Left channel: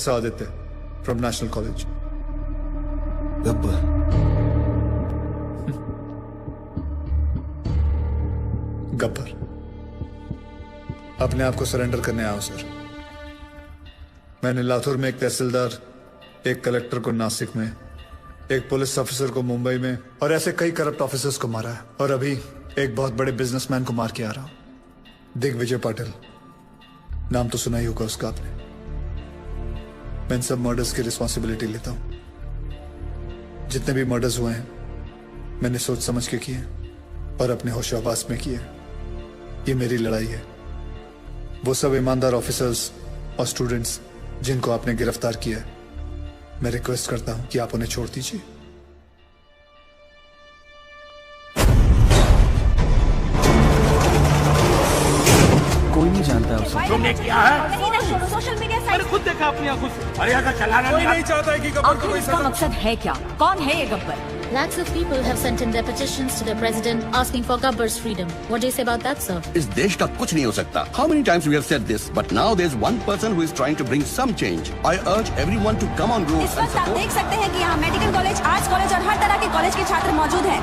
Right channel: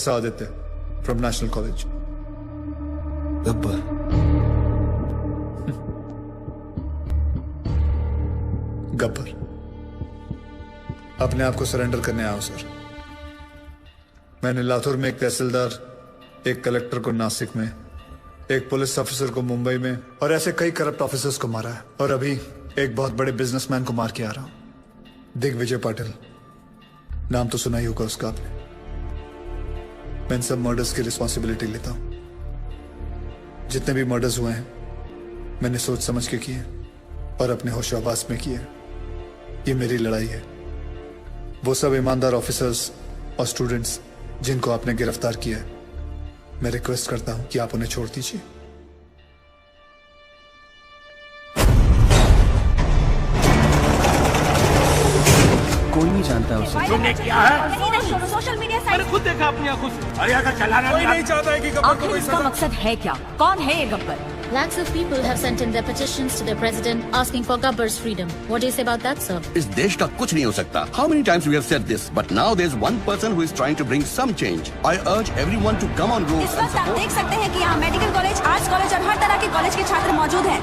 Professor Aditya from National College. Gabbar, Gabbar, अपने आप को सरेंडर करने आया हूं सर। मैंने लातूर में एक तहसीलदार, एक कलेक्टर को नासिक में, एक पुलिस ऑफिसर को मुंबई में और ऐसे कई करप्ट ऑफिसर्स को मारा है। और अभी एक बहुत बड़े बिजनेसमैन को मार के आ रहा हूं, दिग्विजय पाटिल। नाम तो सुना ही होगा उसका आपने। मैं इन सब मर्डर्स की रिस्पॉन्सिबिलिटी लेता हूं। जितने भी मर्डर्स हुए हैं मैंने सोच समझ के किए और अपने होशाबास में किए। ये मेरी लड़ाई है। वो सब ईमानदार ऑफिसर्स और स्टूडेंट्स जिनको आपने गिरफ्तार किया है, मैं रिक्वेस्ट करता हूं कि आप उन्हें छोड़ दीजिए। कोई नहीं जानता उसे। तूने क्या है? सोशल मीडिया साइट खुद देखा अपनी आंखों से। अरे अगर चलाना नहीं चाहता है कि गब्बर को कोई सजा। मकसद है क्या? कौन है ये Gabbar? Lakhs of people have sent in their petitions to the president asking for Gabbar's freedom. What do you say about that, sir? इस देश का कुछ नहीं हो सकता. How many times we have said this, but now there's one person who is trying to bring some change. I urge everyone to come on road. इस वक्त आप देख सकते हैं कि यहाँ मेडिकल कॉलेज, आर्ट्स कॉलेज और हर तरह के कॉलेज के छात्र मौजूद हैं।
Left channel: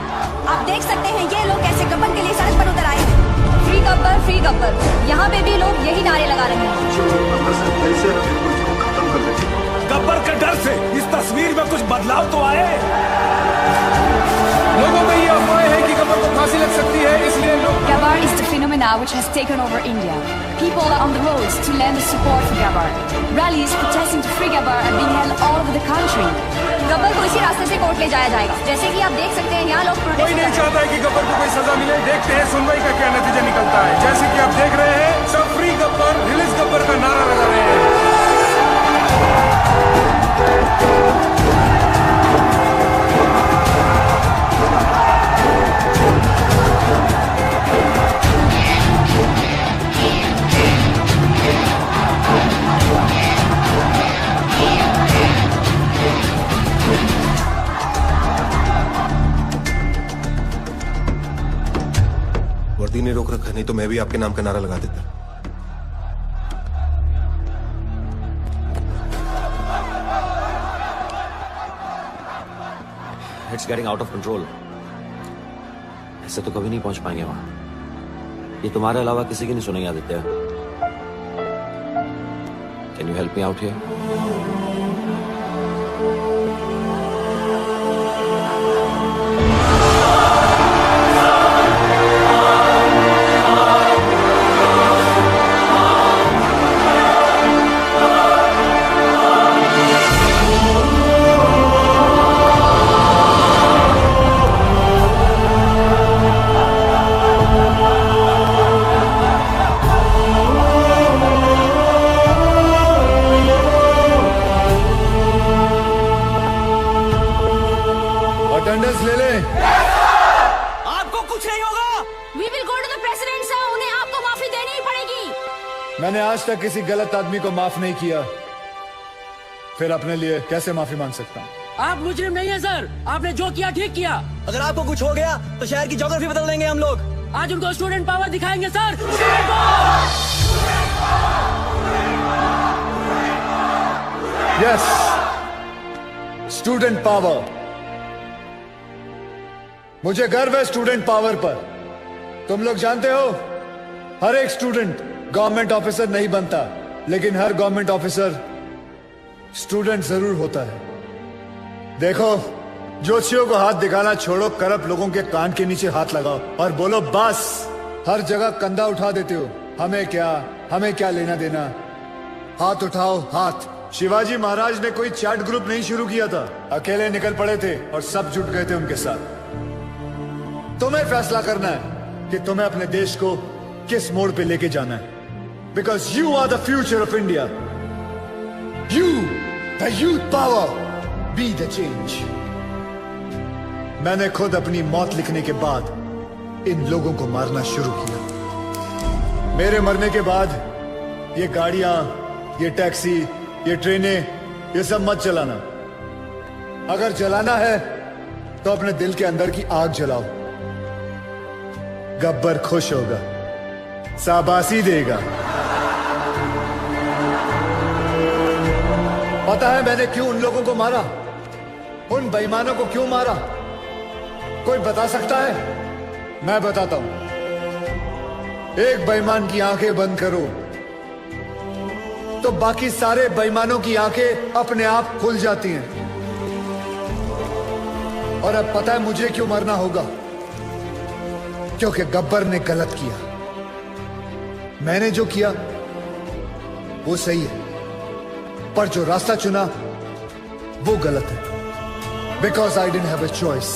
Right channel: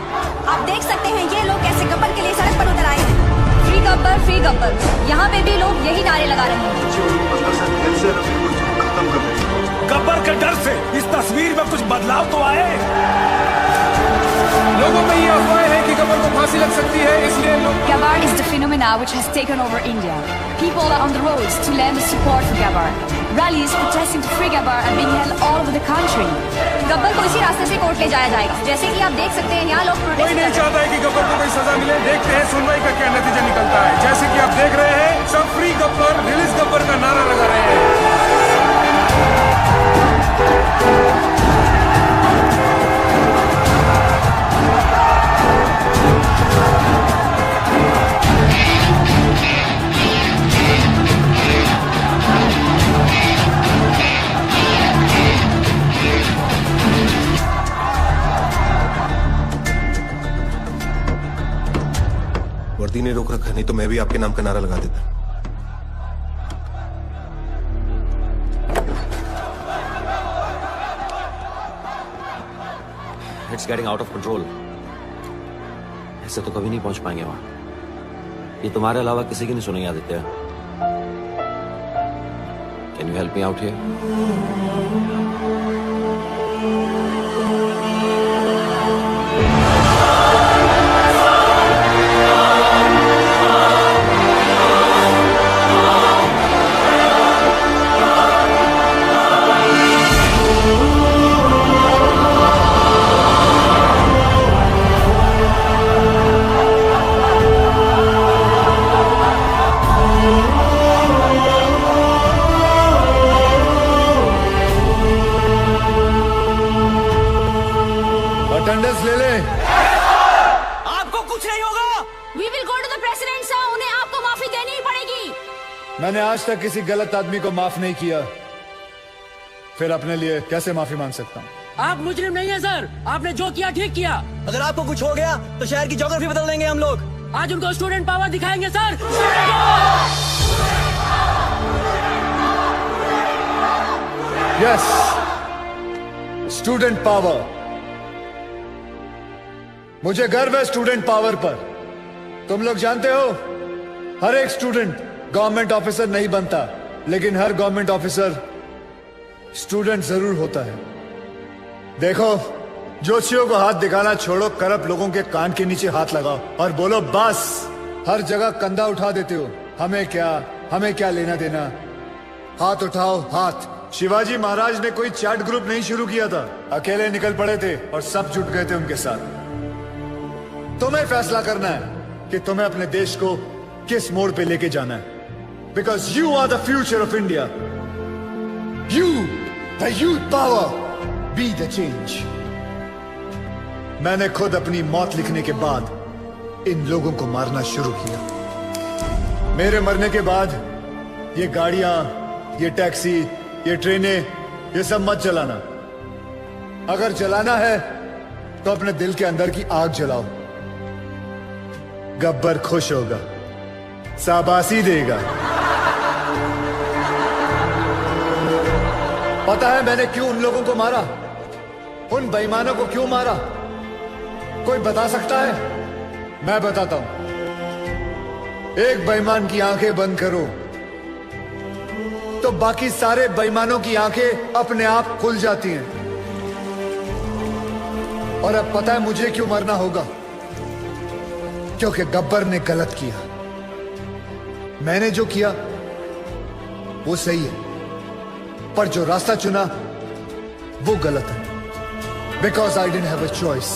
आप देख सकते हैं ये लोग कैसे गब्बर के लिए सड़क पर उतर आए हैं। Free Gabbar, free Gabbar. यहाँ पे भी लोग यही नारे लगा रहे हैं। गब्बर के डर से इस तस्वीर में कुछ बदलाव तो आए। लोगों में ये अफवाह है कि गब्बर को फांसी लग सकती है, इसलिए लोग Gabbar is the phenomena which has taken over India. People are on the roads to lend support for Gabbar. Rallies protesting to free Gabbar are being held all over the country. Gabbar को इसी रास्ते से court ले जाया जाएगा। जैसे कि आप देख सकते हैं यहाँ लोग कोई नहीं चाहता है कि गब्बर को कोई सजा मिले। देखते हैं सुनवाई का क्या नतीजा निकलता है। जैसे कि आप देख रहे हैं, सब फ्री गब्बर, रिलीज गब्बर का नारा लगा रहे हैं। वर्दी ने रोक रखा, नहीं तो मैं भी आपके नाम का नारा लगा देता। It's getting out of control. ऐसे तो कभी नहीं पहुंच पाएंगे वहां। ये तुम्हारे अलावा किसी की नहीं सुनेंगे Aditya. Can you help me out here? Attendance ले ले। आपको कुछ नहीं होगा। We will go to the president, sir. उन्हें आपको माफी देनी ही पड़ेगी। मैंने आज तक किसी गलत आदमी को माफ नहीं किया, फिर अपने लिए कैसे माफी मांग सकता हूँ? आप मुजरिम नहीं है सर। आपने जो किया ठीक किया। अगर आपको कुछ हो गया तो शहर की ज्योग्राफी बदल देंगे हम लोग। आज उनको स्टूडेंट पावर दिखाएंगे सर। Yes, student power. मुझे गर्व है स्टूडेंट पावर पर। तुम लोग जानते हो, हर एक स्टूडेंट गवर्नमेंट ऑफिसर नहीं बनता, लेकिन हर गवर्नमेंट ऑफिसर स्टूडेंट जरूर होता है। देखो, जोशियों को हाथ दिखाना छोड़ो, करप्ट लोगों के कान के नीचे हाथ लगाओ और बोलो बस। हर जगह कंधा उठा देते हो, हमें क्या लेना देना। हाथ उठाओ, हाथ। शिवाजी महाराज ने कोई चैट ग्रुप नहीं शुरू किया था, अकेले निकल पड़े थे और सब जुट गए थे उनके साथ। तुम्हें फैसला करना है कि तुम्हें अपने देश को किस मोड़ पे लेके जाना है। Because you are the future of India. You, the youth power, be the change. मैंने खुद अपनी मौत लिखने के बाद इन लोगों को मारना शुरू किया। मेरे मरने के बाद ये गाड़ियां, ये टैक्सी, ये ट्रेनें, ये सब मत चलाना। अगर चलाना है तो अपने दिल के अंदर की आग जलाओ। गब्बर खुश होगा, शाबाशी देगा। पता है मैंने क्यों उन लोगों को मारा, उन बेईमानों को क्यों मारा? कोई बता सकता है? मैं बताता हूं। एक बेईमान की आंखें बंद करो तो बाकी सारे बेईमानों की आंखें अपने आप खुल जाती हैं। और अब पता है मुझे क्यों मरना होगा? क्योंकि गब्बर ने गलत किया। मैंने जो किया वो सही है, पर जो रास्ता चुना वो गलत है। Because I didn't have a choice,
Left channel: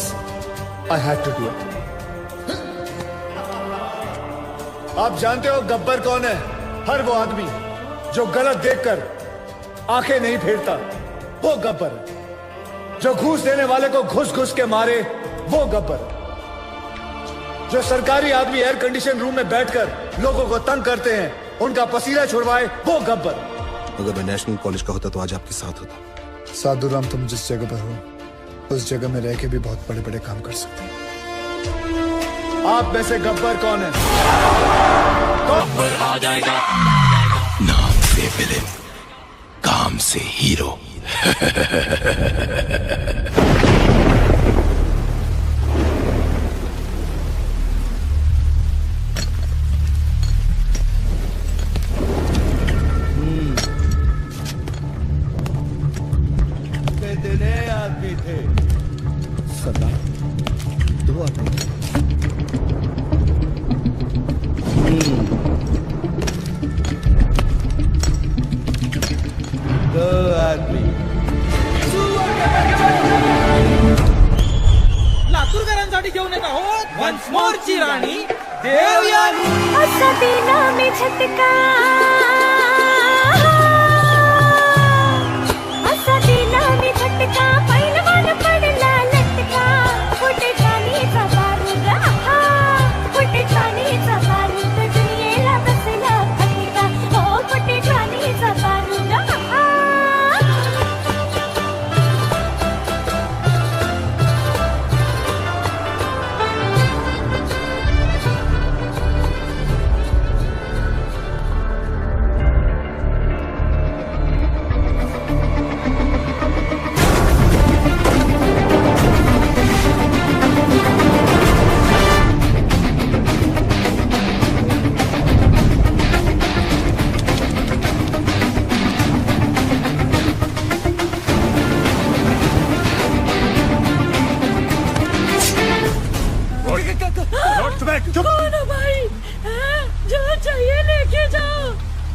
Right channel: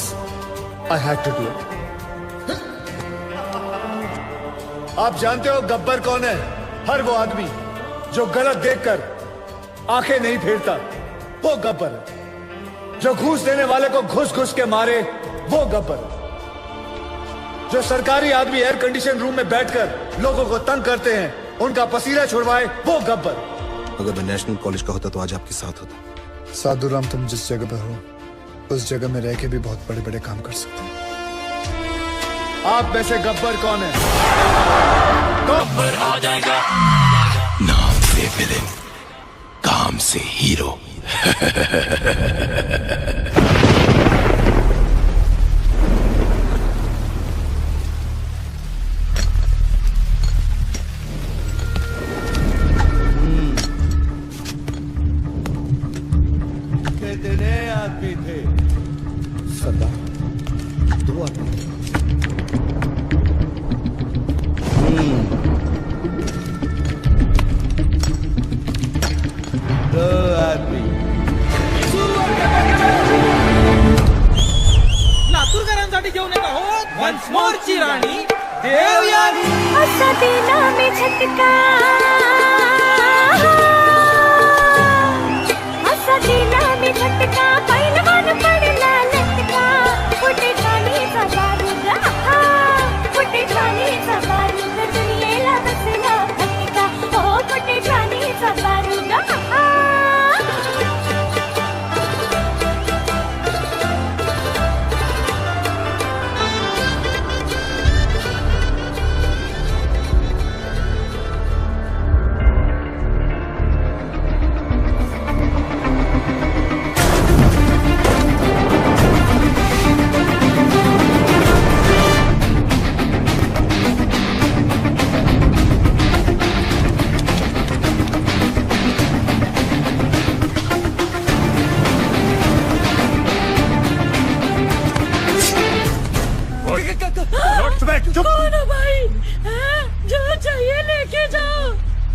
I had to do it. आप जानते हो गब्बर कौन है? हर वो आदमी जो गलत देखकर आंखें नहीं फेरता, वो गब्बर है। जो घूस देने वाले को घुस घुस के मारे, वो गब्बर। जो सरकारी आदमी एयर कंडीशन रूम में बैठकर लोगों को तंग करते हैं, उनका पसीना छुड़वाए, वो गब्बर। अगर मैं नेशनल कॉलेज का होता तो आज आपके साथ होता। साधुराम, तुम जिस जगह पर हो उस जगह में रह के भी बहुत बड़े बड़े काम कर सकते हो। आप में से गब्बर कौन है? गब्बर आ जाएगा, नाम से विलेन, काम से हीरो।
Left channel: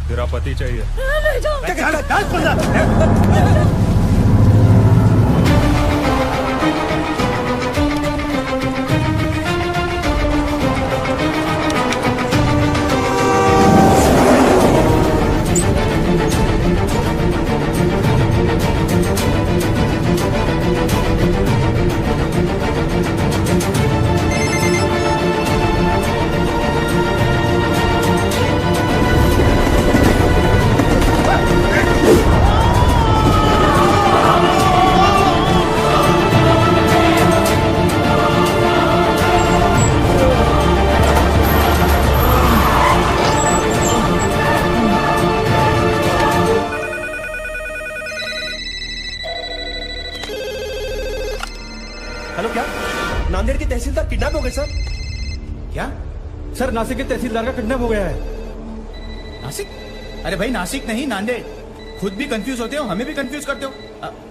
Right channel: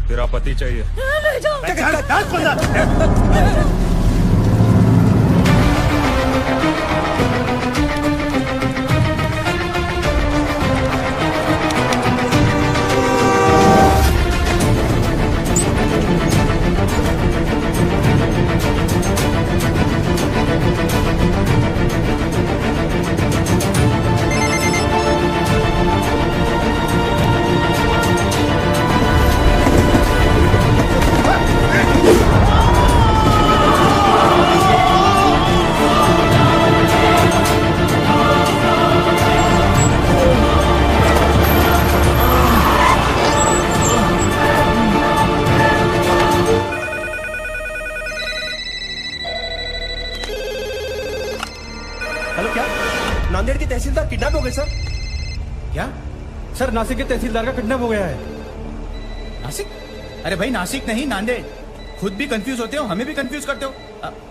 तेरा पति चाहिए। ले जाओ। नांदेड़ के तहसीलदार किडनैप हो गए सर। क्या सर? नासिक के तहसीलदार का किडनैप हो गया है। नासिक? अरे भाई नासिक नहीं, नांदेड़। खुद भी कंफ्यूज होते हो, हमें भी कंफ्यूज करते हो।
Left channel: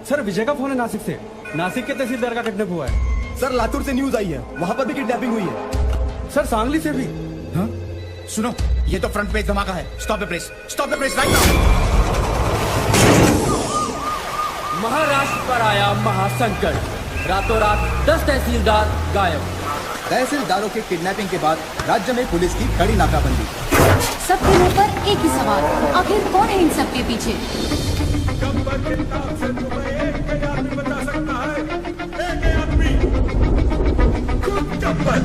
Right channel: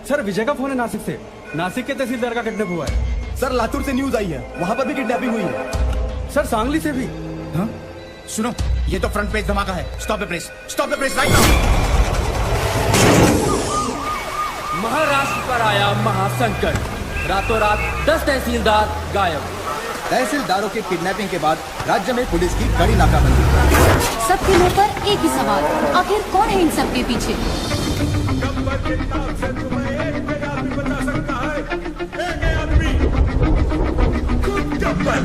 सर विजय का फोन है नासिक से। नासिक के तहसीलदार का किडनैप हुआ है। सर लातूर से न्यूज आई है, वहां पर भी किडनैपिंग हुई है। सर सांगली से भी। हाँ? सुनो, ये तो फ्रंट पेज धमाका है। Stop the press, stop the press. Maharashtra पर आया महासंकट, रातों रात 10 तहसीलदार गायब। तहसीलदारों के किडनैपिंग के बाद राज्य में पुलिस की कड़ी नाकाबंदी। सबके मुंह पर एक ही सवाल, आखिर कौन है इन सब के पीछे? बचा सकता है एक आदमी, खुद गब्बर।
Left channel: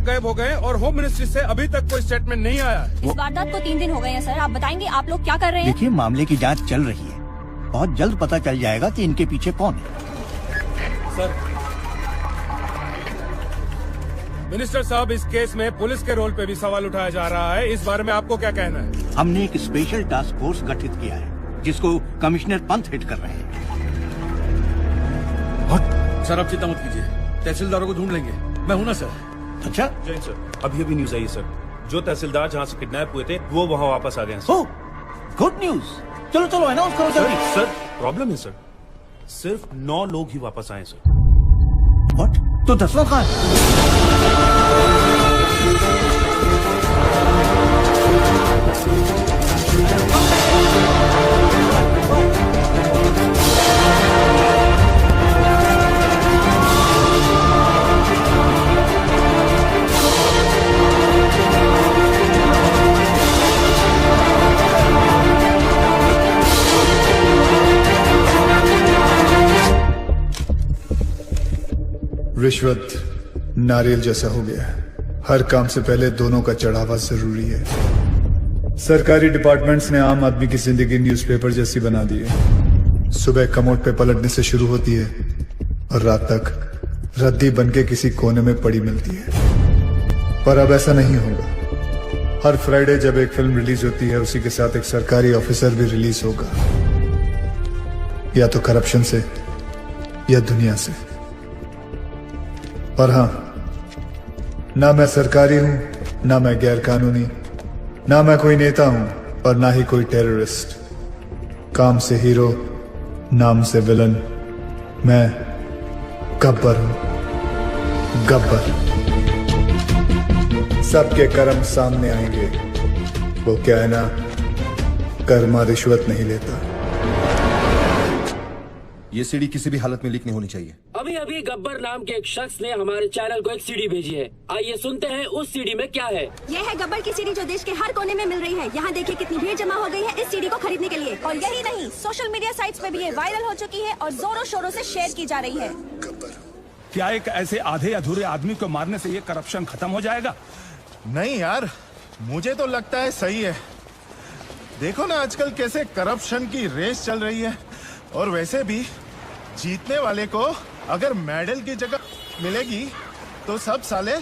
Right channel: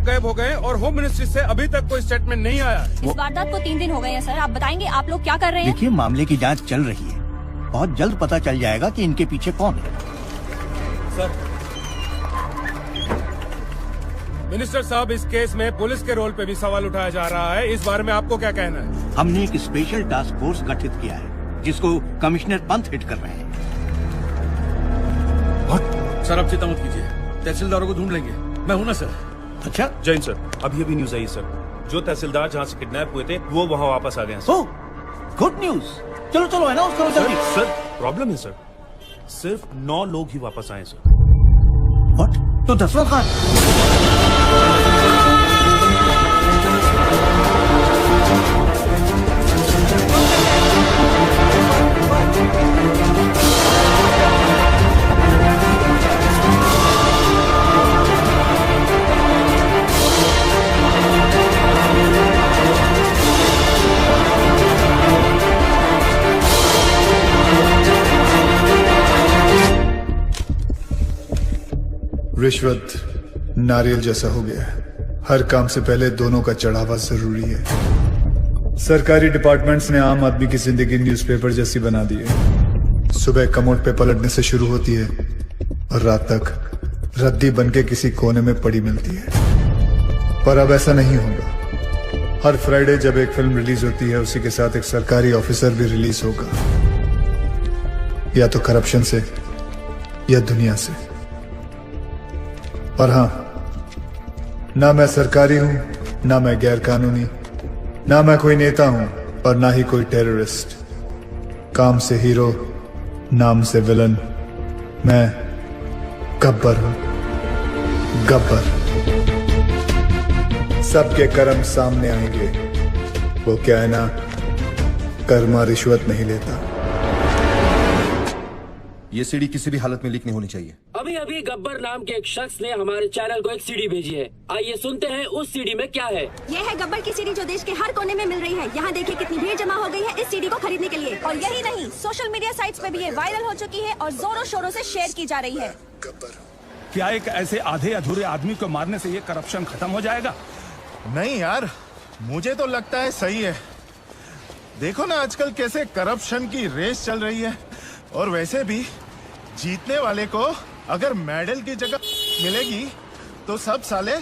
अचानक गायब हो गए और होम मिनिस्ट्री से अभी तक कोई स्टेटमेंट नहीं आया। इस वारदात को 3 दिन हो गए हैं सर। आप बताएंगे आप लोग क्या कर रहे हैं? देखिए, मामले की जांच चल रही है। बहुत जल्द पता चल जाएगा कि इनके पीछे कौन है। सर, मिनिस्टर साहब, इस केस में पुलिस के रोल पे भी सवाल उठाया जा रहा है। इस बारे में आपको क्या कहना है? हमने एक स्पेशल टास्क फोर्स गठित किया है जिसको कमिश्नर पंत हेड कर रहे हैं। सर, अब चिंता मत कीजिए, तहसीलदारों को ढूंढ लेंगे। मैं हूं ना सर। अच्छा, जैन सर, अभी अभी न्यूज आई सर, जो तहसीलदार जहाँ से किडनैप हुए थे वो वहाँ वापस आ गए हैं। Good news. चलो चलो अनाउंस करो जल्दी। सर, प्रॉब्लम है सर, सिर्फ 9 लोग ही वापस आए सर। व्हाट? तो 10 लोग कहाँ रिश्वत नारियल जैसा हो गया है। हर काम से पहले दोनों का चढ़ावा जरूरी है। सरकारी डिपार्टमेंट्स ने आम आदमी की जिंदगी न्यूज़पेपर जैसी बना दी है। सुबह कमोड पे पलटने से शुरू होती है और रात तक रद्दी बनके किसी कोने में पड़ी मिलती है। पर अब ऐसा नहीं होगा। हर फ्राइडे जब एक फिल्म रिलीज होती है उसी के साथ एक सरकारी ऑफिसर भी रिलीज होगा, या तो करप्शन से या दुनिया से। और हाँ, ना मैं सरकारी हूं, ना मैं गैर कानूनी, ना मैं कोई नेता हूं और ना ही कोई टेररिस्ट। काम से हीरो, नाम से विलन, मैं गब्बर हूं। गब्बर। सबके कर्म सामने आएंगे। वो क्या है ना, कर्मा रिश्वत नहीं लेता। ये सीडी किसी भी हालत में लीक नहीं होनी चाहिए। अभी अभी गब्बर नाम के एक शख्स ने हमारे चैनल को एक सीडी भेजी है। आइए सुनते हैं उस सीडी में क्या है। यह है गब्बर की सीडी जो देश के हर कोने में मिल रही है। यहाँ देखिए कितनी भीड़ जमा हो गई है इस सीडी को खरीदने के लिए। और यही नहीं, सोशल मीडिया साइट्स पे भी ये वायरल हो चुकी है और जोरों शोरों से शेयर की जा रही है। क्या एक ऐसे आधे अधूरे आदमी को मारने से ये करप्शन खत्म हो जाएगा? नहीं यार, मुझे तो लगता है सही है। देखो ना आजकल कैसे करप्शन की रेस चल रही है। और वैसे भी जीतने वाले को अगर मेडल की जगह मिलेगी तो सब साले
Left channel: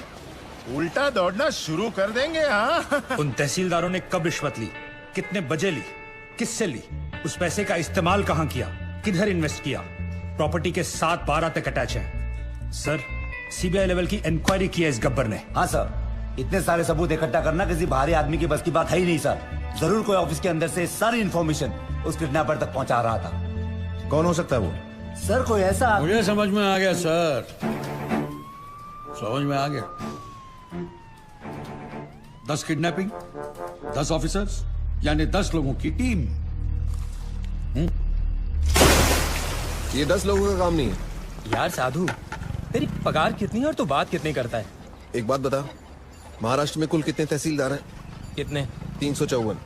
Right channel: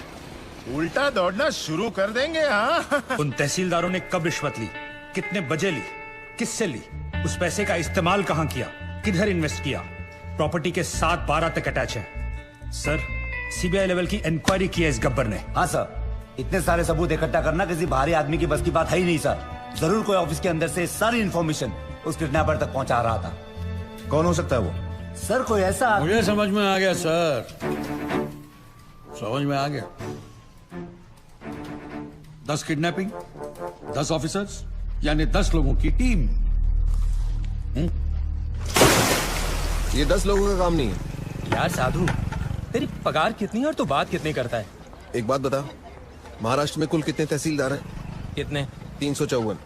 उल्टा दौड़ना शुरू कर देंगे। हाँ, उन तहसीलदारों ने कब रिश्वत ली, कितने बजे ली, किससे ली, उस पैसे का इस्तेमाल कहाँ किया, किधर इन्वेस्ट किया, प्रॉपर्टी के 7-12 तक अटैच है। सर, सीबीआई लेवल की इंक्वायरी की है इस गब्बर ने। हाँ सर, इतने सारे सबूत इकट्ठा करना किसी बाहरी आदमी की बस की बात है ही नहीं सर। जरूर कोई ऑफिस के अंदर से सारी इन्फॉर्मेशन उस किडनैपर तक पहुंचा रहा था। कौन हो सकता है वो? सर कोई ऐसा, मुझे समझ में आ गया सर, समझ में आ गया। 10 किडनैपिंग, 10 ऑफिसर्स, यानी 10 लोगों की टीम। ये 10 लोगों का काम नहीं। यार साधु, तेरी पगार कितनी है और तू बात कितनी करता है? एक बात बता, महाराष्ट्र में कुल कितने तहसीलदार हैं? कितने? 354।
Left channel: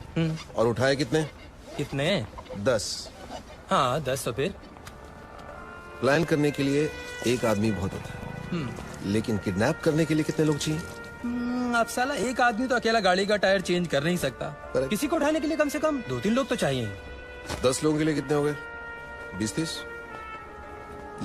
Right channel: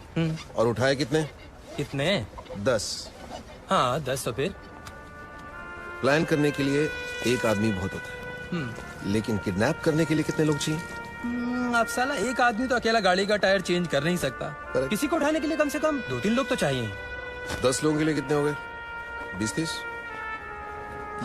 और उठाए कितने? कितने? 10। हाँ 10। तो फिर प्लान करने के लिए एक आदमी बहुत होता है, लेकिन किडनैप करने के लिए कितने लोग चाहिए? अब साला एक आदमी तो अकेला गाड़ी का टायर चेंज कर नहीं सकता। किसी को उठाने के लिए कम से कम 2-3 लोग तो चाहिए। 10 लोगों के लिए कितने हो गए? 20-30।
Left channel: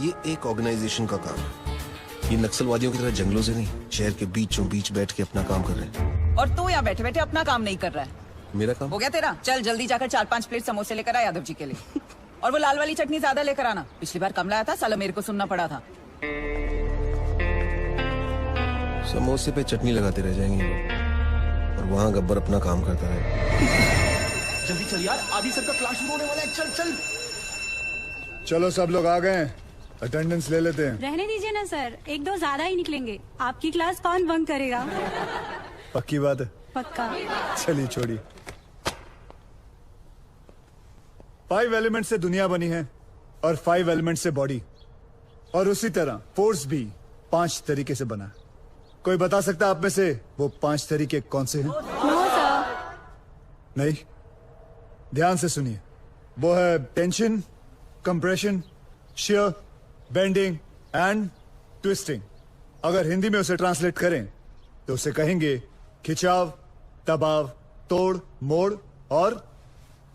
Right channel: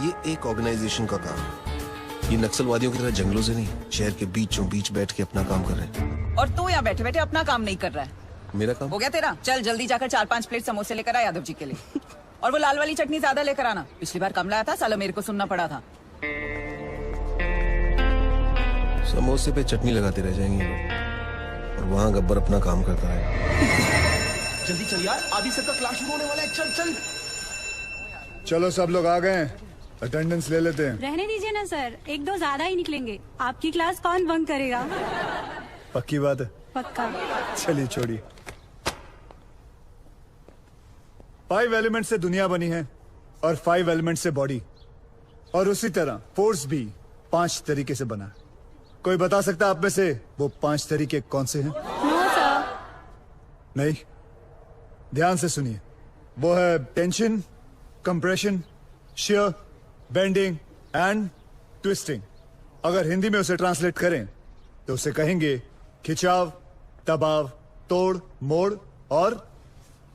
ये एक ऑर्गेनाइजेशन का काम है। ये नक्सलवादियों की तरह जंगलों से नहीं, शहर के बीचों बीच बैठ के अपना काम कर रहे हैं। और तू यहाँ बैठे बैठे अपना काम नहीं कर रहा है। मेरा काम हो गया तेरा? चल जल्दी जाकर 4-5 प्लेट समोसे लेकर आ यादव जी के लिए। और वो लाल वाली चटनी ज्यादा लेकर आना। पिछली बार कम लाया था, साला मेरे को सुनना पड़ा था। समोसे पे चटनी लगाते रह जाएंगे और वहाँ गब्बर अपना काम करता है। जल्दी चल यार, आधी से क्लास शुरू होने वाला है। चल चल। चलो सब लोग आ गए, अटेंडेंस ले लेते हैं। रहने दीजिए ना सर, 1-2 ज्यादा ही निकलेंगे। आपकी क्लास कौन बंक करेगा? पक्की बात है? पक्का। चलिए छोड़िए। 5 एलिमेंट से दुनिया बनी है और 5 एलिमेंट से बॉडी, और उसी तरह फोर्स भी 5 तरीके से बना है। कोई बता सकता है आप में से वो 5 तरीके कौन से हैं? नहीं, ध्यान से सुनिए। वो है tension, compression, shear, bending and twisting. अगर हिंदी में उसे ट्रांसलेट करें तो उसे कहेंगे खिंचाव, दबाव, तोड़, मोड़ और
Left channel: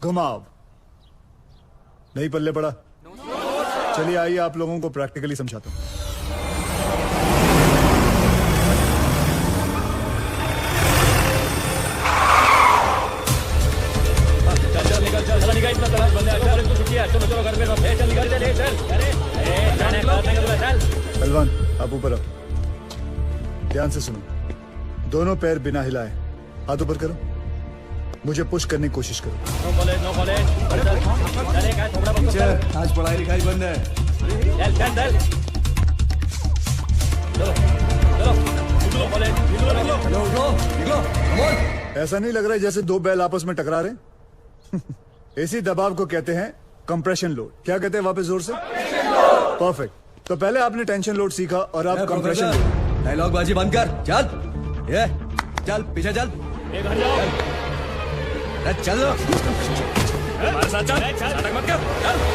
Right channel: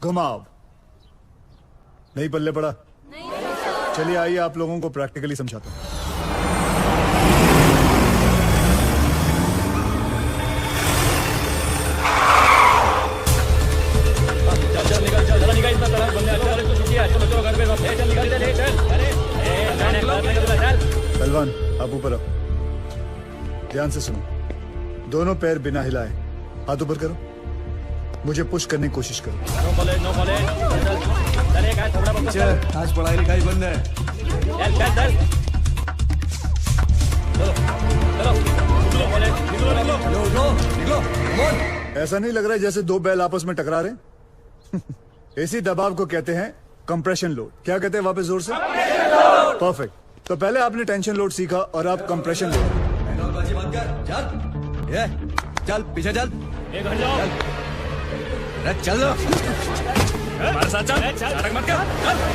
घुमाव। नहीं पल्ले पड़ा? चलिए आइए आप लोगों को प्रैक्टिकली समझाता हूं। पहलवान आप ऊपर आओ, ध्यान से सुनो। दोनों पैर बिना हिलाए हाथ ऊपर करो, मुझे पुश करने की कोशिश करो। आज पढ़ाई लिखाई बंद है। ऐसा नहीं लग रहा है जैसे दो बैल आपस में टकरा रहे? इसी दबाव को कहते हैं कंप्रेशन लोड। क्या कहते हैं वापस जोर से? परफेक्ट। तो पहले आपने टेंशन लोड सीखा और अब कंप्रेशन लोड। डायलॉग बाजी बंद कर, चल ये चल पीछे चल, चल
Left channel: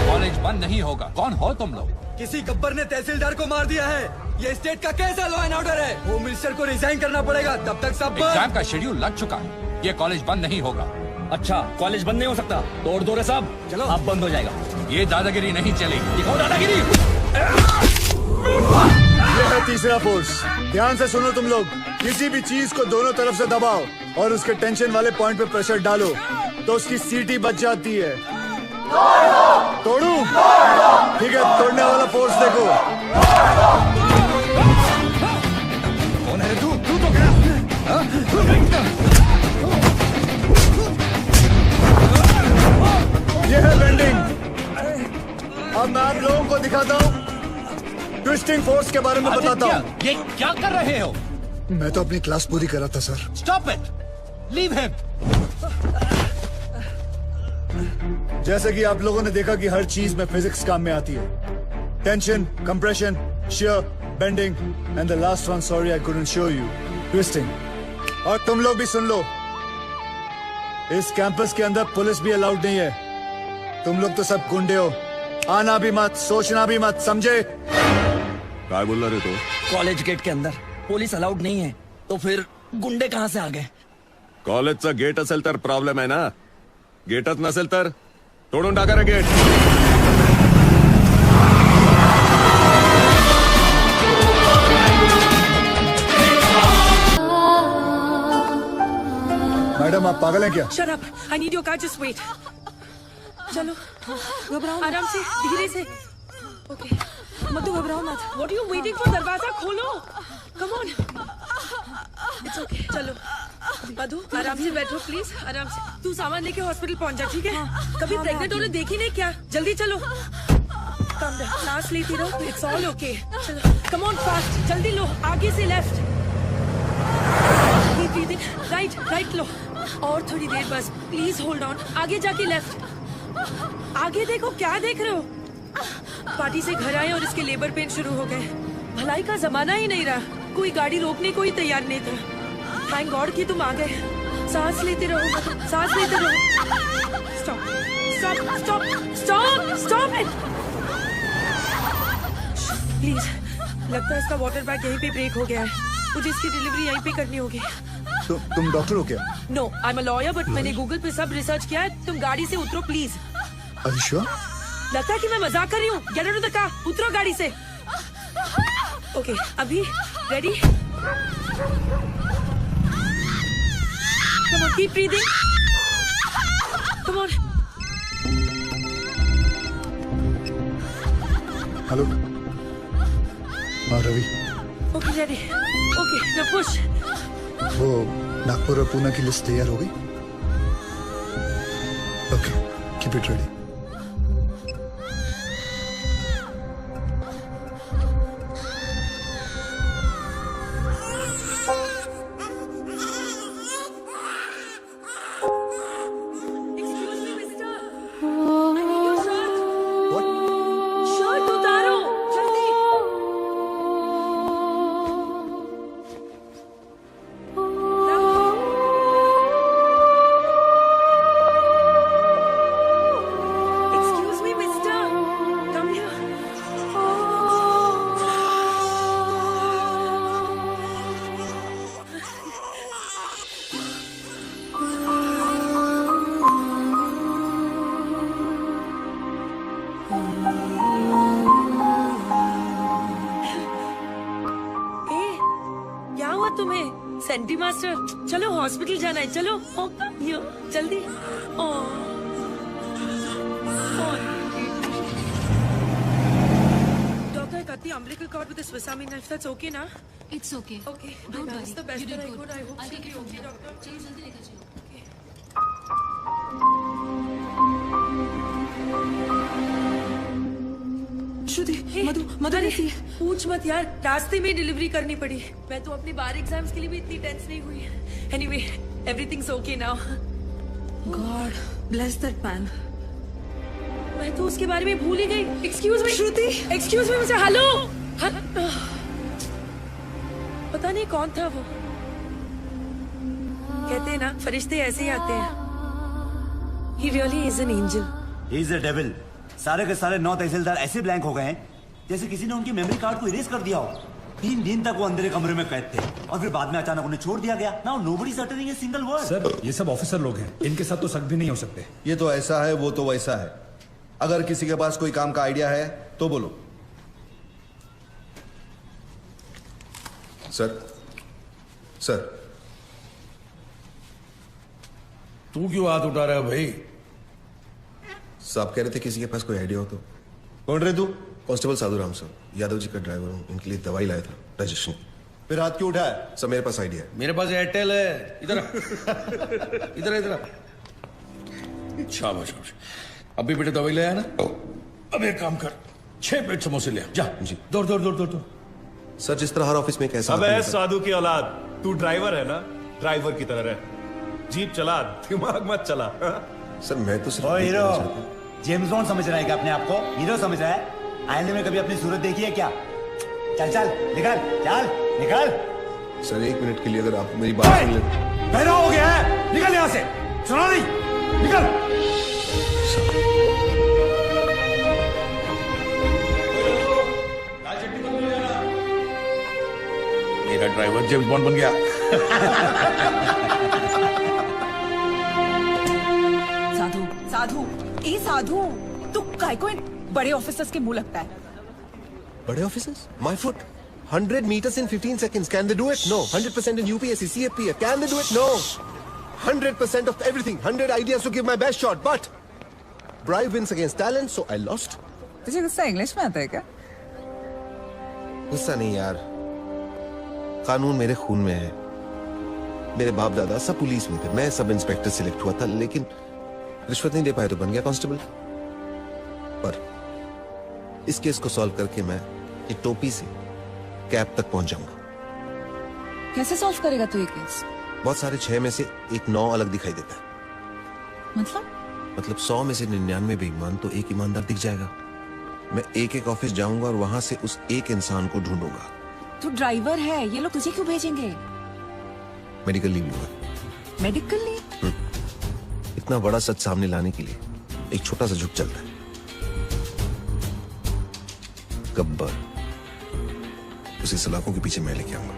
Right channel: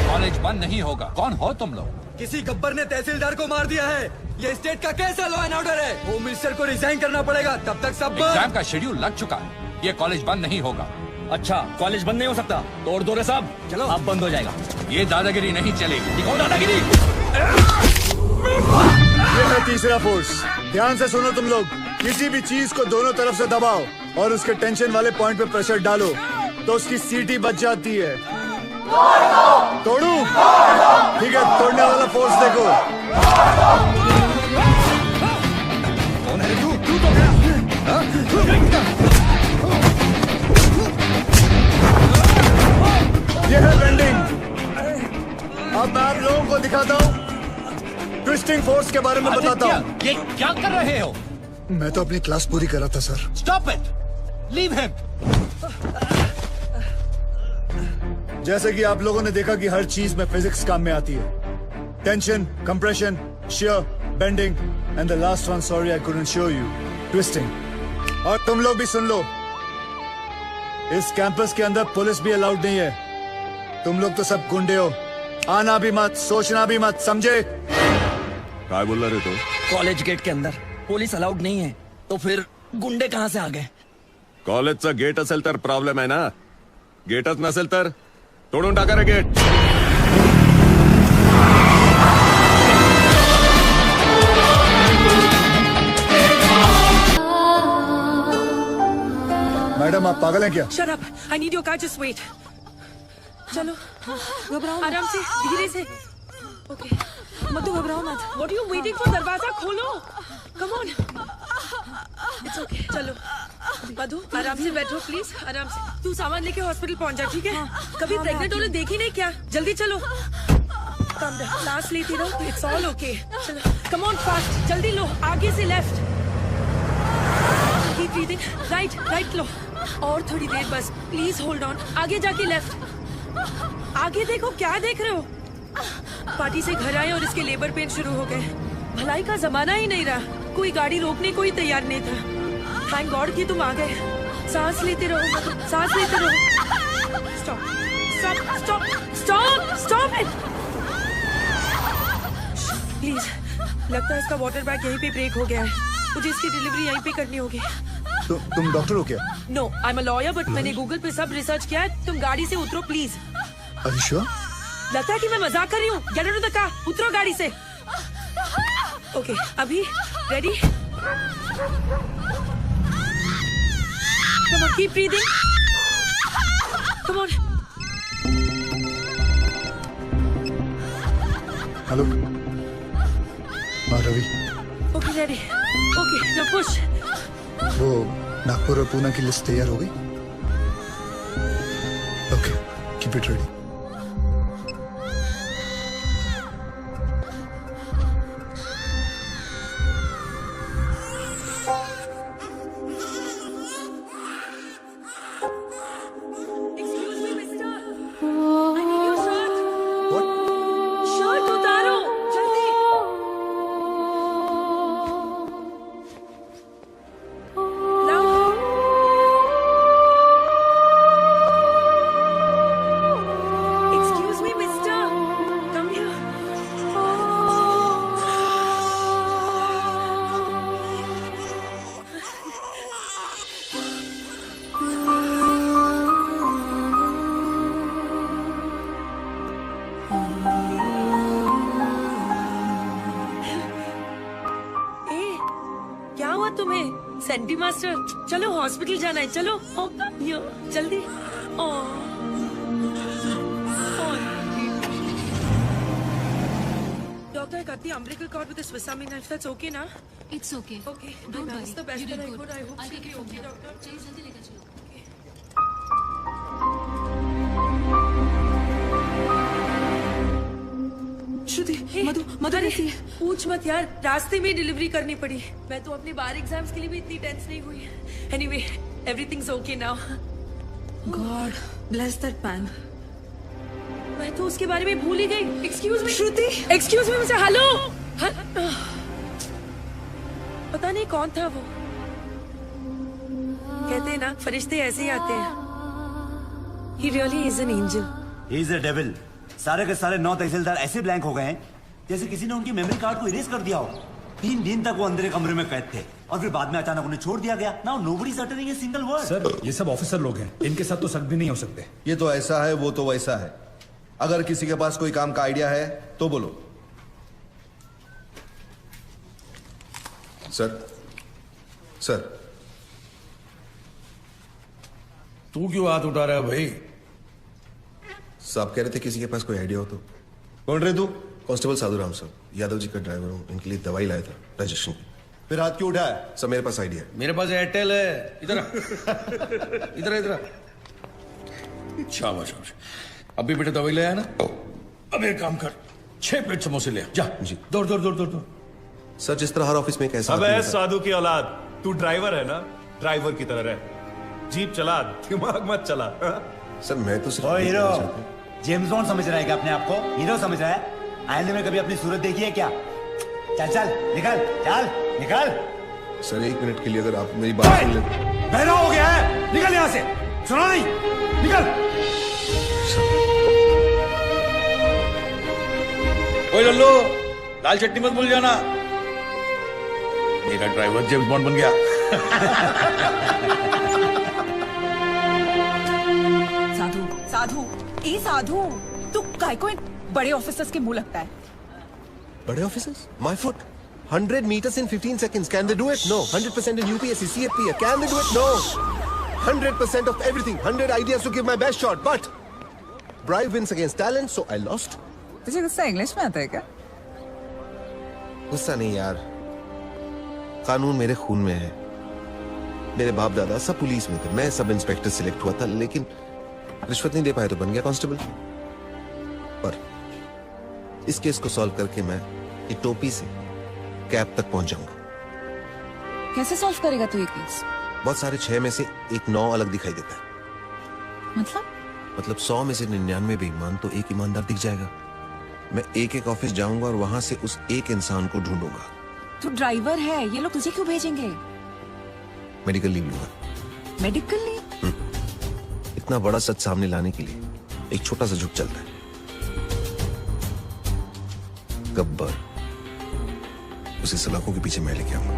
कॉलेज बंद नहीं होगा। कौन हो तुम लोग? किसी गब्बर ने तहसीलदार को मार दिया है। ये स्टेट का कैसा लॉ एंड ऑर्डर है? होम मिनिस्टर को रिजाइन करना पड़ेगा, तब तक सब एग्जाम का शेड्यूल लग चुका है। ये कॉलेज बंद नहीं होगा। अच्छा कॉलेज बंद नहीं हो सकता? तोड़ दो रे साहब, चलो आप बंद हो जाएगा। ये दादागिरी नहीं चलेगी। दिखाओ दादागिरी। तीसरा फोर्स, ध्यान से सुनो तुम लोग। किसी भी चीज को दोनों तरफ से दबाओ और उसके टेंशन वाले पॉइंट पे प्रेशर डालो तो उसकी सीटी बच जाती है। तोड़ू? ठीक है, तोड़ने वाला फोर्स देखो। ये है बेंडिंग। अब मैं आप लोगों को दिखाता हूँ, ट्विस्टिंग फोर्स के बारे में बताता हूँ। ये क्या कर रहे हो? मैं तो अपनी क्लास पूरी कर रहा था sir. Stop it, leave him. जैसे कि आप लोगों ने देखा कि हर चीज में फिजिक्स काम में आती है। Tension, compression, shear, bending and the last one, sorry I couldn't show you, twisting. और तुम लोग भी सुन लो, इस कैंपस के अंदर पुलिस भी अलाउड नहीं है। तुम लोग तो सब गुंडे हो, आना भी मत, सोचना भी मत, समझे? क्या बोल रहे हो? कॉलेज गेट के अंदर पुलिस अलाउड नहीं है, तो फिर गुंडे कहाँ से आ गए? कॉलेजचा गेट असेल तर प्रॉब्लेम आहे ना, गेटच नसेल तर तोडून टाका रे गेट. मैडम आप पागल है क्या? Shut up. I need your car. Just wait. चलो, घबराओ आराम से, धीरे से. Okay. मत तो घबराओ मत. What are you waiting for? दरवाजा खोलो. Come on. It's okay. चलो. मधु, आराम से बैठो प्लीज. आराम से. तू सामान लेके हॉस्पिटल पहुंच जा, ठीक है? कभी प्रेग्नेंट होने देखी नहीं क्या? जल्दी चलो. सांस लेती रहो. It's all okay. चलो. Come on fast. जल्दी लो. आगे से लेफ्ट. राइट लो. और थोड़ी देर बस. Please hold on. आगे जाके लेफ्ट. आगे देखो, क्या देख रहे हो? पार्टी से घर आए और इसके लेबर पेन शुरू हो गए. भलाई का जमाना ही नहीं रहा. कोई गाड़ी रोकने को ही तैयार नहीं था. थैंक गॉड कि तुम आ गए. सांस लेते रहो, सांस लेते रहो. Stop stop stop stop it please. लगता है इसका वाटर बैग यहीं पे ब्रेक हो गया है. मुझे इसकी डिलीवरी यहीं पे करनी होगी. तो तुम डॉक्टर हो क्या? No, I am a lawyer, but मैंने गूगल पे सब रिसर्च किया है. तुम गाड़ी से उतरो प्लीज. अच्छा? लगता है कि मैं मजाक कर रही हूँ. Get out of the car. उतरो गाड़ी से. ओके, अभी ready? Come on, keep breathing. Come on. Hello. हाँ Ravi. Okay, ready. Okay, now push. वो नागपुर और पुणे की लिस्ट तैयार हो गई? Okay, keep it ready. ए, क्या हुआ तुम्हें? सेंटी मास्टर, चलो हॉस्पिटल जाना है, चलो जल्दी। डॉक्टर कहती है umbilical cord with a Swiss Army knife. That's okay ना? It's okay. Okay. Don't That's worry. the best. I hope so. Okay, doctor. श्रुति, मधु कैसी है? पूछ मत यार, रास्ते में डिलीवरी करनी पड़ी। मैं तो अपनी बार एग्जाम्स के लिए भी इतनी टेंस नहीं हुई है। Anyway, everything's okay now. God bless that man. मैं तो उसके बारे में भूल ही गई। एक्सक्यूज मी श्रुति, एक्सक्यूज मी मुझे। हेलो, पता नहीं कौन था वो। कहते हैं ना, फरिश्ते ऐसे ही आते हैं। He really is an angel. He is a devil. सारे के सारे 9 तहसीलदार ऐसे ब्लैंक हो गए हैं जैसे किसी ने उनकी मेमोरी कार्ड को इरेज कर दिया हो। 3 दिन तक वो अंदर कमरे में कैद थे और फिर बाद में अचानक उन्हें छोड़ दिया गया। Now nobody is uttering a single word. Sir, ये सब ऑफिसर लोग हैं, इनके साथ तो शक भी नहीं हो सकते। ये तो ऐसा है, वो तो वैसा है। अगर किसी के पास कोई काम का आइडिया है तो बोलो। सर, सर, तू क्यों हाथ उठा रहा है भाई? साहब कह रहे थे किसी के पास कोई आइडिया हो तो। बोल रहे तू? कांस्टेबल साधु राम साहब, यादव जी का ड्राइवर हूँ, इनके लिए दवाई लाया था रजिस्ट्रेशन। फिर हाथ क्यों उठाया? सर मेरे पास आइडिया है। मेरे पास एयरटेल है। इधर इधर इधर। शाबाश शाबाश। अभी बेटे दवाई ले आया ना? अब एक काम कर, 6 प्लेट समोसे ले जा। जी दौड़ दौड़ दौड़ दौड़। सर जिस तरह हर ऑफिस में कैसा अबे साधु की औलाद, तू ड्राइवर है ना? ड्राइवर की तरह रह, जीप चला, दिमाग मत चला। सर मैं तो ओ हीरो, जेम्स बॉन्ड समझ रहा है क्या अपने आप को? हीरो समझ रहा है? आईने में कभी अपनी सूरत देखी है क्या? चल चल निकल, चल निकल। सर 1 मिनट के लिए अगर आप मेरी बात सुन लें। पहले हो गया है, निकल यहाँ से। सुनो नहीं, निकल। ओए लल्लू, दाल चटनी मत भूल जाना। मेरा ड्राइवर जेम्स बॉन्ड बन गया। साधु, साधु, ई साधु, तू काय को एक बड़े ऑफिसर्स के मुंह लगता है। बड़े officers? My foot. 100 meters in 15 seconds. Can they do it? No. 100% in UPSC, CFP. Can they do it? No. 100% of everything. 100 ideas to give my best shot. But pride wins against talent, so I lost. तुझे गुस्सा English में आता है क्या? गुस्सा नहीं यार, कानून मेरे खून में है। मेरे बाप दादा सब पुलिस में थे, मैं सब इंस्पेक्टर सिलेक्ट हुआ था, लेकिन रिश्वत नहीं दे पाए तो बन गया कांस्टेबल। पर इस केस को सॉल्व करके मैं एक टोपी से कैब तक पहुंच जाऊंगा। कैसे सॉल्व करेगा तू ये केस? बहुत सारे 6 में से एक 9 अलग दिखाई देता है। मतलब 100 में से 99 बेईमान तो एक ईमानदार दिख जाएगा। मैं एक ऑफिस जाऊंगा और वहां से उस एक इंसान को ढूंढूंगा। तू ड्राइवर है, ये लोग तुझे क्यों भेजेंगे? मेडिकल लीव लेगा। Medical leave? इतना बड़ा सच सामने लाने के लिए एक छोटा सा झुक चलता है। गब्बर, उसे सलाखों के पीछे मैं लेके आऊंगा।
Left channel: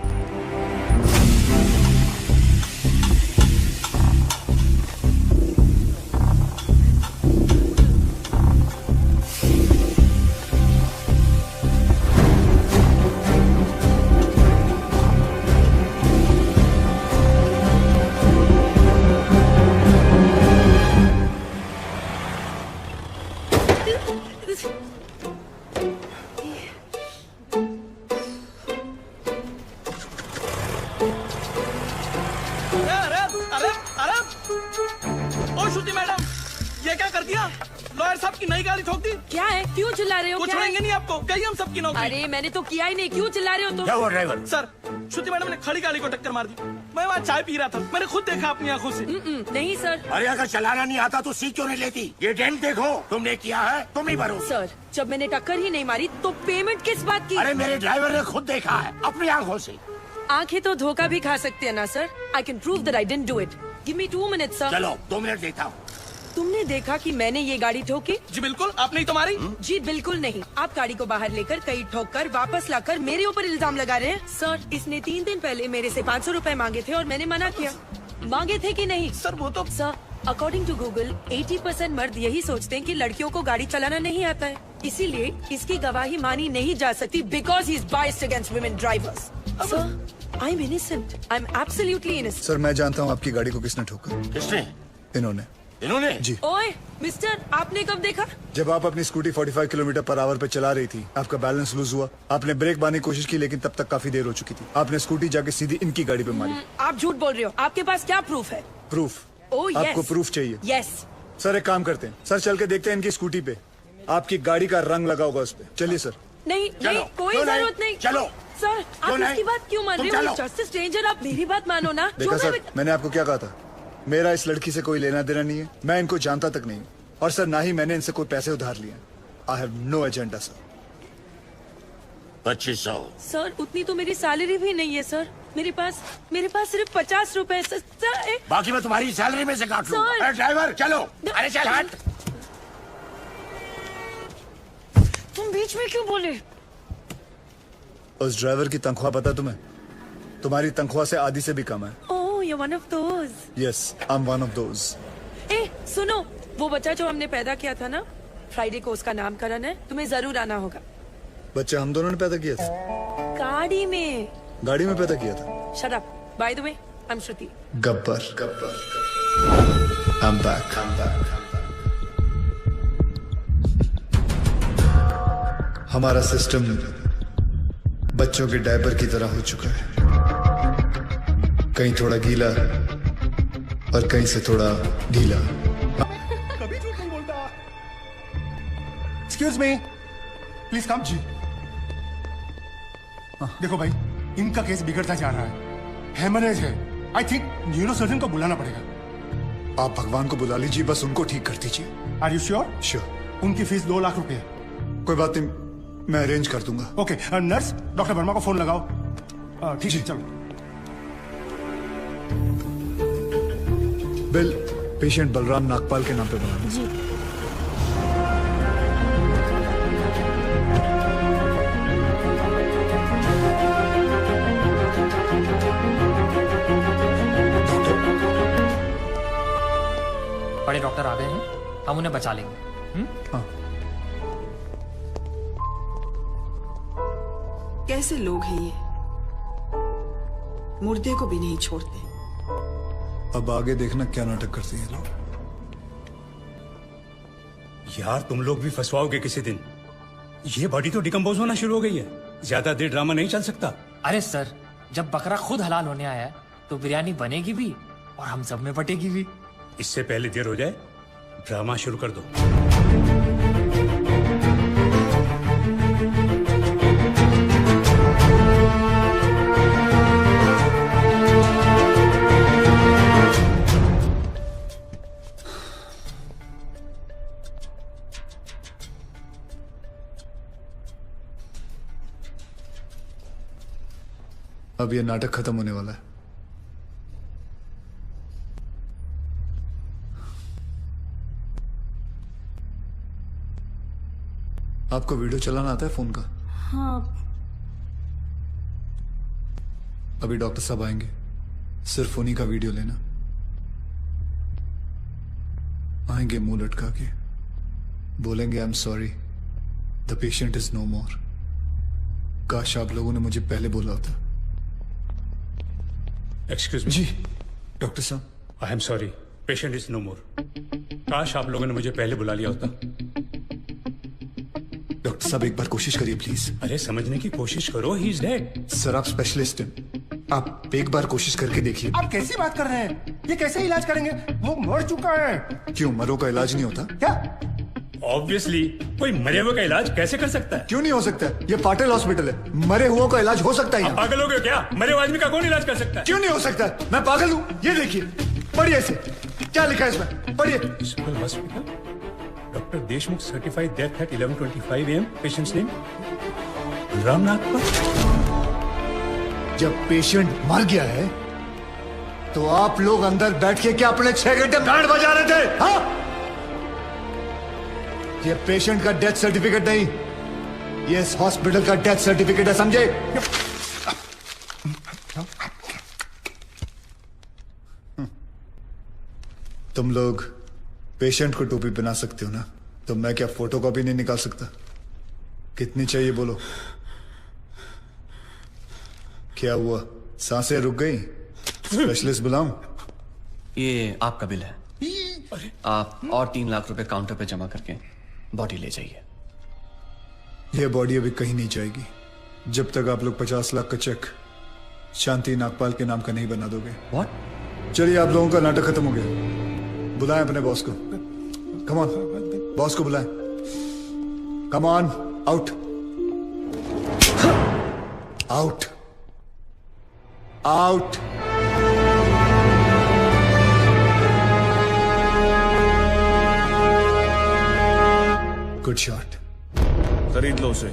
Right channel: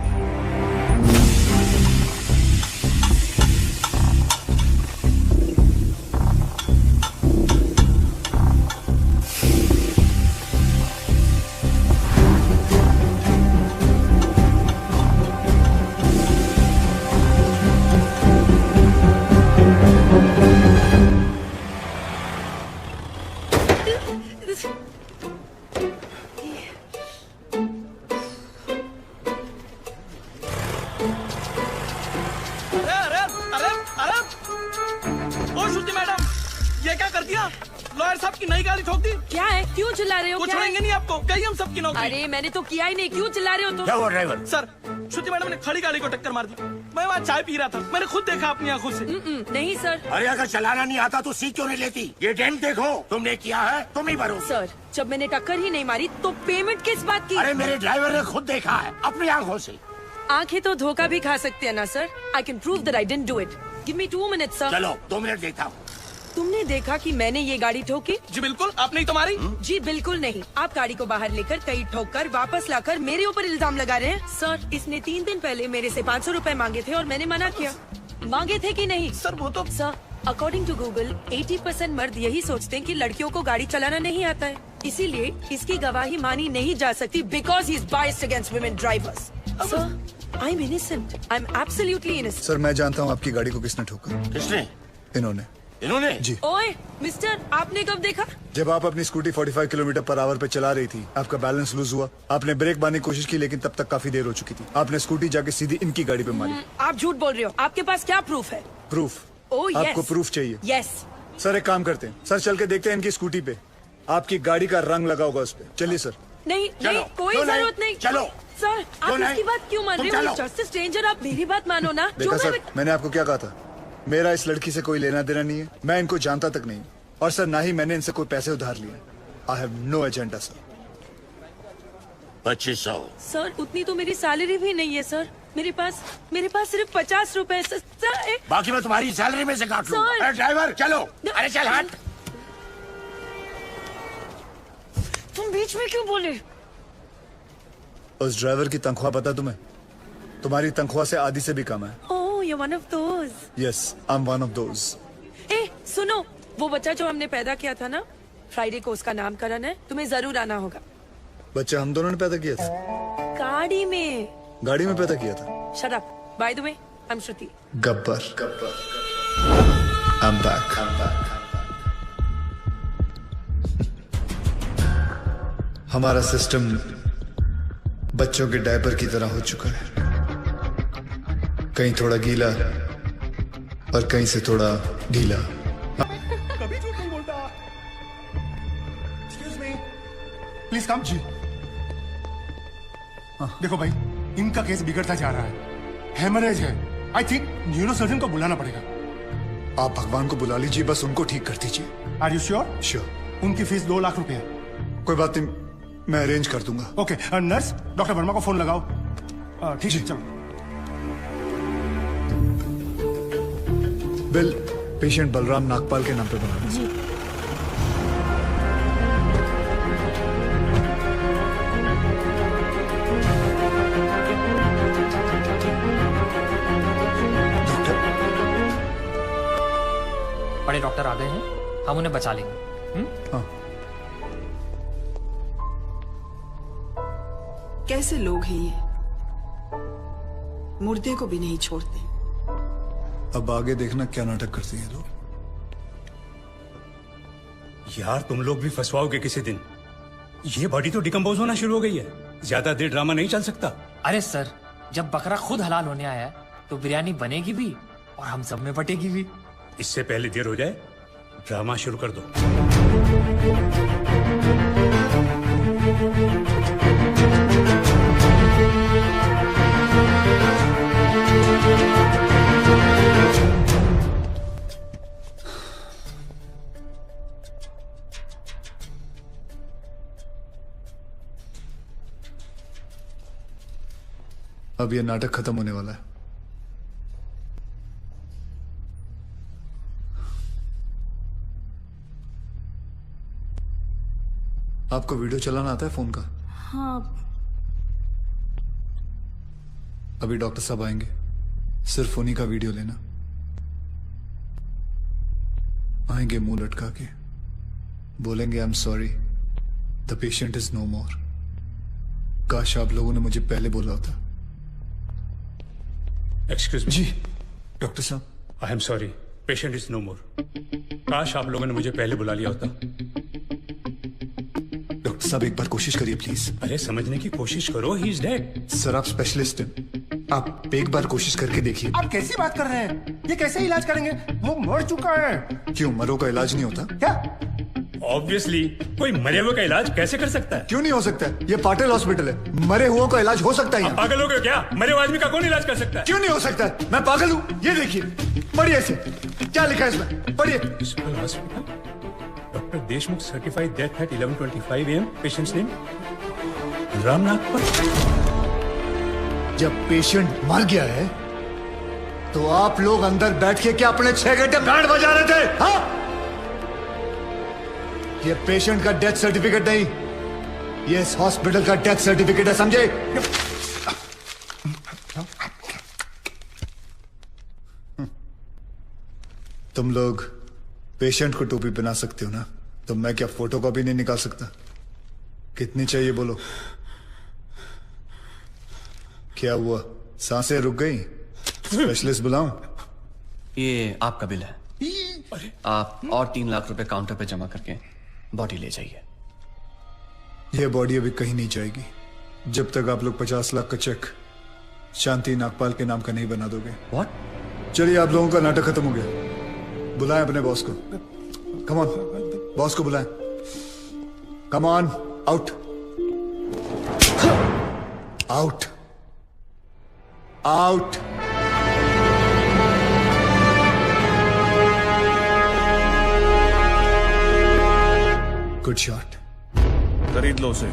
अरे मैंने तो किया ही नहीं, क्यों चिल्ला रहे हो तुम? क्या ड्राइवर? सर, श्रुति मैडम ने खड़ी गाड़ी को टक्कर मार दी। मैं वहाँ चाय पी रहा था, मैंने खुद देखा अपनी आंखों से। नहीं सर। अरे अगर चलाना नहीं आता तो सीट क्यों नहीं लेती? ये डेंट देखो, तुमने किया है, तुम ही भरो। सर, जब मैंने टक्कर ही नहीं मारी तो पेमेंट किस बात की? अरे मेरे ड्राइवर ने खुद देखा है अपनी आंखों से। आंखें तो धोखा भी खा सकते हैं ना sir. I can prove that I didn't do it. Give me 2 minutes sir. चलो 2 मिनट देता हूँ। तुमने देखा कि मैंने ये गाड़ी ठोकी? जी बिल्कुल, आपने तुम्हारी? जी बिल्कुल नहीं। आप गाड़ी को बाहर लेकर कहीं ठोककर वापस लाकर मेरे ऊपर इल्जाम लगा रहे हैं। सर, इसने 3 दिन पहले मेरे से 500 रुपए मांगे थे और मैंने मना किया। मांगे थे कि नहीं? सर वो तो अकॉर्डिंग टू गूगल 80% मर्द यही सोचते हैं कि लड़कियों को गाड़ी चलाना नहीं आता है, इसीलिए इसकी गवाही मानी नहीं जा सकती because he is biased against women drivers. I am innocent, I am absolutely innocent. Sir मैं जानता हूँ आपकी गाड़ी को किसने ठोका। किसने? इन्होंने। इन्होंने? जी। ओए मिस्टर, आपने कब देखा? जब आप अपनी स्कूटी 45 किलोमीटर पर आवर पे चला रही थी, आपका बैलेंस लूज हुआ, आपने ब्रेक मारने की कोशिश की लेकिन तब तक काफी देर हो चुकी थी। आपने स्कूटी जाके सीधी इनकी गाड़ी पे मारी। आप झूठ बोल रहे हो, आपके पास क्या प्रूफ है? प्रूफ? ओह आपको प्रूफ चाहिए? यस। सर एक काम करते हैं, सर चल के देखते हैं इनकी स्कूटी पे आपकी गाड़ी का रंग लगा होगा उस पे। चलिए सर। नहीं नहीं, कोई जरूरत नहीं। चलो सर, आप इसकी बात क्यों मान रहे हो? जस्ट स्ट्रेंजर, आप मेरी बात मानो ना। देखा सर, मैंने आपको क्या कहा था, मेरा इस लड़की से कोई लेना देना नहीं है, मैं इनको जानता तक नहीं, और सर ना ही मैंने इनसे कोई पैसे उधार लिया। I have no agenda sir. 2500। Sir उतनी तो मेरी सैलरी भी नहीं है सर, मेरे पास सिर्फ 50 रुपए सर। बाकी मैं तुम्हारी सैलरी में से काट लूंगा। सर। अरे ड्राइवर चलो, अरे चल हट। तुम बीच में क्यों बोले? उस ड्राइवर की तनख्वाह पता तुम्हें? तुम्हारी तनख्वाह से आधी से भी कम है। Oh, you one of those. Yes, I am one of those. ए सुनो, वो बच्चा जो हमने पैदा किया था ना, फ्राइडे को उसका नामकरण है, तुम्हें जरूर आना होगा। बच्चे हम दोनों ने पैदा किया था? गाड़ी में। गाड़ी में पैदा किया था? Shut up. By the way, I am Shruti. Gabbar. I'm back. हमारा सिस्टम बच्चों के डायपर की तरह हो चुका है, कहीं थोड़ा गीला और कहीं से थोड़ा ढीला। कभी झूठ नहीं बोलता। Excuse me, please come. देखो भाई, इनका केस बिगड़ता जा रहा है, हेमरेज है। आई थिंक न्यूरो सर्जन को बुलाना पड़ेगा। आप भगवान को बुला लीजिए, बस उनको ठीक कर दीजिए। Are you sure? श्योर। उनकी फीस 2 लाख रुपए है। कोई बात नहीं, मैं अरेंज कर दूंगा। ओके, नर्स डॉक्टर वर्मा को फोन लगाओ। हाँ ठीक है, चलो। बिल पेशेंट बलराम नागपाल के नाम पर बना जी। बड़े डॉक्टर आ गए हैं, हम उन्हें बचा लेंगे। कैसे लोग हैं ये, मुर्दे को भी नहीं छोड़ते। अब आगे देखना क्या नाटक करती है ना। यार तुम लोग भी फंसवाओगे किसी दिन। ये बॉडी तो डिकम्पोज होना शुरू हो गई है, ज्यादा देर ड्रामा नहीं चल सकता। अरे सर, जब बकरा खुद हलाल होने आया है तो बिरयानी बनेगी भी और हम सब में बटेगी भी। इससे पहले देर हो जाए, ड्रामा शुरू कर दो। अब ये नाटक खत्म होने वाला है। आपको वीडियो चलाना आता है फोन का? हाँ। अभी डॉक्टर साहब आएंगे, सिर्फ उन्हीं का वीडियो लेना। आएंगे मुंह लटका के, बोलेंगे I am sorry, the patient is no more. काश आप लोगों ने मुझे पहले बोला होता। Excuse me. जी डॉक्टर साहब, I am sorry, patient is no more. काश आप लोगों ने मुझे पहले बुला लिया होता। डॉक्टर साहब एक बार कोशिश करिए प्लीज। अरे समझने की कोशिश करो, ही इज डेड। सर आप स्पेशलिस्ट हैं, आप एक बार कोशिश करके देखिए। आप कैसी बात कर रहे हैं? ये कैसे इलाज करेंगे? वो मर चुका है। क्यों, मरो का इलाज नहीं होता क्या? ऑब्वियसली, कोई मरे हुए का इलाज कैसे कर सकता है? क्यों नहीं हो सकता? ये पाटिल हॉस्पिटल है, मरे हुए का इलाज हो सकता है। पागल हो गए क्या? मरे हुए आदमी का कौन इलाज कर सकता है? क्यों नहीं हो सकता? मैं पागल हूँ? ये देखिए, पढ़िए इसे, क्या लिखा है इसमें, पढ़िए। Doctor Deshmukh certified death eight 11:25 AM। Patients name Ramnath. जब पेशेंट मर गया है तो आप लोग अंदर बैठ के क्या अपने 6 घंटे बैंड बजा रहे थे? हाँ? ये पेशेंट का डेथ सर्टिफिकेट नहीं, ये इस हॉस्पिटल का डेथ सर्टिफिकेट है, समझे? तुम लोग पेशेंट को टोपी पहना सकते हो ना, तो मैं क्या फोटो कॉपी नहीं निकाल सकता? कितनी चाहिए बोलो? क्या हुआ, सांसें रुक गई? स्पेशलिस्ट बुलाऊं? ये आपका बिल है, आप और 3 लाख रुपए काउंटर पे जमा करके बॉडी ले जाइए। ये बॉडी अभी कहीं नहीं जाएगी जब तक आप लोग 50 लाख का चेक शांति नागपाल के नाम का नहीं बना दोगे। व्हाट? चलिए, आप लोगों का नाटक खत्म हो गया। बुलाएं अपने बॉस को। कम ऑन, बॉस को बुलाएं। Come on, out out out. Good shot. खरीद लो उसे।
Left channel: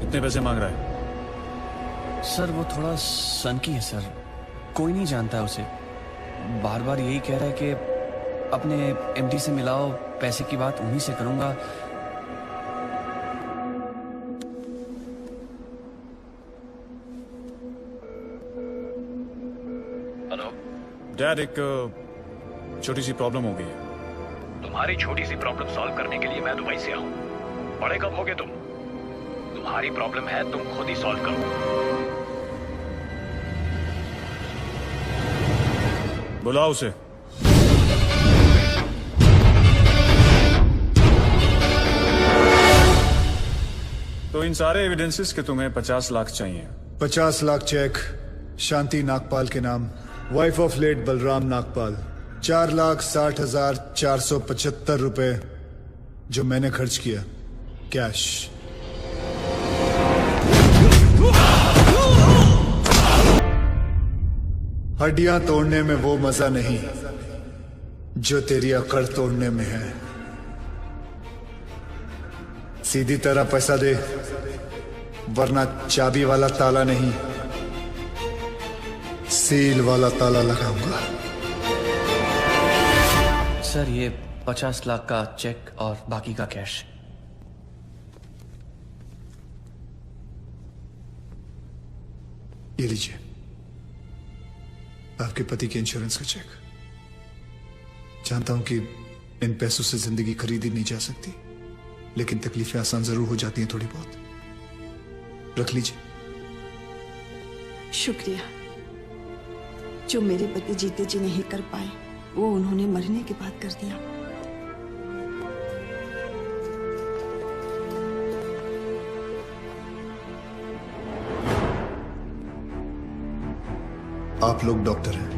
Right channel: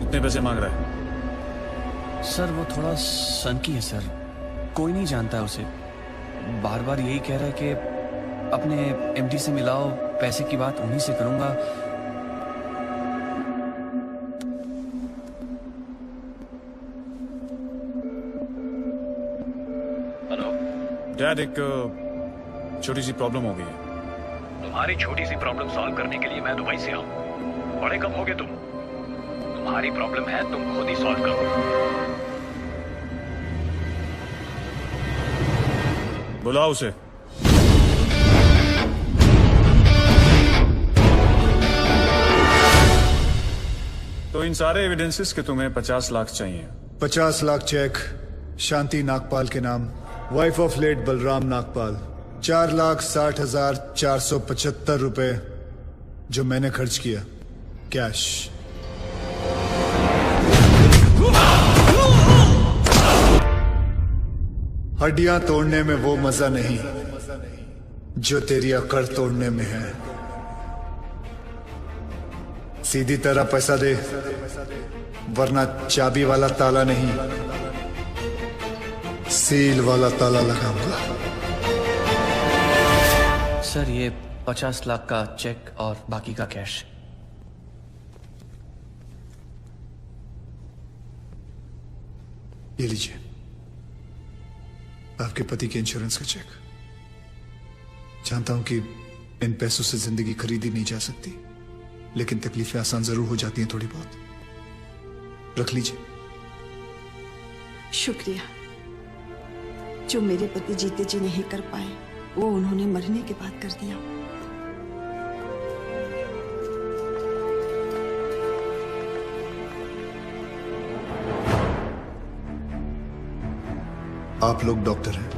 कितने पैसे मांग रहा है? सर वो थोड़ा सनकी है सर, कोई नहीं जानता उसे। बार बार यही कह रहा कि अपने एमडी से मिलाओ, पैसे की बात उन्हीं से करूंगा। डैड, एक छोटी सी प्रॉब्लम हो गई है। तुम्हारी छोटी सी प्रॉब्लम सॉल्व करने के लिए मैं दुबई से आऊं। बड़े कब होगे तुम? तुम्हारी प्रॉब्लम है, तुम खुद ही सॉल्व करो। बुलाओ उसे। तो इन सारे एविडेंसेस के तुम्हें 50 लाख चाहिए। 50 लाख चेक शांति नागपाल के नाम, wife of late Balram Nagpal. 4,60,475 रुपए जो मैंने खर्च किया कैश। हड्डियां तोड़ने में वो मजा नहीं जो तेरी अकड़ तोड़ने में है। सीधी तरह पैसा दे, वरना चाबी वाला ताला नहीं, सील वाला ताला लगाऊंगा। सर ये 50 लाख का चेक और बाकी का कैश। ये लीजिए, आपके पति के इंश्योरेंस का चेक। जानता हूं कि इन पैसों से जिंदगी खरीदी नहीं जा सकती, लेकिन तकलीफें आसान जरूर हो जाती हैं थोड़ी बहुत। रख लीजिए। शुक्रिया। जो मेरे पति जीते जी नहीं कर पाए, वो उन्होंने मरने के बाद कर दिया। आप लोग डॉक्टर हैं,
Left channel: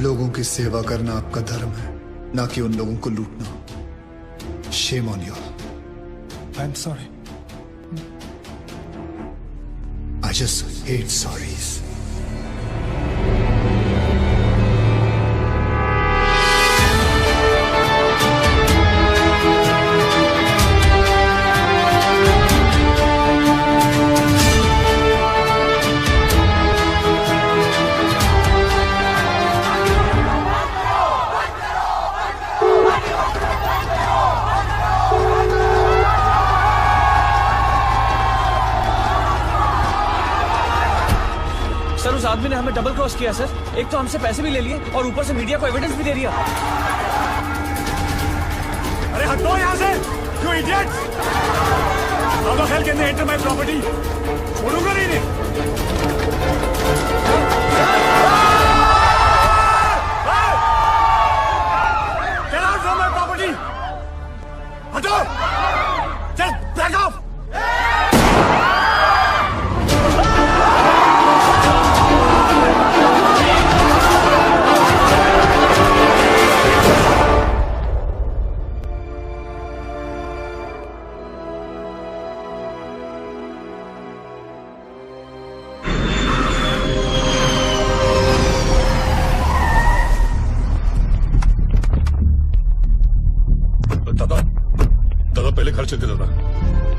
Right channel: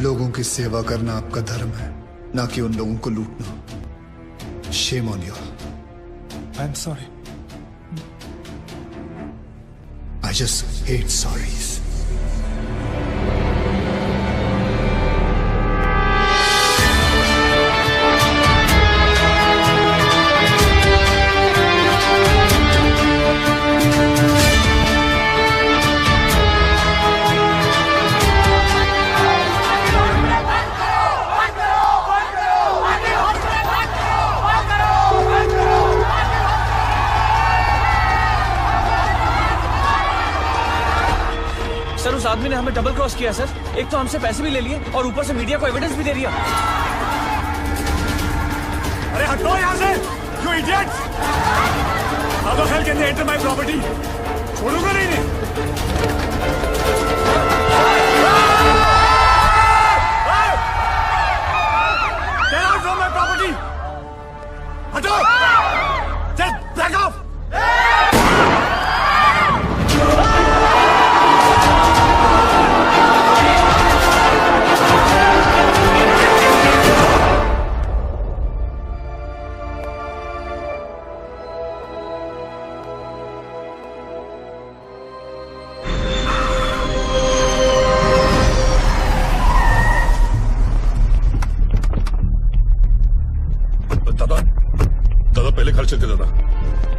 लोगों की सेवा करना आपका धर्म है, ना कि उन लोगों को लूटना। Shame on you. I'm sorry. I just hate sorries. आदमी ने हमें डबल क्रॉस किया सर। एक तो हमसे पैसे भी ले लिए और ऊपर से मीडिया को एविडेंस भी दे दिया। अरे हटो यहाँ से, you idiots! How the hell can they enter my property? छोड़ूंगा नहीं मैं। Get out from my property! हटो! Just back off!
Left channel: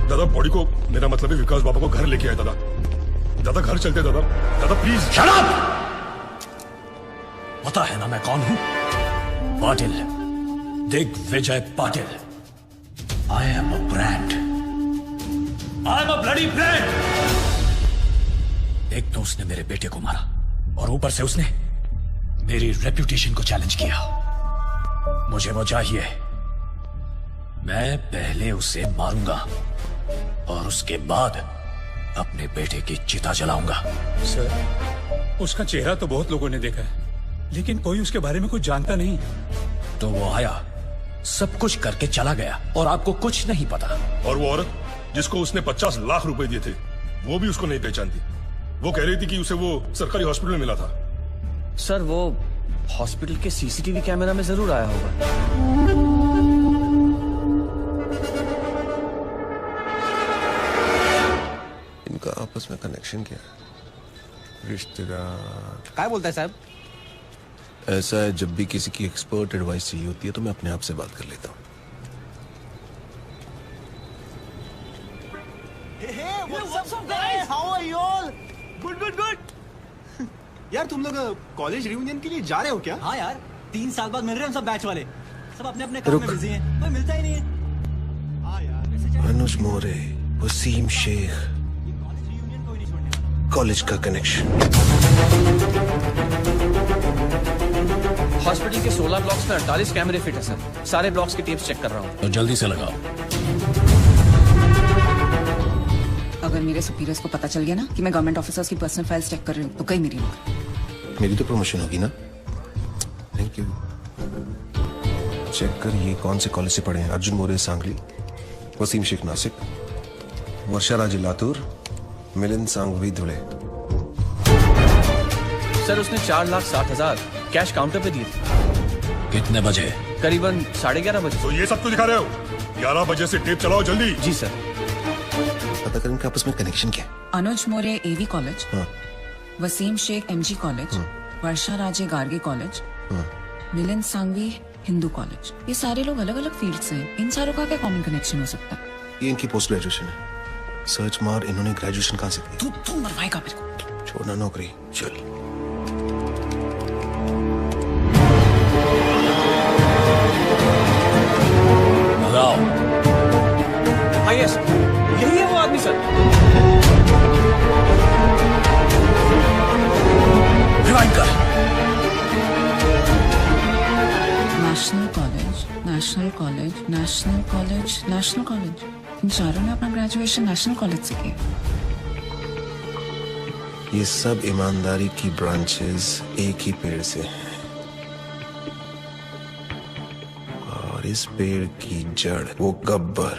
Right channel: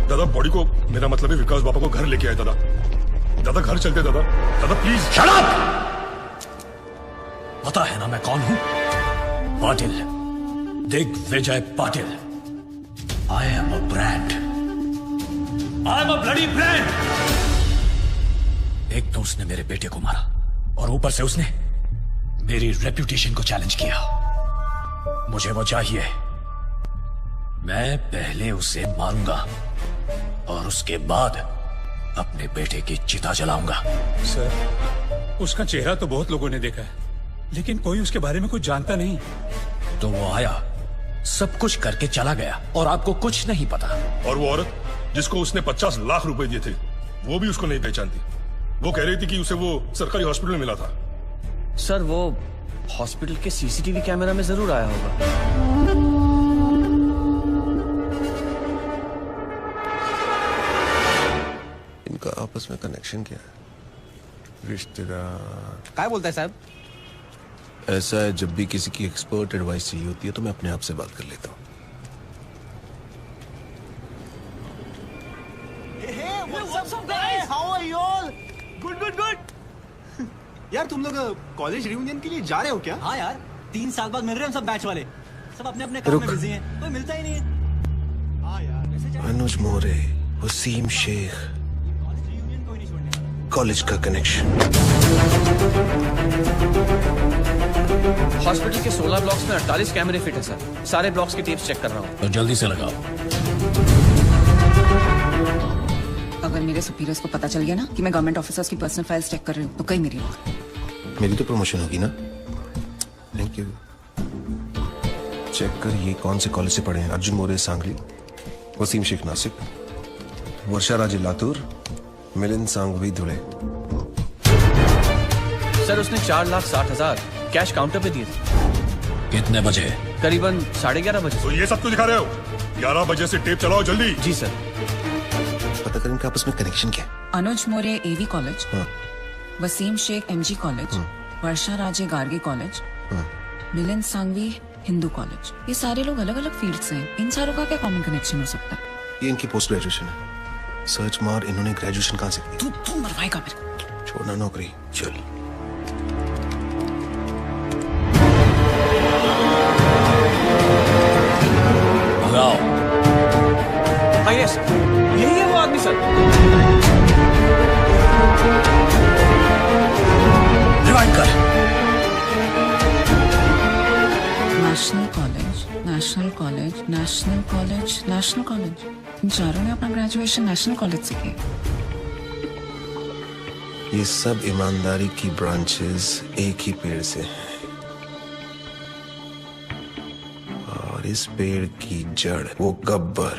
दादा बॉडी को, मेरा मतलब है विकास बाबा को घर लेके आया दादा। दादा घर चलते दादा, दादा प्लीज। Shut up! पता है ना मैं कौन हूं? Patil, Digvijay Patil. I am a brand. I am a bloody brand. एक तो उसने मेरे बेटे को मारा और ऊपर से उसने मेरी रेप्यूटेशन को चैलेंज किया। मुझे वो चाहिए। मैं पहले उसे मारूंगा और उसके बाद अपने बेटे की चिता जलाऊंगा। सर, उसका चेहरा तो बहुत लोगों ने देखा है, लेकिन कोई उसके बारे में कुछ जानता नहीं। तो वो आया, सब कुछ करके चला गया और आपको कुछ नहीं पता। और वो औरत जिसको उसने 50 लाख रुपए दिए थे, वो भी उसको नहीं पहचानती। वो कह रही थी कि उसे वो सरकारी हॉस्पिटल में मिला था। सर, वो हॉस्पिटल के सीसीटीवी कैमरा में जरूर आया होगा। इनका आपस में कनेक्शन क्या है? रिश्तेदार क्या बोलता है साहब? ऐसा है, जब भी किसी की एक्सपर्ट एडवाइस चाहिए होती है तो मैं अपने आप से बात कर लेता हूँ। Good good good. यार तुम लोग कॉलेज रियूनियन के लिए जा रहे हो क्या? हाँ यार, 3 साल बाद मिल रहे हैं सब बैच वाले। सब अपने अपने काम में बिजी हैं, कोई मिलता ही नहीं है। अनुज मोरे, वसीम शेख, कॉलेज का कनेक्शन। हॉस्पिटल के 16 ब्लॉक्स में 48 कैमरे फिट है सर। सारे ब्लॉक्स की टीम्स चेक कर रहा हूँ। तो जल्दी से लगाओ। अगर मेरे सुपीरियर्स को पता चल गया ना कि मैं गवर्नमेंट ऑफिसर्स की पर्सनल फाइल्स चेक कर रही हूँ तो कहीं मेरी तो प्रमोशन होगी ना। लेकिन चेक कर ये कौन से कॉलेज से पढ़े हैं? अर्जुन मोरे सांगली, वसीम शेख नासिक, मुर्शा राजी लातूर, मिलिंद सांघवी धुले। सर, उसने 4,60,000 कैश काउंटर पे दिए थे। कितने बजे? करीबन 11:30 बजे। तो ये सब क्यों दिखा रहे हो? 11 बजे से टेप चलाओ जल्दी। जी सर। पता करें इनका आपस में कनेक्शन क्या है? Anuj More AV college, Wasim Shaikh MG college, Varsha Raje Gargi college, Milind Sanghvi Hindu college. ये सारे लोग अलग अलग फील्ड से हैं। इन चारों का क्या कॉमन कनेक्शन हो सकता है? ये इनकी पोस्ट ग्रेजुएशन है। सर्च मार, इन्होंने ग्रेजुएशन कहाँ से की? तू मरवाएगा मेरे को। छोड़ना नौकरी, चल। यही है वो आदमी sir. National college, national college, national college, national college. इन चारों ने अपना ग्रेजुएशन नेशनल कॉलेज से की। ये सब ईमानदारी की ब्रांचेस एक ही पेड़ से हैं। और इस पेड़ की जड़ वो गब्बर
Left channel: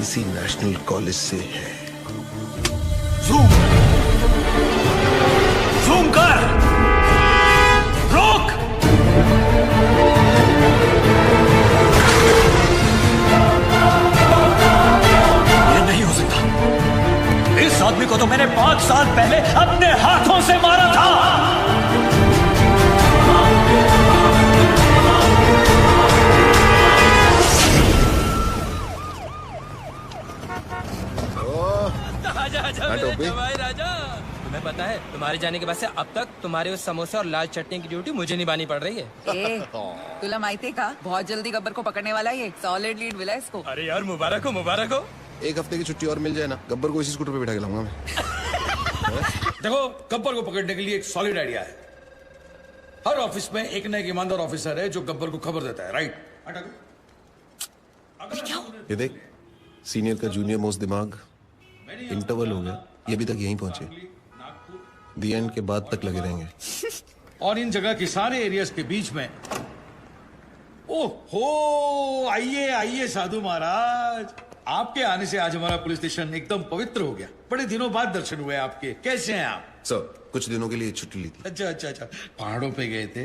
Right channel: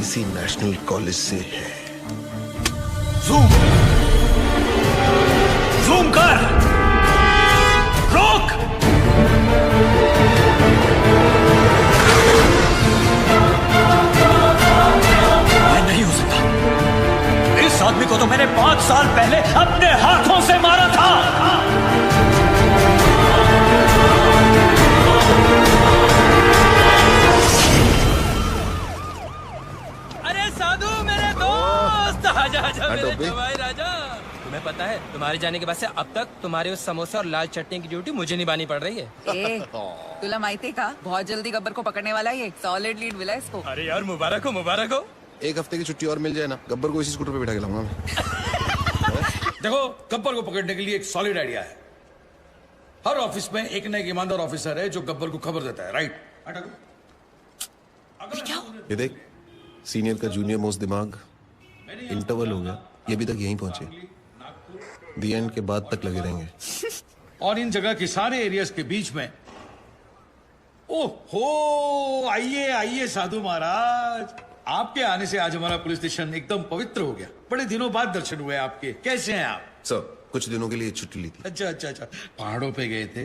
इसी नेशनल कॉलेज से है। जूम कर, रोक। ये नहीं हो सकता। इस आदमी को तो मैंने 5 साल पहले अपने हाथों से मारा था। भाई राजा, मैं बताएं, तुम्हारे जाने के बाद से अब तक तुम्हारे उस समोसे और लाल चटनी की ड्यूटी मुझे निभानी पड़ रही है। तुला माहिती का बहुत जल्दी गब्बर को पकड़ने वाला है। सॉलिड लीड मिला इसको। अरे यार, मुबारक हो, मुबारक हो। 1 हफ्ते की छुट्टी और मिल जाए ना, गब्बर को इसी स्कूटर पे बिठा के लाऊंगा मैं। देखो, गब्बर को पकड़ने के लिए एक सॉलिड आइडिया है। हर ऑफिस में एक न एक ईमानदार ऑफिसर है जो गब्बर को खबर देता है, राइट? ये देख, सीनियर का जूनियर मोस्ट दिमाग। इंटरवल हो गया, ये अभी तक यहीं पहुंचे। दी एंड के बाद तक लगे रहेंगे। और इन जगह के सारे एरियाज के बीच में। ओहो, आइए आइए साधु महाराज, आपके आने से आज हमारा पुलिस स्टेशन एकदम पवित्र हो गया। बड़े दिनों बाद दर्शन हुए आपके। कैसे हैं आप? सर, कुछ दिनों के लिए छुट्टी ली थी। अच्छा अच्छा अच्छा, पहाड़ों पे गए थे,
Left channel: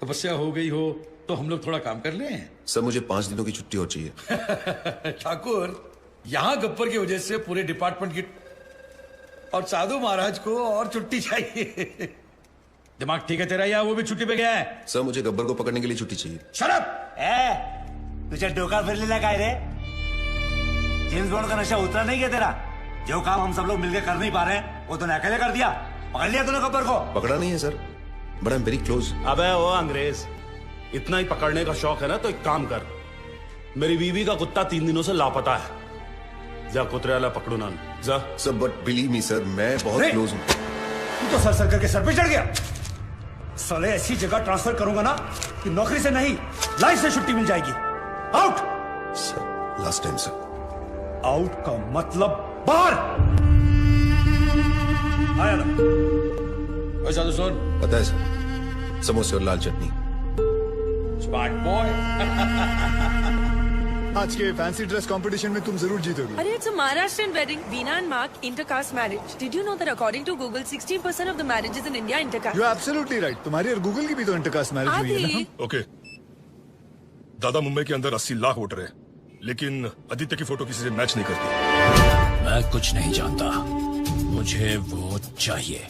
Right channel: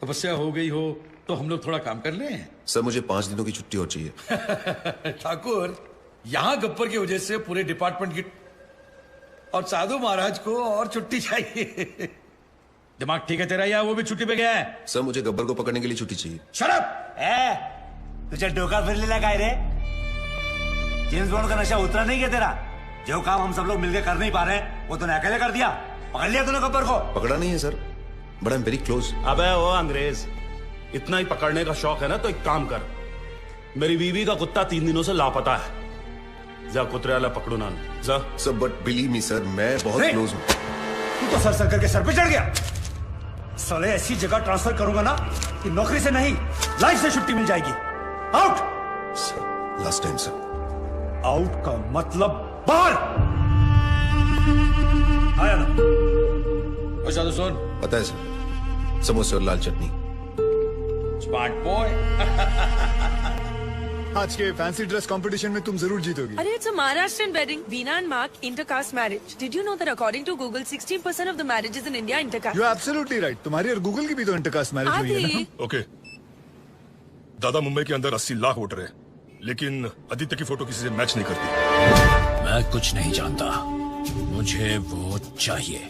तपस्या हो गई हो तो हम लोग थोड़ा काम कर ले। सर, मुझे 5 दिनों की छुट्टी और चाहिए। ठाकुर, यहाँ गब्बर की वजह से पूरे डिपार्टमेंट की और साधु महाराज को और छुट्टी चाहिए। दिमाग ठीक है तेरा या वो भी छुट्टी पे गया है? सर, मुझे गब्बर को पकड़ने के लिए छुट्टी चाहिए। शराब तुझे डोका फिर लेना काय रे? जेम्स बॉन्ड का नशा उतना नहीं है तेरा? जो काम हम सब लोग मिलकर कर नहीं पा रहे हैं वो तूने अकेले कर दिया। पकड़ लिया तूने गब्बर को? पकड़ा नहीं है sir, but I am very close. अबे वो अंग्रेज, इतना ही पकड़ने का शौक है ना तो एक काम कर, मेरी बीवी का कुत्ता 3 दिनों से लापता है, जा कुतरे वाला पकड़ो ना। जा। Sir, but believe me sir, मैं बहुत क्लोज हूँ। तो सर सर्कल के सर पे चढ़ गया। साले ऐसी जगह ट्रांसफर करूंगा ना कि नौकरी से नहीं लाइफ से छुट्टी मिल जाएगी। Out. Last time sir. Out का मतलब बाहर। आया ना। अच्छा सुन, पता है सर, समोसे और लाल चटनी। Smart boy. आज के फैंसी ड्रेस कंपटीशन में तुम जरूर जीतोगी। Arey, it's a Maharashtrian wedding. Veena and Mark, intercaste marriage. Did you know that according to Google, 16% of the marriages in India are intercaste? You are absolutely right. तुम्हारी Google की भी तो intercaste marriage हुई है ना? Okay, दादा मुंबई के अंदर 80 लाख वोटर है, लेकिन आदित्य की फोटो किसी से मैच नहीं करती। मैं कुछ नहीं जानता, मुझे वो चाहिए।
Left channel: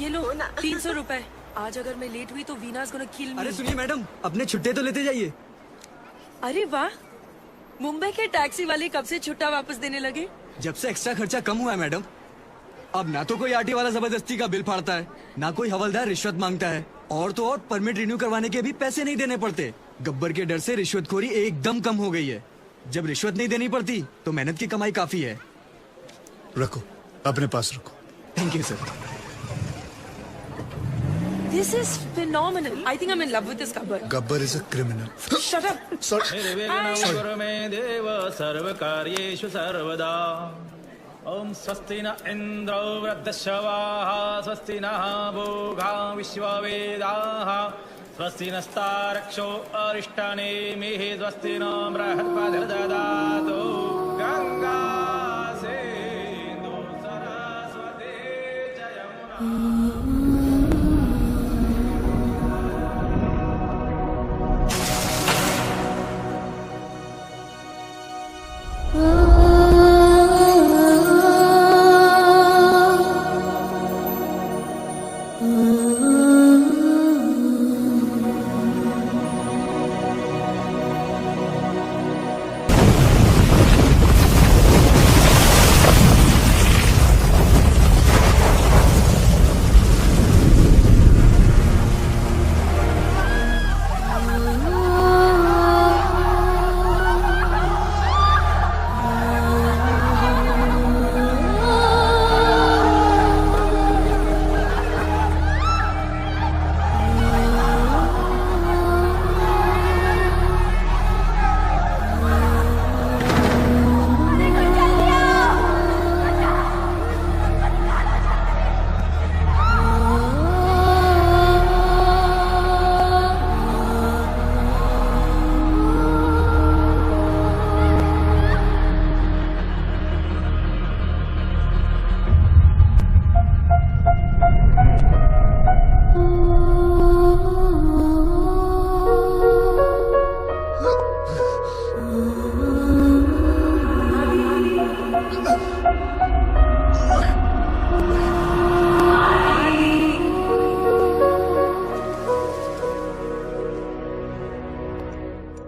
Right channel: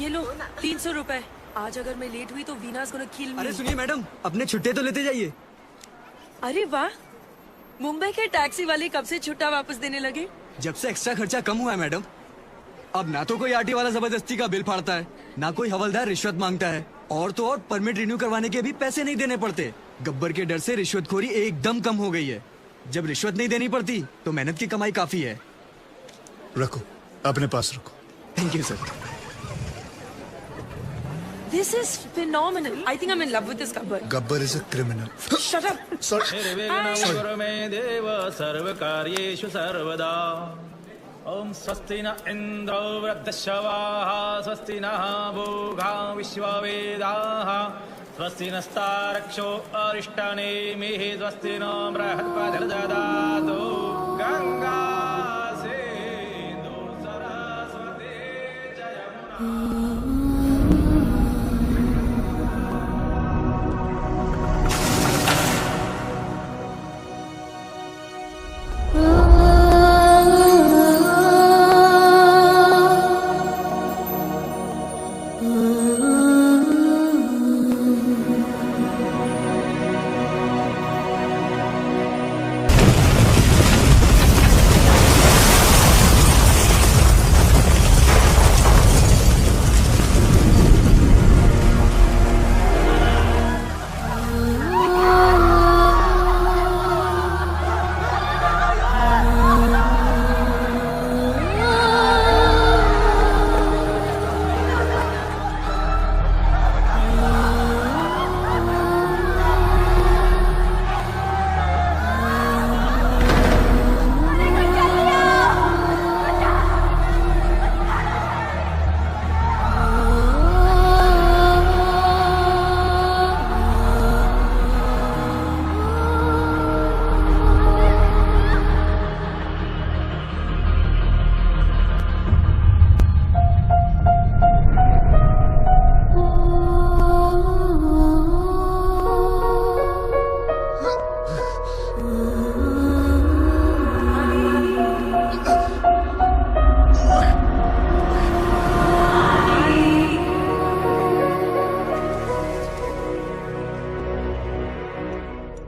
ये लो 300 रुपए। आज अगर मैं लेट हुई तो वीनास गोना किल मी। अरे सुनिए मैडम, अपने छुट्टी तो लेते जाइए। अरे वाह, मुंबई के टैक्सी वाले कब से छुट्टा वापस देने लगे? जब से एक्स्ट्रा खर्चा कम हुआ है मैडम। अब ना तो कोई आरटी वाला जबरदस्ती का बिल फाड़ता है, ना कोई हवलदार रिश्वत मांगता है, और तो और परमिट रिन्यू करवाने के भी पैसे नहीं देने पड़ते। गब्बर के डर से रिश्वतखोरी एकदम कम हो गई है। जब रिश्वत नहीं देनी पड़ती तो मेहनत की कमाई काफी है। रखो, अपने पास रखो। ठीक है sir. This is phenomenal. I think I'm in love with this Gabbar. Gabbar is a criminal. Shut up. Sorry. देव सर्वकार्येषु सर्वदा। ओम स्वस्ति न इंद्रो वृत्तश्रवाः, स्वस्ति नः भोगा विश्ववेदाः, स्वस्ति नस्तारक्षो अरिष्टानेमिः, स्वस्ति न बृहस्पतिर्दधातु। गंगा सिंधु सरस्वती जयम्।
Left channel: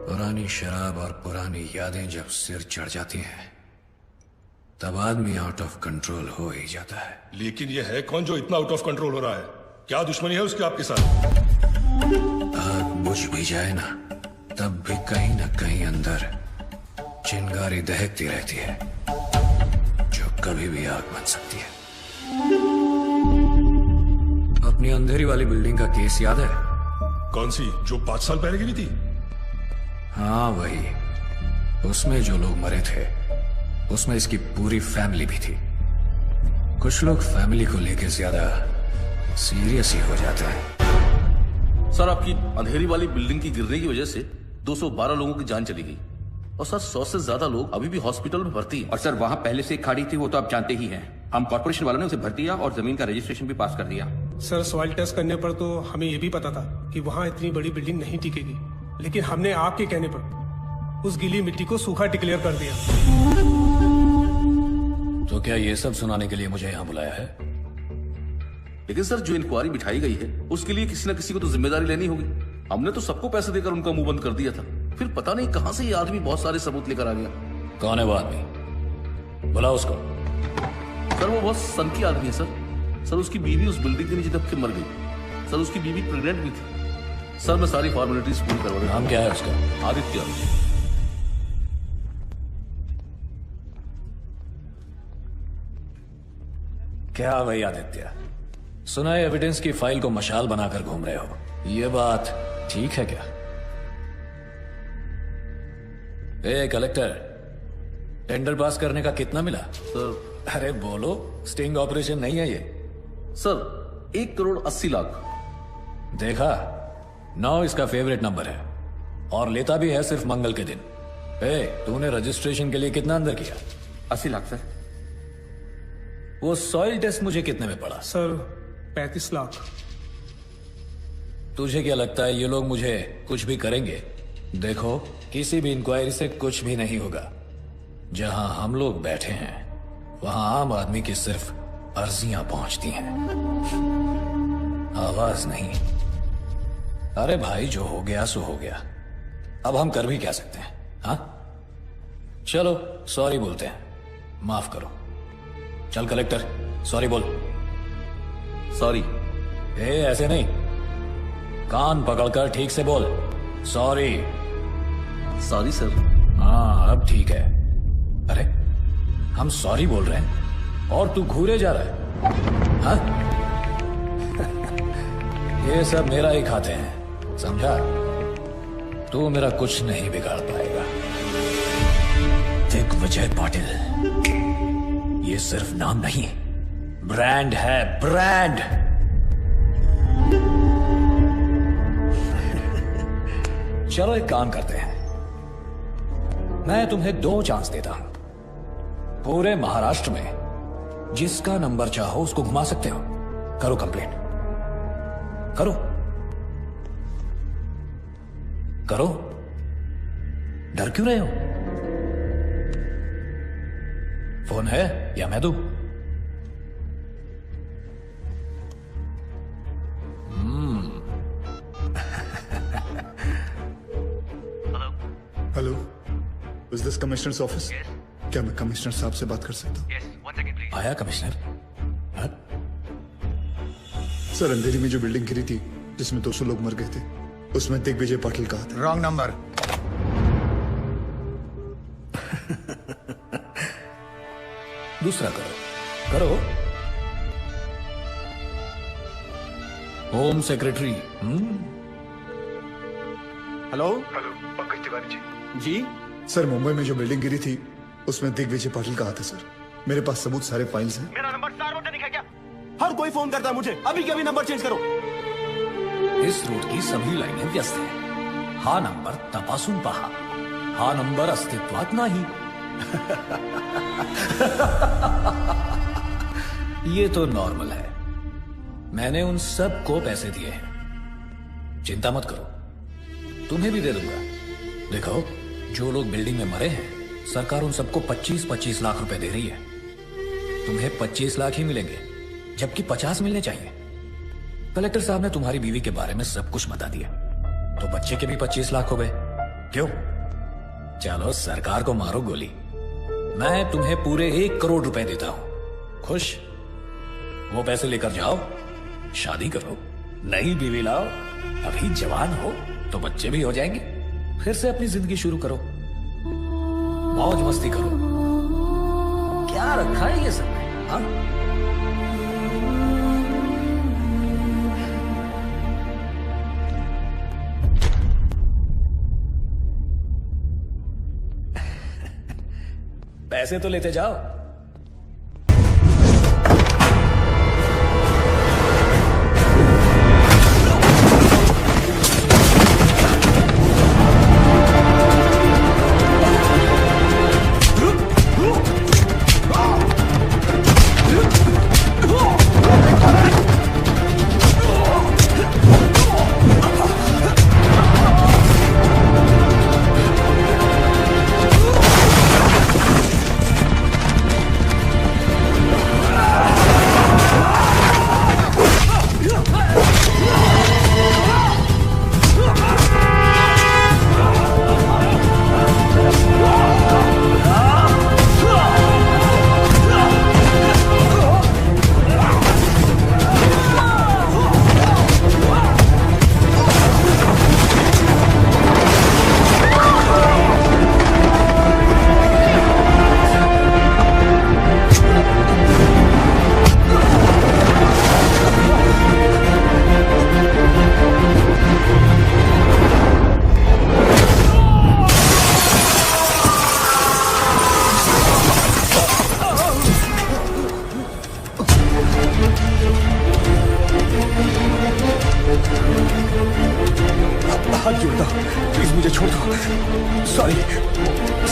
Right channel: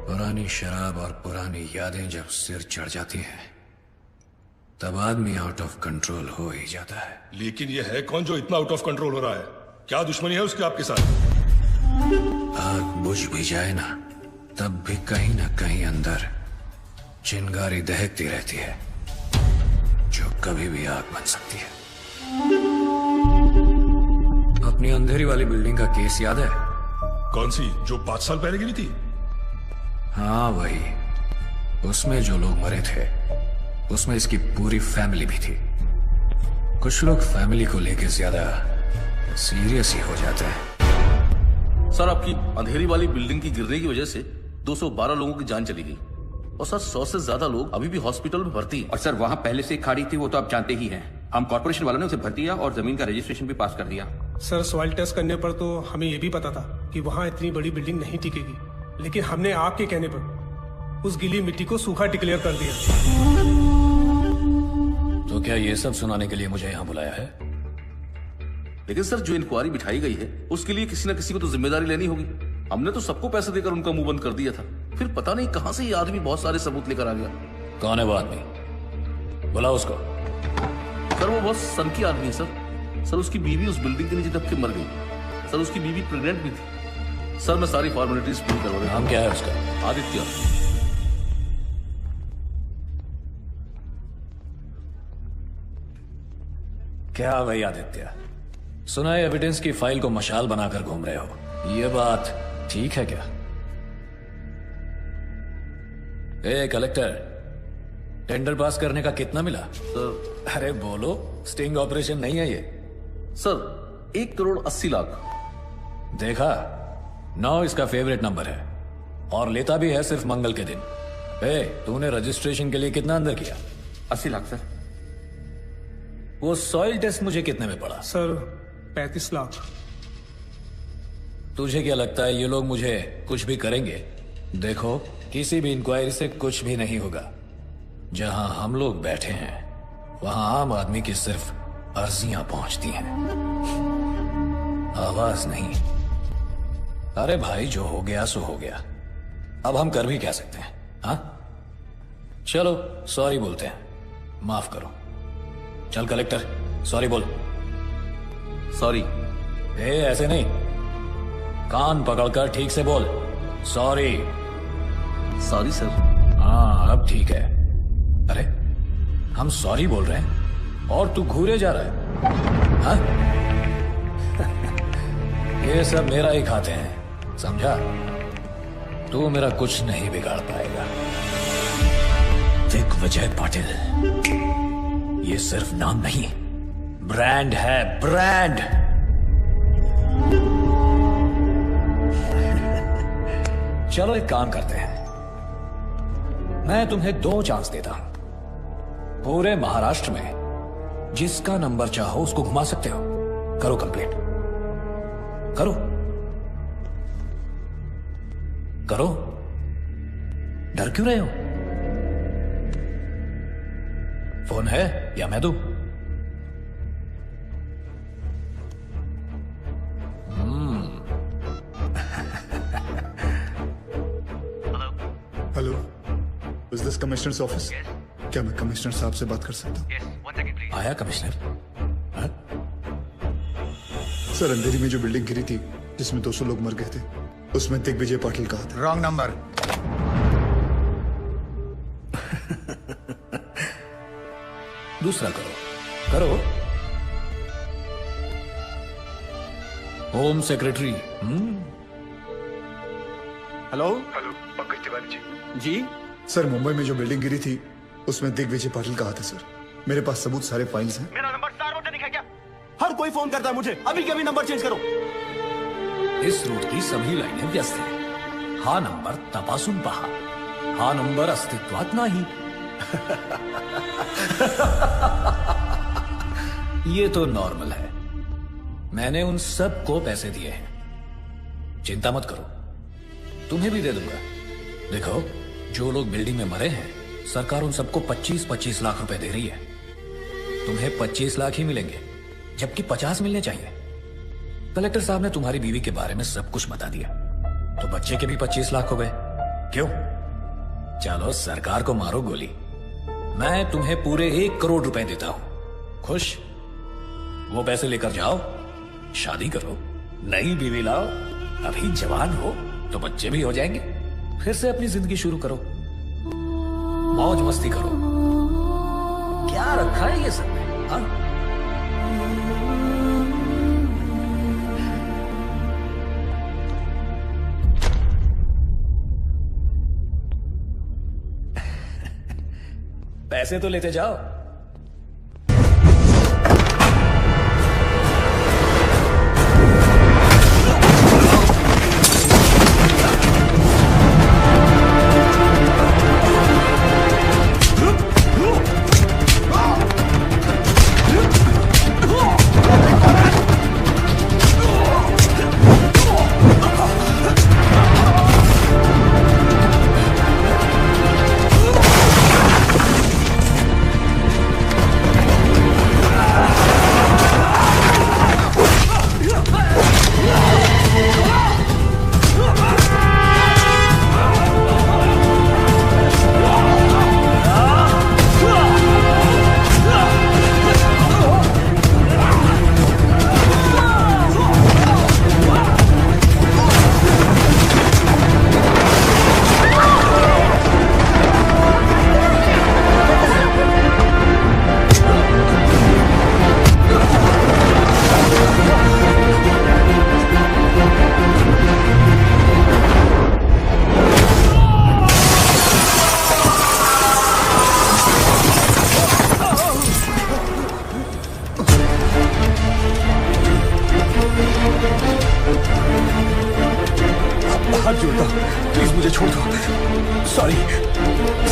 पुरानी शराब और पुरानी यादें जब सिर चढ़ जाती हैं, तब आदमी आउट ऑफ कंट्रोल हो ही जाता है। लेकिन ये है कौन जो इतना आउट ऑफ कंट्रोल हो रहा है? क्या दुश्मनी है उसकी आपके साथ? आग बुझ भी जाए ना, तब भी कहीं ना कहीं अंदर चिंगारी दहकती रहती है, जो कभी भी आग बन सकती है। अपनी अंधेरी वाली बिल्डिंग का केस याद है? कौन सी, जो 5 साल पहले गिरी थी? हाँ वही। उसमें जो लोग मरे थे, उसमें इसकी पूरी फैमिली भी थी। कुछ लोग फैमिली को लेकर ज्यादा सीरियस ही हो जाते हैं। सर, आपकी अंधेरी वाली बिल्डिंग की गिरने की वजह से 212 लोगों की जान चली गई और सर 100 से ज्यादा लोग अभी भी हॉस्पिटल में भर्ती हैं। और सर वहाँ पहले से खाड़ी थी, वो तो आप जानते ही हैं। हम कॉर्पोरेशन वालों ने उसे भर दिया और जमीन का रजिस्ट्रेशन भी पास कर दिया। सर सॉइल टेस्ट करने पर तो हमें ये भी पता था कि वहाँ इतनी बड़ी बिल्डिंग नहीं टिकेगी, लेकिन हमने आपके कहने पर उस गीली मिट्टी को सूखा डिक्लेयर कर दिया। तो क्या ये सब सुनाने के लिए मुझे यहाँ बुलाया है? लेकिन सर जो इंक्वायरी बिठाई गई है उसके लिए किसी न किसी को तो जिम्मेदारी लेनी होगी। हमने तो सबको पैसे देकर उनका मुंह बंद कर दिया था, फिर पता नहीं कहां से ये आदमी बहुत सारे सबूत लेकर आ गया। कौन है वो आदमी? बुलाओ उसको। सर वो बहुत सन की आदमी है सर। सर उसकी बीवी उस बिल्डिंग के नीचे दब के मर गई। सर उसकी बीवी प्रेग्नेंट भी थी। सर मैं सारी फॉर्मेलिटीज पूरी कर रहा हूं। नाम क्या है उसका? आदित्य। क्या भाई आदित्य, सुना है एविडेंस की फाइल को मशाल बनाकर घूम रहे हो, ये बात ठीक है क्या? ए कलेक्टर, टेंडर पास करने का कितना मिला? सर अरे बोलो, स्टिंग ऑपरेशन नहीं है ये। सर 1,80,00,000। देखा, 9 इसका फेवरेट नंबर है और लेता भी है सिर्फ मंगल के दिन। ए, तूने रजिस्ट्रेशन के लिए कितना अंदर किया? 80 लाख सर। वो सॉइल टेस्ट मुझे कितने में पड़ा? सर 35 लाख। तुझे क्या लगता है ये लोग मुझे कुछ भी करेंगे? देखो, किसी भी इंक्वायरी से कुछ भी नहीं होगा। जहां हम लोग बैठे हैं वहां आम आदमी की सिर्फ अर्जियां पहुंचती हैं, आवाज नहीं। अरे भाई, जो हो गया सो हो गया, अब हम कर भी क्या सकते हैं? हाँ, चलो सॉरी बोलते हैं, माफ करो। चल कलेक्टर, सॉरी बोल। सॉरी। ऐसे नहीं, कान पकड़कर ठीक से बोल। सॉरी। Sorry sir. हाँ अब ठीक है। अरे हम सॉरी बोल रहे हैं और तू घूरे जा रहा है, हाँ? ये सब मेरा ही खाते हैं, समझा? तू मेरा कुछ नहीं बिगाड़ पाएगा। दिग्विजय पाटिल, ये सिर्फ नाम नहीं, ब्रांड है, ब्रांड। चलो एक काम करते हैं, मैं तुम्हें 2 चांस देता हूं। पूरे महाराष्ट्र में जिसका नंबर चाहो उसको घुमा सकते हो। करो कंप्लेंट, करो करो। डर क्यों रहे हो? फोन है या मैं दूं? Hello, is this commissioners office? क्या मैं कमिश्नर साहब से बात कर सकता हूँ? आया कमिश्नर? सर, अंधेरी में जो बिल्डिंग गिरी थी जिसमें 200 लोग मर गए थे, उसमें दिग्विजय पाटिल कहा था। Wrong number. दूसरा करो, करो। Home secretary. Hello hello, Pankaj Tiwari ji. जी सर, मुंबई में जो बिल्डिंग गिरी थी उसमें दिग्विजय पाटिल कहा था सर। मेरे पास सबूत, सारे फाइल्स हैं। मेरा नंबर सार्वजनिक है क्या? हर कोई फोन करता है मुझे, अभी के अभी नंबर चेंज करो। इस रूट की सभी लाइनें व्यस्त हैं। हा नंबर तपासून पहा, हा नंबर अस्तित्वात नाही। ये तो नॉर्मल है। मैंने उन सबको पैसे दिए हैं, चिंता मत करो, तुम्हें भी दे दूंगा। देखो, जो लोग बिल्डिंग में मरे हैं, सरकार उन सबको 25-25 लाख रुपए दे रही है। तुम्हें 25 लाख ही मिलेंगे, जबकि 50 मिलने चाहिए। कलेक्टर साहब ने तुम्हारी बीवी के बारे में सब कुछ बता दिया, तो बच्चे के भी 25 लाख हो गए। क्यों? चलो सरकार को मारो गोली, मैं तुम्हें पूरे 1 करोड़ रुपए देता हूं। खुश? वो पैसे लेकर जाओ, शादी करो, नई बीवी लाओ, अभी जवान हो तो बच्चे भी हो जाएंगे, फिर से अपनी जिंदगी शुरू करो, मौज मस्ती करो। क्या रखा है ये सब में, हाँ? पैसे तो लेते जाओ।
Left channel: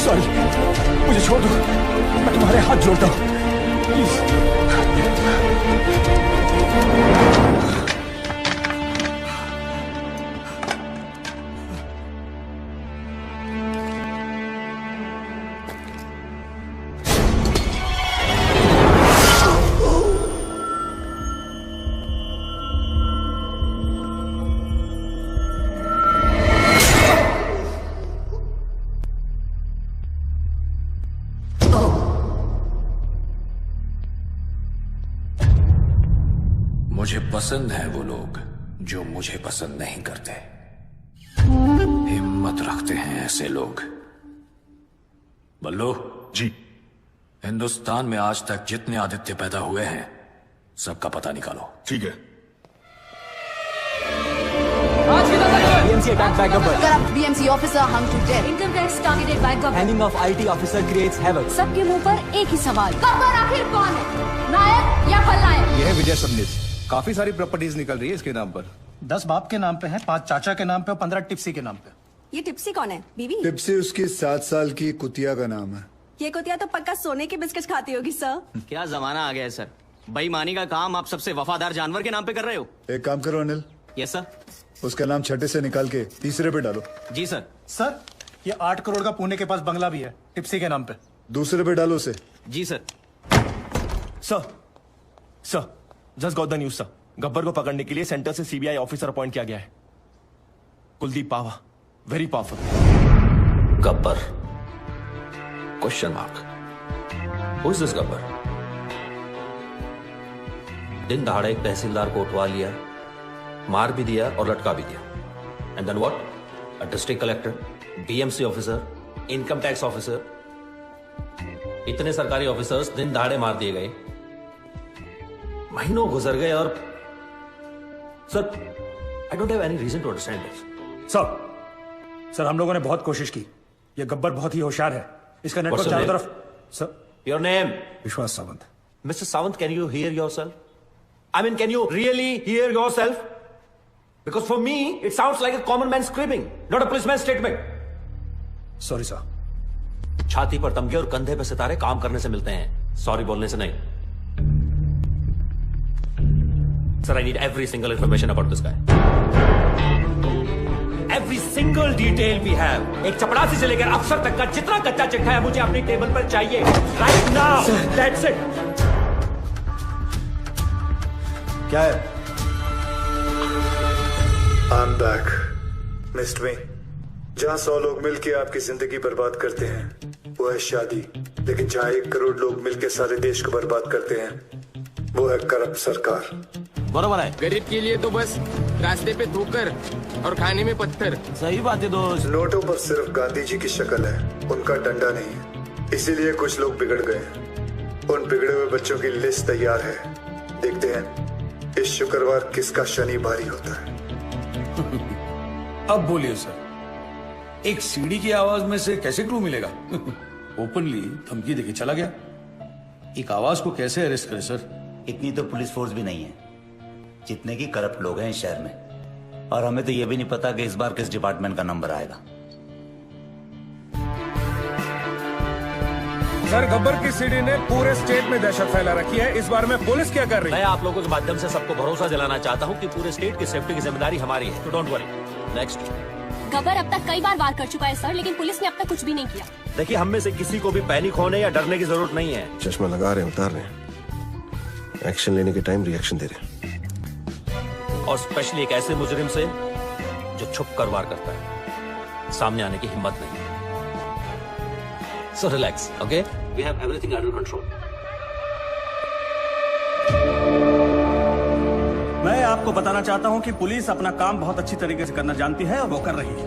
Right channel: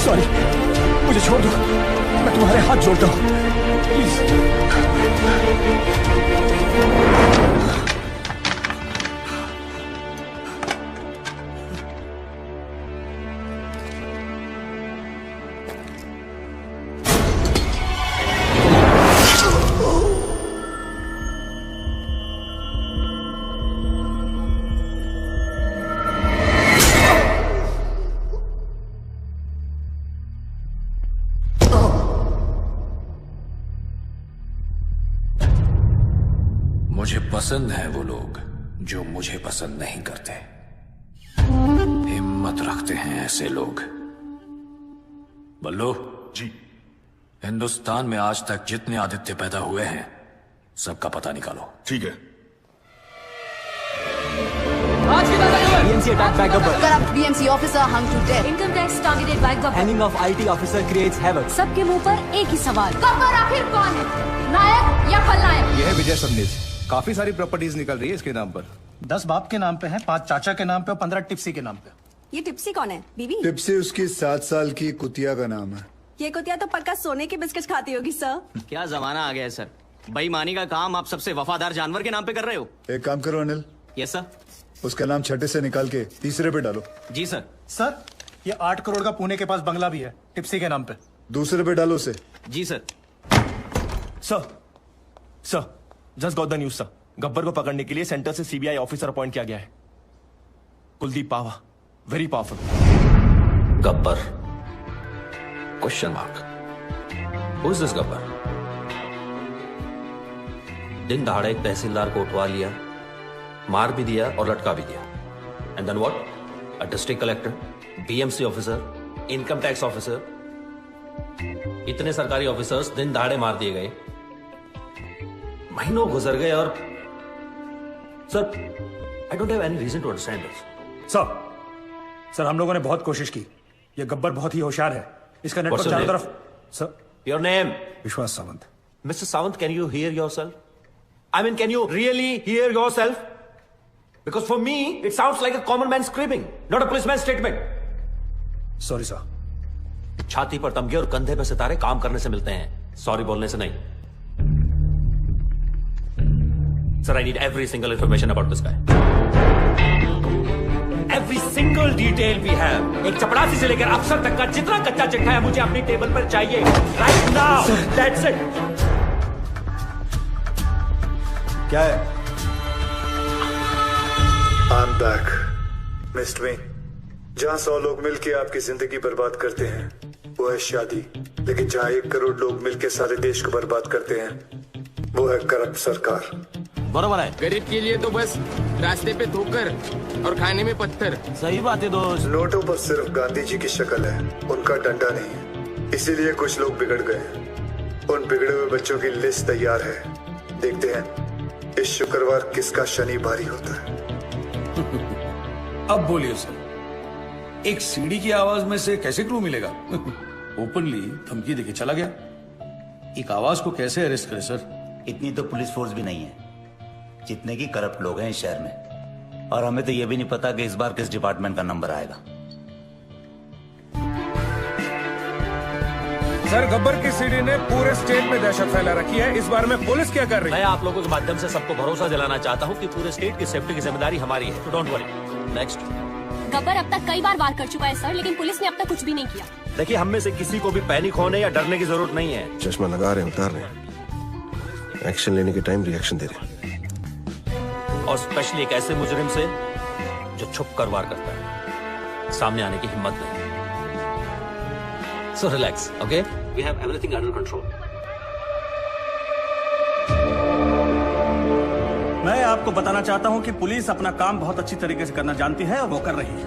सॉरी, मुझे छोड़ दो, मैं तुम्हारे हाथ जोड़ता हूँ, प्लीज। मुझे पसंद है वो लोग जो मुझे पसंद नहीं करते। हिम्मत रखते हैं ऐसे लोग। बल्लू जी, हिंदुस्तान में आज तक जितने आदित्य पैदा हुए हैं सबका पता निकालो। ठीक है। BMC attacked by Gabbar. BMC officer hung to death. Income tax targeted by Gabbar. Hanging of IT officer creates havoc. सबके मुंह पर एक ही सवाल, गब्बर आखिर कौन है, नायक या खलनायक? ये है विजय सुनील। काफी सारी प्रॉपर्टीज निकल रही है इसके नाम पर। 10 बाप के नाम पे है, 5 चाचा के नाम पे और 15 टिप्सी के नाम पे। ये टिप्सी कौन है? बीवी? टिप्सी उसकी 7 साल की कुतिया का नाम है। ये कुतिया तो पक्का सोने के बिस्किट खाती होगी सर। क्या जमाना आ गया है सर, बेईमानी का काम आप सबसे वफादार जानवर के नाम पे कर रहे हो। एक काम करो अनिल, यस सर। उसका नाम छठे से निकाल के तीसरे पे डालो। जी सर। सर, ये 8 करोड़ का पुणे के पास बंगला भी है, टिप्सी के नाम पे। दूसरे पे डालो उसे। जी sir. Sir, just got the news sir. Gabbar को पकड़ने के लिए सेंटर से सीबीआई ऑफिसर अपॉइंट किया गया है, Kuldeep Pawa, very powerful. Gabbar? Question mark. Who is this Gabbar? दिन दहाड़े एक तहसीलदार को उठवा लिया, मार भी दिया और लटका भी दिया। And then what? A district collector, BMC officer, income tax officer, इतने सरकारी ऑफिसर्स दिन दहाड़े मार दिए गए। महीनों गुजर गए और sir, I don't have any reason to understand this. Sir, हम लोगों ने बहुत कोशिश की। ये गब्बर बहुत ही होशियार है, इसका नेटवर्क चारों तरफ। Sir, your name? विश्वास Sawant. Mr. Sawant, can you hear yourself? I mean, can you really hear yourself? Because for me, it sounds like a common man's screaming, not a policeman's statement. Sorry sir. छाती पर तमगे और कंधे पे सितारे काम करने से मिलते हैं, सॉरी बोलने से नहीं। Sir, I need every single information about this guy. Every single detail we have. एक चपरासी से लेकर अफसर तक का जितना कच्चा चिट्ठा है मुझे अपनी टेबल पर चाहिए। Right now. That's it. क्या है? I'm back, Miss Twin. जहाँ 100 लोग मिलके आपकी जिंदगी बर्बाद करते हैं वो है शादी, लेकिन जहाँ 1 करोड़ लोग मिलके सारे देश को बर्बाद करते हैं वो है करप्ट सरकार। बराबर है। गरीब के लिए तो बस रास्ते पे ठोकर और खाने में पत्थर। सही बात है दोस्त। नोटों पर सिर्फ गांधी जी की शक्ल है, उनका डंडा नहीं। इसीलिए कुछ लोग बिगड़ गए। उन बिगड़े हुए बच्चों की लिस्ट तैयार है। देखते हैं इस शुक्रवार किसका शनि भारी होता है। अब बोलिए सर, एक सीढ़ी की आवाज में से कैसे क्लू मिलेगा? ओपनली धमकी देके चला गया। एक आवाज को कैसे अरेस्ट करे सर? इतनी तो पुलिस फोर्स भी नहीं है जितने की करप्ट लोग हैं इस शहर में, और हमें तो ये भी नहीं पता कि इस बार किस डिपार्टमेंट का नंबर आएगा। सर, गब्बर की सीडी ने पूरे स्टेट में दहशत फैला रखी है। इस बारे में पुलिस क्या कर रही है? मैं आप लोगों के माध्यम से सबको भरोसा दिलाना चाहता हूँ कि पूरे स्टेट की सेफ्टी की जिम्मेदारी हमारी है। Don't worry. नेक्स्ट। गब्बर अब तक कई बार वार कर चुका है सर, लेकिन पुलिस ने अब तक कुछ भी नहीं किया। देखिए, हम में से किसी को भी पैनिक होने या डरने की जरूरत नहीं है। चश्मा लगा रहे हैं, उतार रहे हैं। एक्शन लेने के टाइम रिएक्शन दे रहे हैं। और स्पेशली एक ऐसे मुजरिम से जो छुप कर वार करता है, सामने आने की हिम्मत नहीं। So relax, okay? We have everything under control. मैं आपको बताना चाहता हूं कि पुलिस अपना काम बहुत अच्छी तरीके से करना जानती है और वो कर रही है।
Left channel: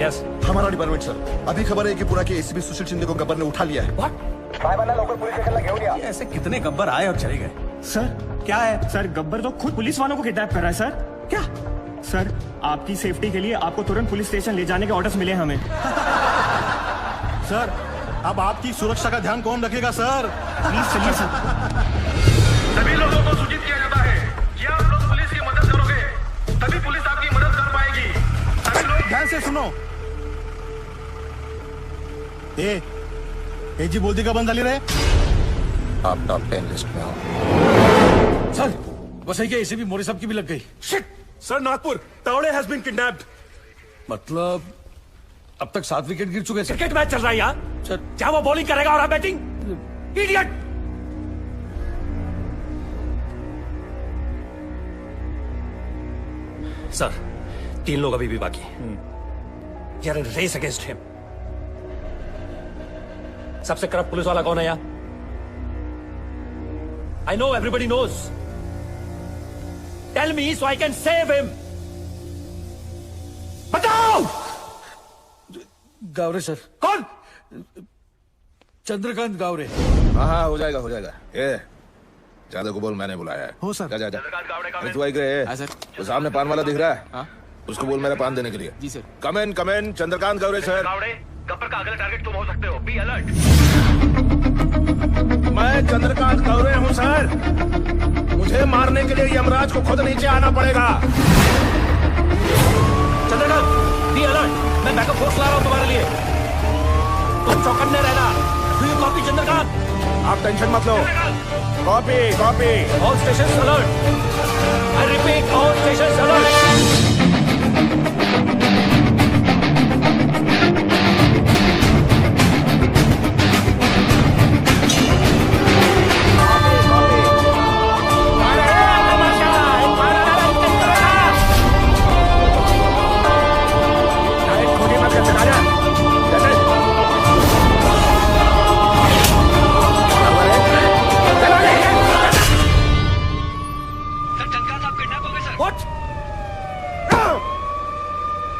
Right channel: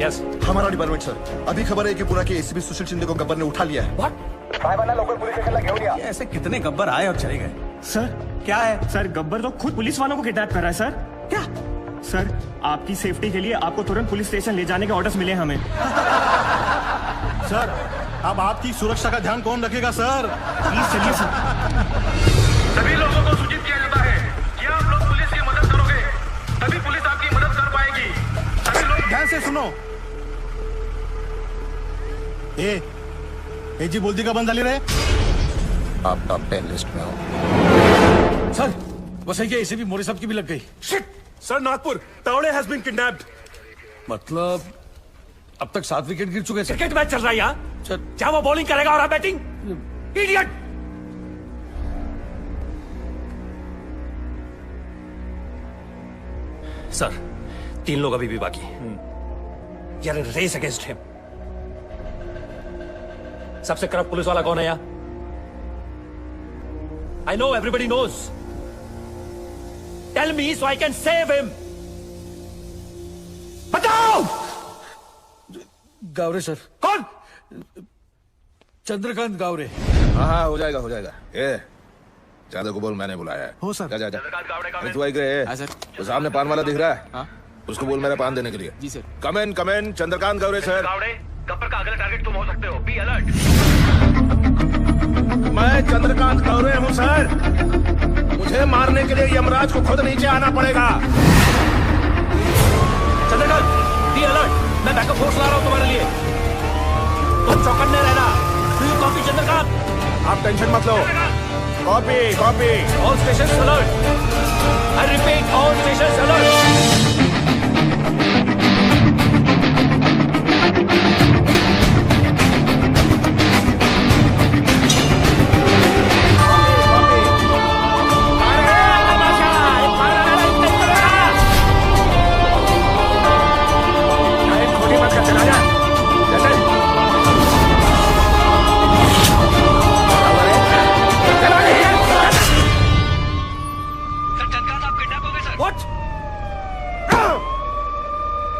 Yes. हमारा डिपार्टमेंट सर, अभी खबर है कि पूरा के एसीपी सुशील शिंदे को गब्बर ने उठा लिया है। ऐसे कितने गब्बर आए और चले गए? सर, क्या है? सर, गब्बर तो खुद पुलिस वालों को किडनैप कर रहा है सर। क्या? सर, आपकी सेफ्टी के लिए आपको तुरंत पुलिस स्टेशन ले जाने के ऑर्डर्स मिले हमें। सर, अब आपकी सुरक्षा का ध्यान कौन रखेगा सर? चलिए सर। सभी लोगों को सूचित किया जाता है कि आप लोग पुलिस की मदद करोगे, तभी पुलिस आपकी मदद कर पाएगी। से सुनो। जी बोलती का बंद डाली रहे। सर वो सही है, इसे भी मोरे साहब की भी लग गई। Sir Nagpur Tawde has been kidnapped. मतलब अब तक 7 विकेट गिर चुके हैं सर। क्रिकेट मैच चल रहा है यहाँ सर। क्या वो बॉलिंग करेगा और आप बैटिंग? इडियट! सर 3 लोग अभी भी बाकी यार, रेस अगेंस्ट हिम। सबसे खराब पुलिस वाला कौन है यहाँ? I know everybody knows. Tell me so I can save him. बताओ। गावरे सर। कौन? चंद्रकांत गावरे। हाँ हो जाएगा हो जाएगा। ये जादव को बोल मैंने बुलाया है। हो सर। जा जा जा। अरे तू आई गए? सर सामने पान वाला दिख रहा है। उसको बोल मेरा पान देने के लिए। जी सर। कम इन चंद्रकांत गावरे सर। गब्बर का अगला टारगेट तुम हो सकते हो। B alert. मैं चंद्रकांत गावरे हूँ सर। मुझे मारने के लिए यमराज को खुद नीचे आना पड़ेगा। Chandrakant be alert. मैं बैकअप फोर्स ला रहा हूँ तुम्हारे लिए। बहुत चौकन्ने रहना। Do you copy Chandrakant? आप टेंशन मत लो। Copy copy. All station alert. I repeat all station alert.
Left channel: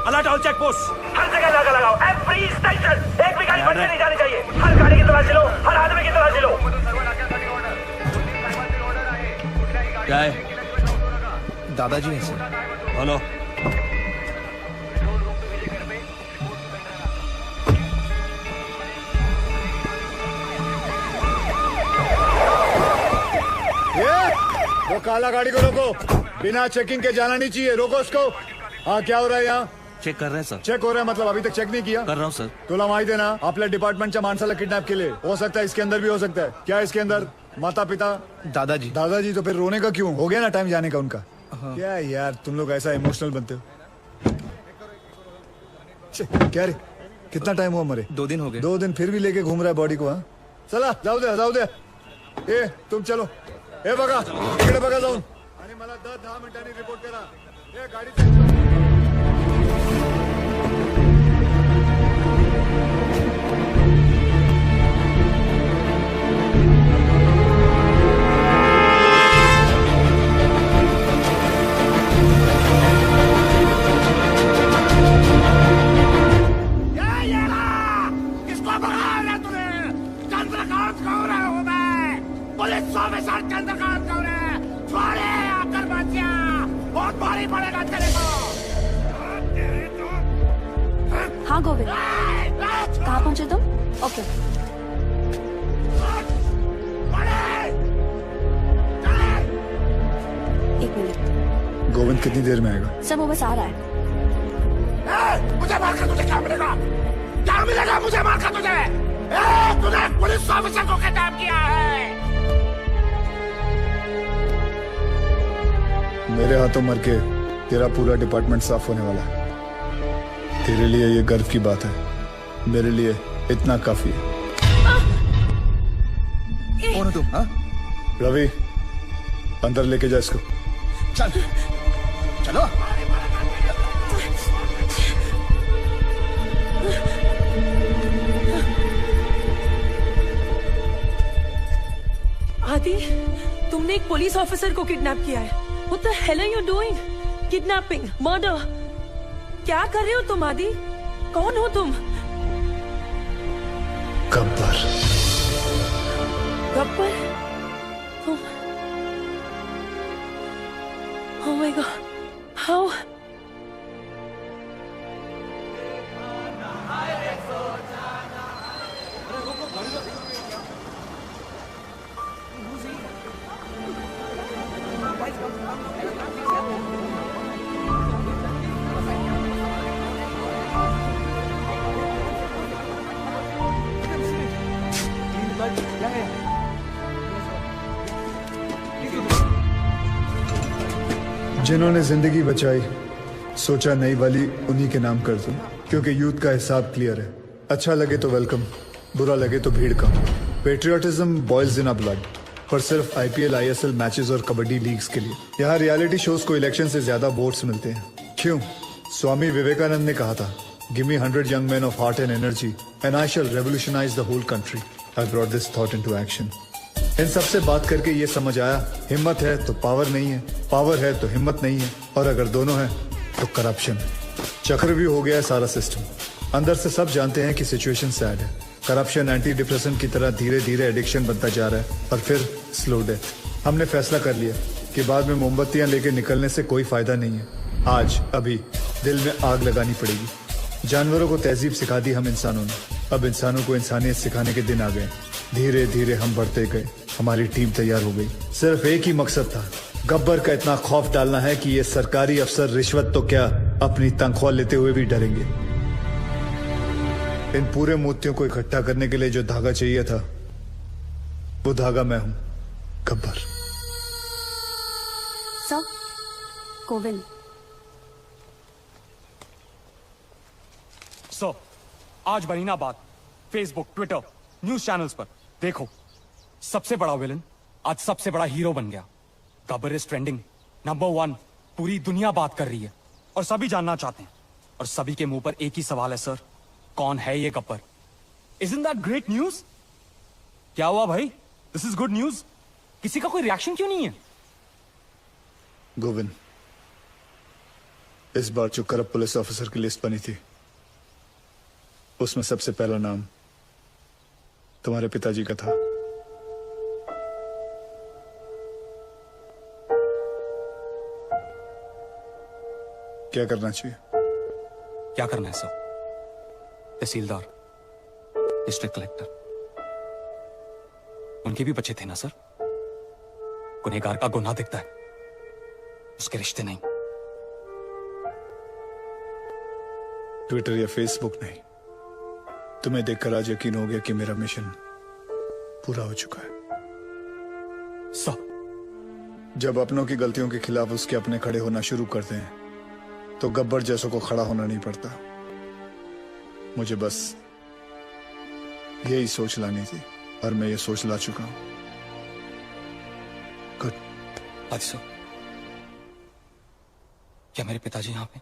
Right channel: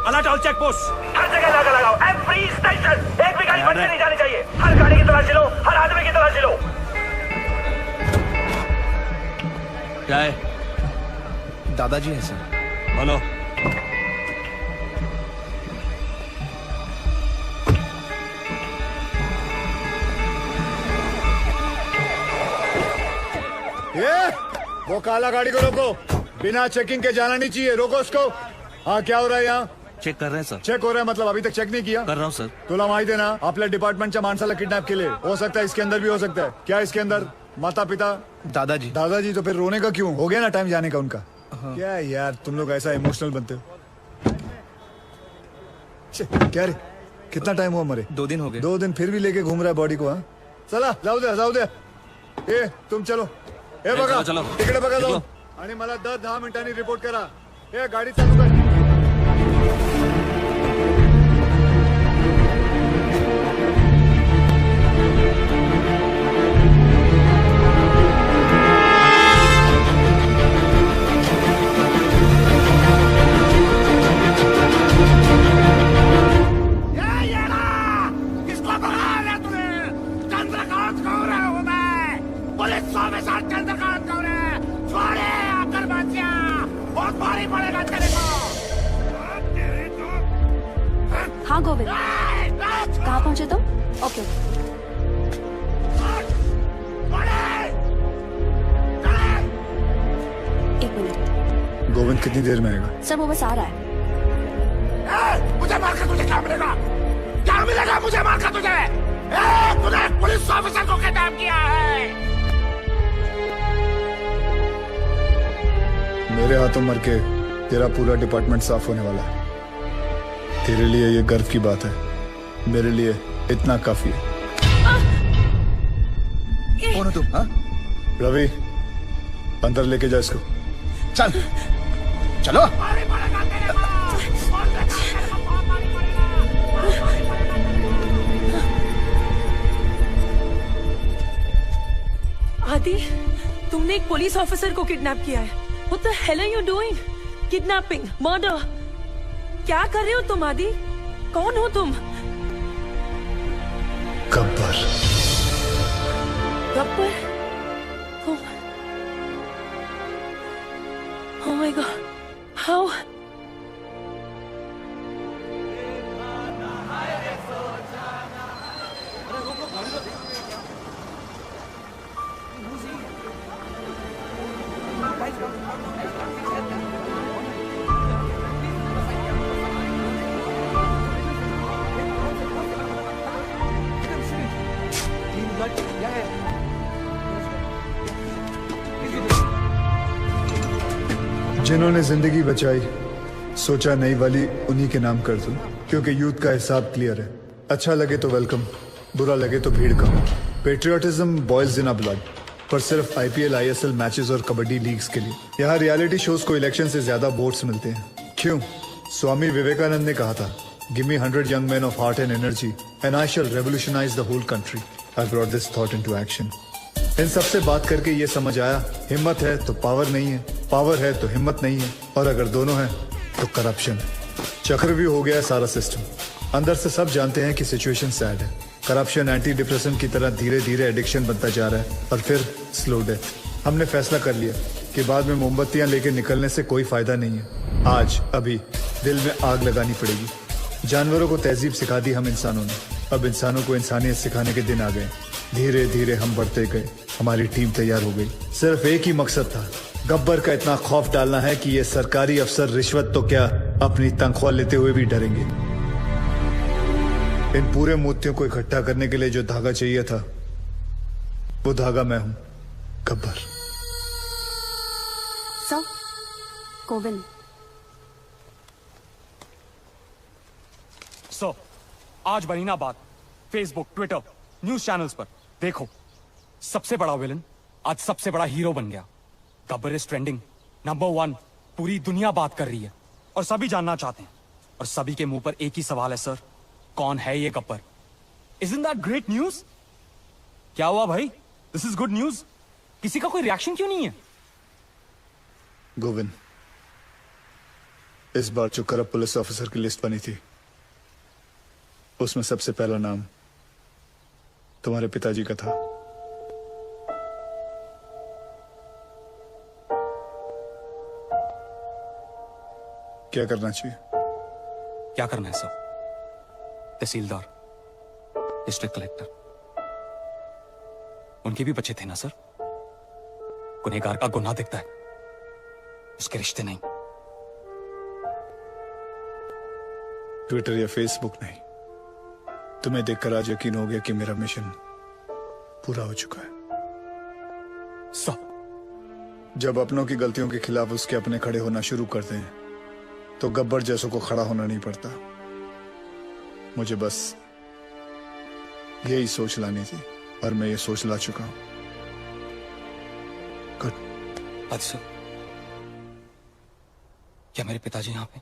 Alert all check post. हर जगह नाका लगाओ। Every station. एक भी गाड़ी बंद नहीं जानी चाहिए। हर गाड़ी की तरह चलो, हर आदमी की तरह चलो। क्या है? दादाजी है सर। बोलो। ये वो काला गाड़ी को रोको। बिना चेकिंग के जाना नहीं चाहिए। रोको उसको। हाँ क्या हो रहा है यहाँ? चेक कर रहे हैं सर। चेक हो रहा है मतलब अभी तक चेक नहीं किया? कर रहा हूँ सर। तुला माहिती है ना आपल्या डिपार्टमेंटच्या माणसाला किडनॅप केले। हो सकता है इसके अंदर भी हो सकता है। क्या है इसके अंदर? माता पिता? दादाजी। दादाजी तो फिर रोने का क्यों? हो गया ना टाइम जाने का उनका। क्या यार तुम लोग ऐसा इमोशनल बनते हो। क्या रे कितना टाइम हुआ मरे? 2 दिन हो गए। 2 दिन फिर भी लेके घूम रहा है बॉडी को। हाँ चला जाऊ दे जाऊ दे। ए तुम चलो। हे बघा इकडे बघा जाऊ आणि मला 10 मिनिटांनी रिपोर्ट करा। ए गाडी चालू कर। किसको भगा रहा तूने? चंद्रकांत गावरे हूँ मैं। Police officer Chandrakant Gaware. छोड़े आकर बच्चा। बहुत भारी पड़ेगा तेरे को। हाँ गोविंद कहाँ पहुंचे तुम? ओके एक मिनट। गोविंद कितनी देर में आएगा? सर वो बस आ रहा है। मुझे मारकर तुझे क्या मिलेगा? क्या मिलेगा मुझे मारकर तुझे? तूने पुलिस ऑफिसर को किडनैप किया है। मेरे हाथों मर के तेरा पूरा डिपार्टमेंट साफ होने वाला है। तेरे लिए ये गर्व की बात है। मेरे लिए इतना काफी है। कौन है तुम? हाँ? रवि अंदर लेके जा इसको। चल चलो। आदि तुमने एक पुलिस ऑफिसर को किडनैप किया है। What the hell are you doing? Kidnapping, murder. क्या कर रहे हो तुम आदि? कौन हो तुम? Gabbar. Gabbar? Oh my God. How? जिन्होंने जिंदगी बचाई, सोचा नई वाली उन्हीं के नाम कर दूं, क्योंकि यूथ का हिसाब क्लियर है। अच्छा लगे तो वेलकम, बुरा लगे तो भीड़ कम। Patriotism boys in a blood, पर सिर्फ IPL, ISL मैचेस और कबड्डी लीग्स के लिए। यहाँ रियलिटी शोज को इलेक्शन से ज्यादा वोट्स मिलते हैं। क्यों? स्वामी विवेकानंद ने कहा था, give me 100 young men of heart and energy and I shall revolutionize the whole country. I brought this thought into action. इन सबसे बात करके ये समझ आया, हिम्मत है तो पावर नहीं है, पावर है तो हिम्मत नहीं है, और अगर दोनों है तो करप्शन। चक्रव्यूह हो गया है सारा सिस्टम। अंदर से सब जानते हैं कि सिचुएशन सैड है। करप्शन एंटी डिप्रेशन की तरह धीरे धीरे एडिक्शन बनता जा रहा है और फिर स्लो डेथ। हमने फैसला कर लिया कि बाद में मोमबत्तियां लेके निकलने से कोई फायदा नहीं है। आज अभी दिल में आग लगानी पड़ेगी। जानवरों को तहजीब सिखा दी हम इंसानों ने, अब इंसानों को इंसानियत सिखाने के दिन आ गए। धीरे धीरे हम बढ़ते गए, हमारी टीम तैयार हो गई। सिर्फ एक ही मकसद था, गब्बर का इतना खौफ डालना है कि ये सरकारी अफसर रिश्वत तो क्या अपनी तनख्वाह लेते हुए भी डरेंगे। इन पूरे मोतियों को इकट्ठा करने के लिए जो धागा चाहिए था, वो धागा मैं हूं, गब्बर। सर, कोविन। सो आज बनी ना बात फेसबुक, ट्विटर, न्यूज चैनल्स पर। देखो, सबसे बड़ा विलन आज सबसे बड़ा हीरो बन गया। Gabbar is trending, number 1। पूरी दुनिया बात कर रही है और सभी जानना चाहते हैं, और सभी के मुंह पर एक ही सवाल है, सर, कौन है ये Gabbar? Isn't that great news? क्या हुआ भाई? This is good news. किसी का कोई रिएक्शन क्यों नहीं है? गोविंद, इस बार जो करप्ट पुलिस ऑफिसर की लिस्ट बनी थी, उसमें सबसे पहला नाम तुम्हारे पिताजी का था। क्या करना चाहिए? क्या करना है सर? तहसीलदार, डिस्ट्रिक्ट कलेक्टर, उनके भी बच्चे थे ना सर? गुनहगार का गुनाह दिखता है, उसके रिश्ते नहीं। ट्विटर या फेसबुक नहीं, तुम्हें देखकर आज यकीन हो गया कि मेरा मिशन पूरा हो चुका है। सर, जब अपनों की गलतियों के खिलाफ उसके अपने खड़े होना शुरू करते हैं, तो गब्बर जैसों को खड़ा होना नहीं पड़ता। मुझे बस यही सोच लानी थी, और मैं ये सोच ला चुका हूं। गुड। अच्छा, क्या मेरे पिताजी यहां पे?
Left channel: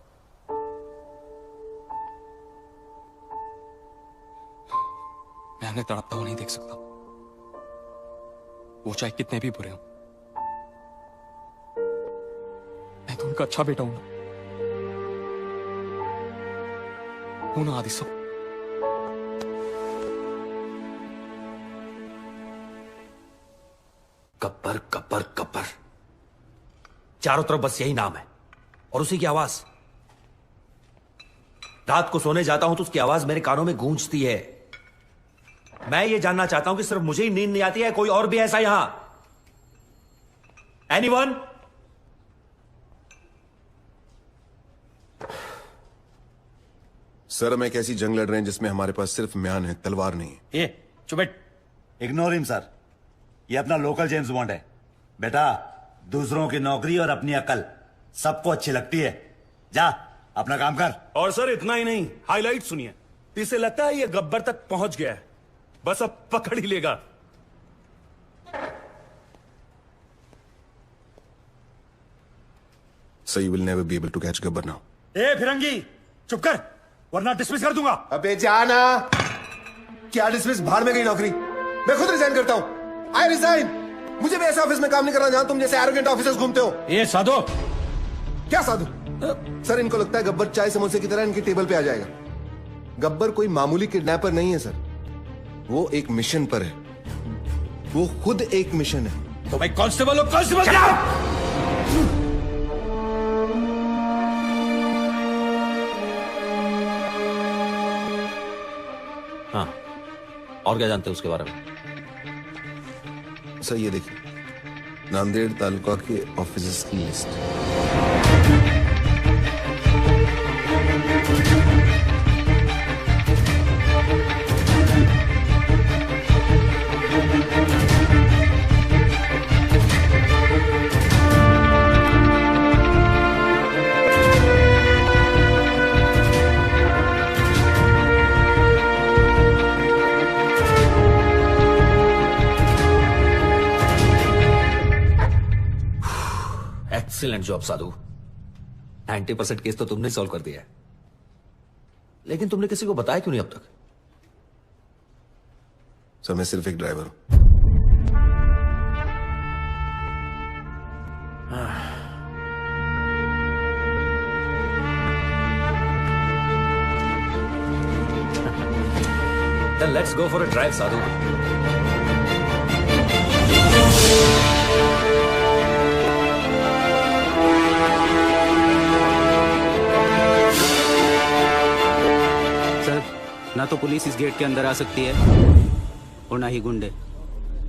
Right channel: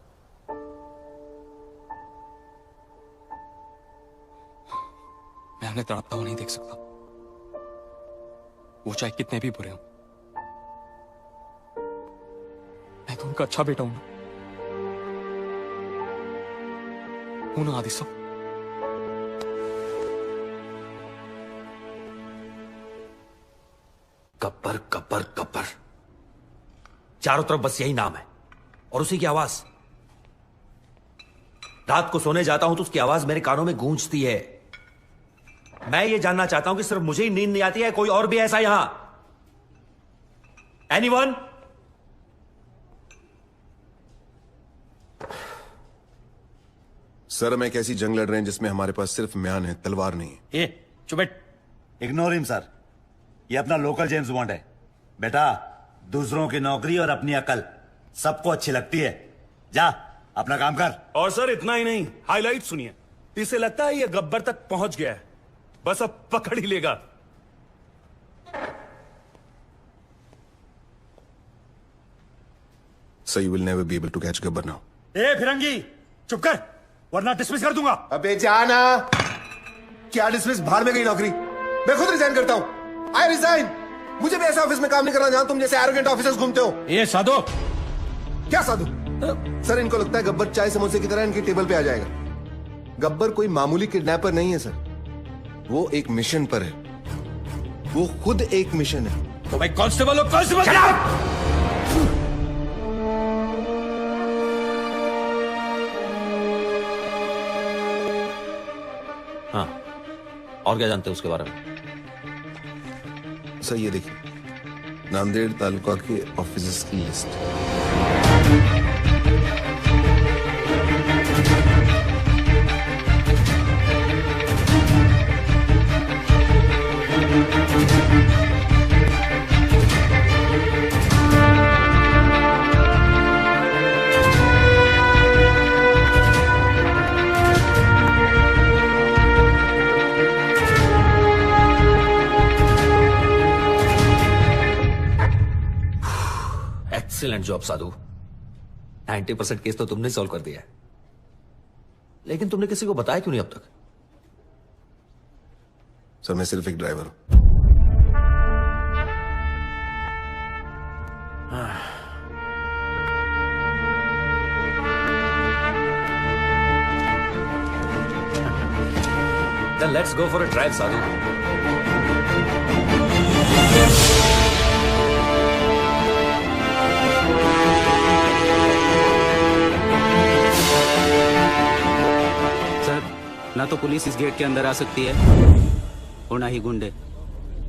मैं उन्हें तड़पता हुआ नहीं देख सकता, वो चाहे कितने भी बुरे हों। मैं तो उनका अच्छा बेटा हूं ना आदिसो। गब्बर गब्बर गब्बर, चारों तरफ बस यही नाम है और उसी की आवाज। रात को सोने जाता हूं तो उसकी आवाज मेरे कानों में गूंजती है। मैं ये जानना चाहता हूं कि सिर्फ मुझे ही नींद नहीं आती है, कोई और भी ऐसा यहां? एनीवन? सर, हम एक ऐसी जंग लड़ रहे हैं जिसमें हमारे पास सिर्फ म्यान है, तलवार नहीं है। चुप, इग्नोर हिम सर, ये अपना लोकल जेम्स बॉन्ड है। बेटा, दूसरों की नौकरी और अपनी अकल सबको अच्छी लगती है। जा अपना काम कर। और सर इतना ही नहीं, हाईलाइट सुनिए। इसे लगता है ये गब्बर तक पहुंच गया है, बस अब पकड़ ही लेगा। So you will never be able to catch Gabbar now. ए फिरंगी, चुप कर, वरना डिसमिस कर दूंगा। अबे जाना, क्या डिसमिस? बाहर में गई नौकरी, मैं खुद रिजाइन करता हूँ। I resign. मुझे भी ऐसा ऑफिस में काम नहीं करना जहां तुम जैसे एरोगेंट ऑफिसर्स घूमते हो। ये साधु, क्या साधु? सर, इनको लगता है गब्बर चाय समोसे की तरह इनकी टेबल पे आ जाएगा। गब्बर कोई मामूली किडनैपर नहीं है सर, वो एक मिशन पर है, वो खुद एक मिशन है। तो भाई कांस्टेबल हो, कांस्टेबल। हाँ, और क्या जानते हैं उसके बारे में? सर ये देखिए, नांदेड़ तालुका के ऑफिसर्स की लिस्ट। जॉब साधु। 90% केस तो तुमने सॉल्व कर दिया है, लेकिन तुमने किसी को बताया क्यों नहीं अब तक? सर मैं सिर्फ एक ड्राइवर हूं। Then let's go for a drive, Sadhu. ना तो पुलिस इस गेट के अंदर आ सकती है और ना ही गुंडे।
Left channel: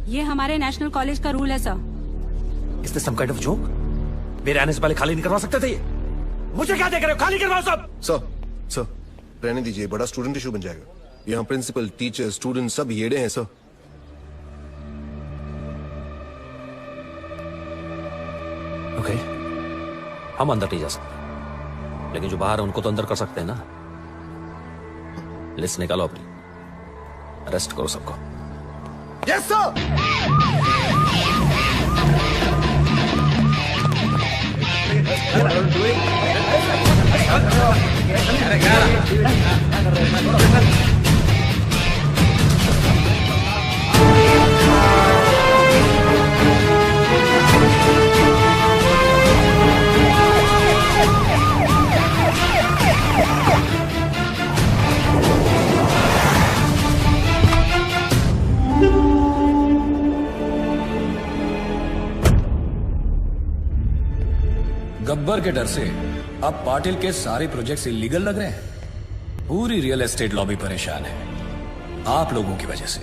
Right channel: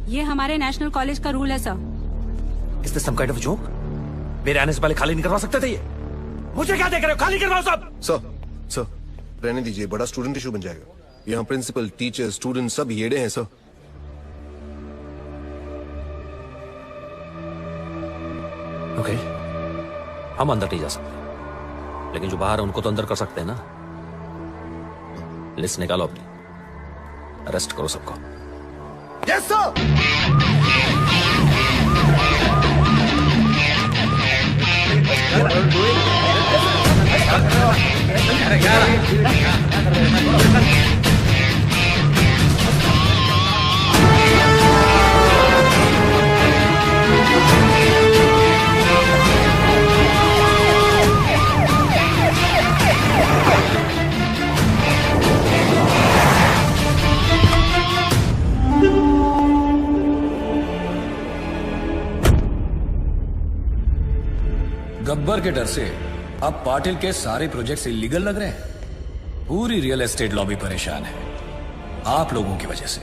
ये हमारे नेशनल कॉलेज का रूल है sir. Is this some kind of joke? मेरे आने से पहले खाली नहीं करवा सकते थे ये? मुझे क्या देख रहे हो? खाली करवाओ सब। सर रहने दीजिए, बड़ा स्टूडेंट इशू बन जाएगा। यहाँ प्रिंसिपल, टीचर, स्टूडेंट सब येड़े हैं सर। ओके, हम अंदर नहीं जा सकते, लेकिन जो बाहर है उनको तो अंदर कर सकते हैं ना। लिस्ट निकालो अपनी, अरेस्ट करो सबको। Yes sir. गब्बर के डर से अब पाटिल के सारे प्रोजेक्ट्स इलीगल लग रहे हैं। पूरी रियल एस्टेट लॉबी परेशान है, आप लोगों की वजह से।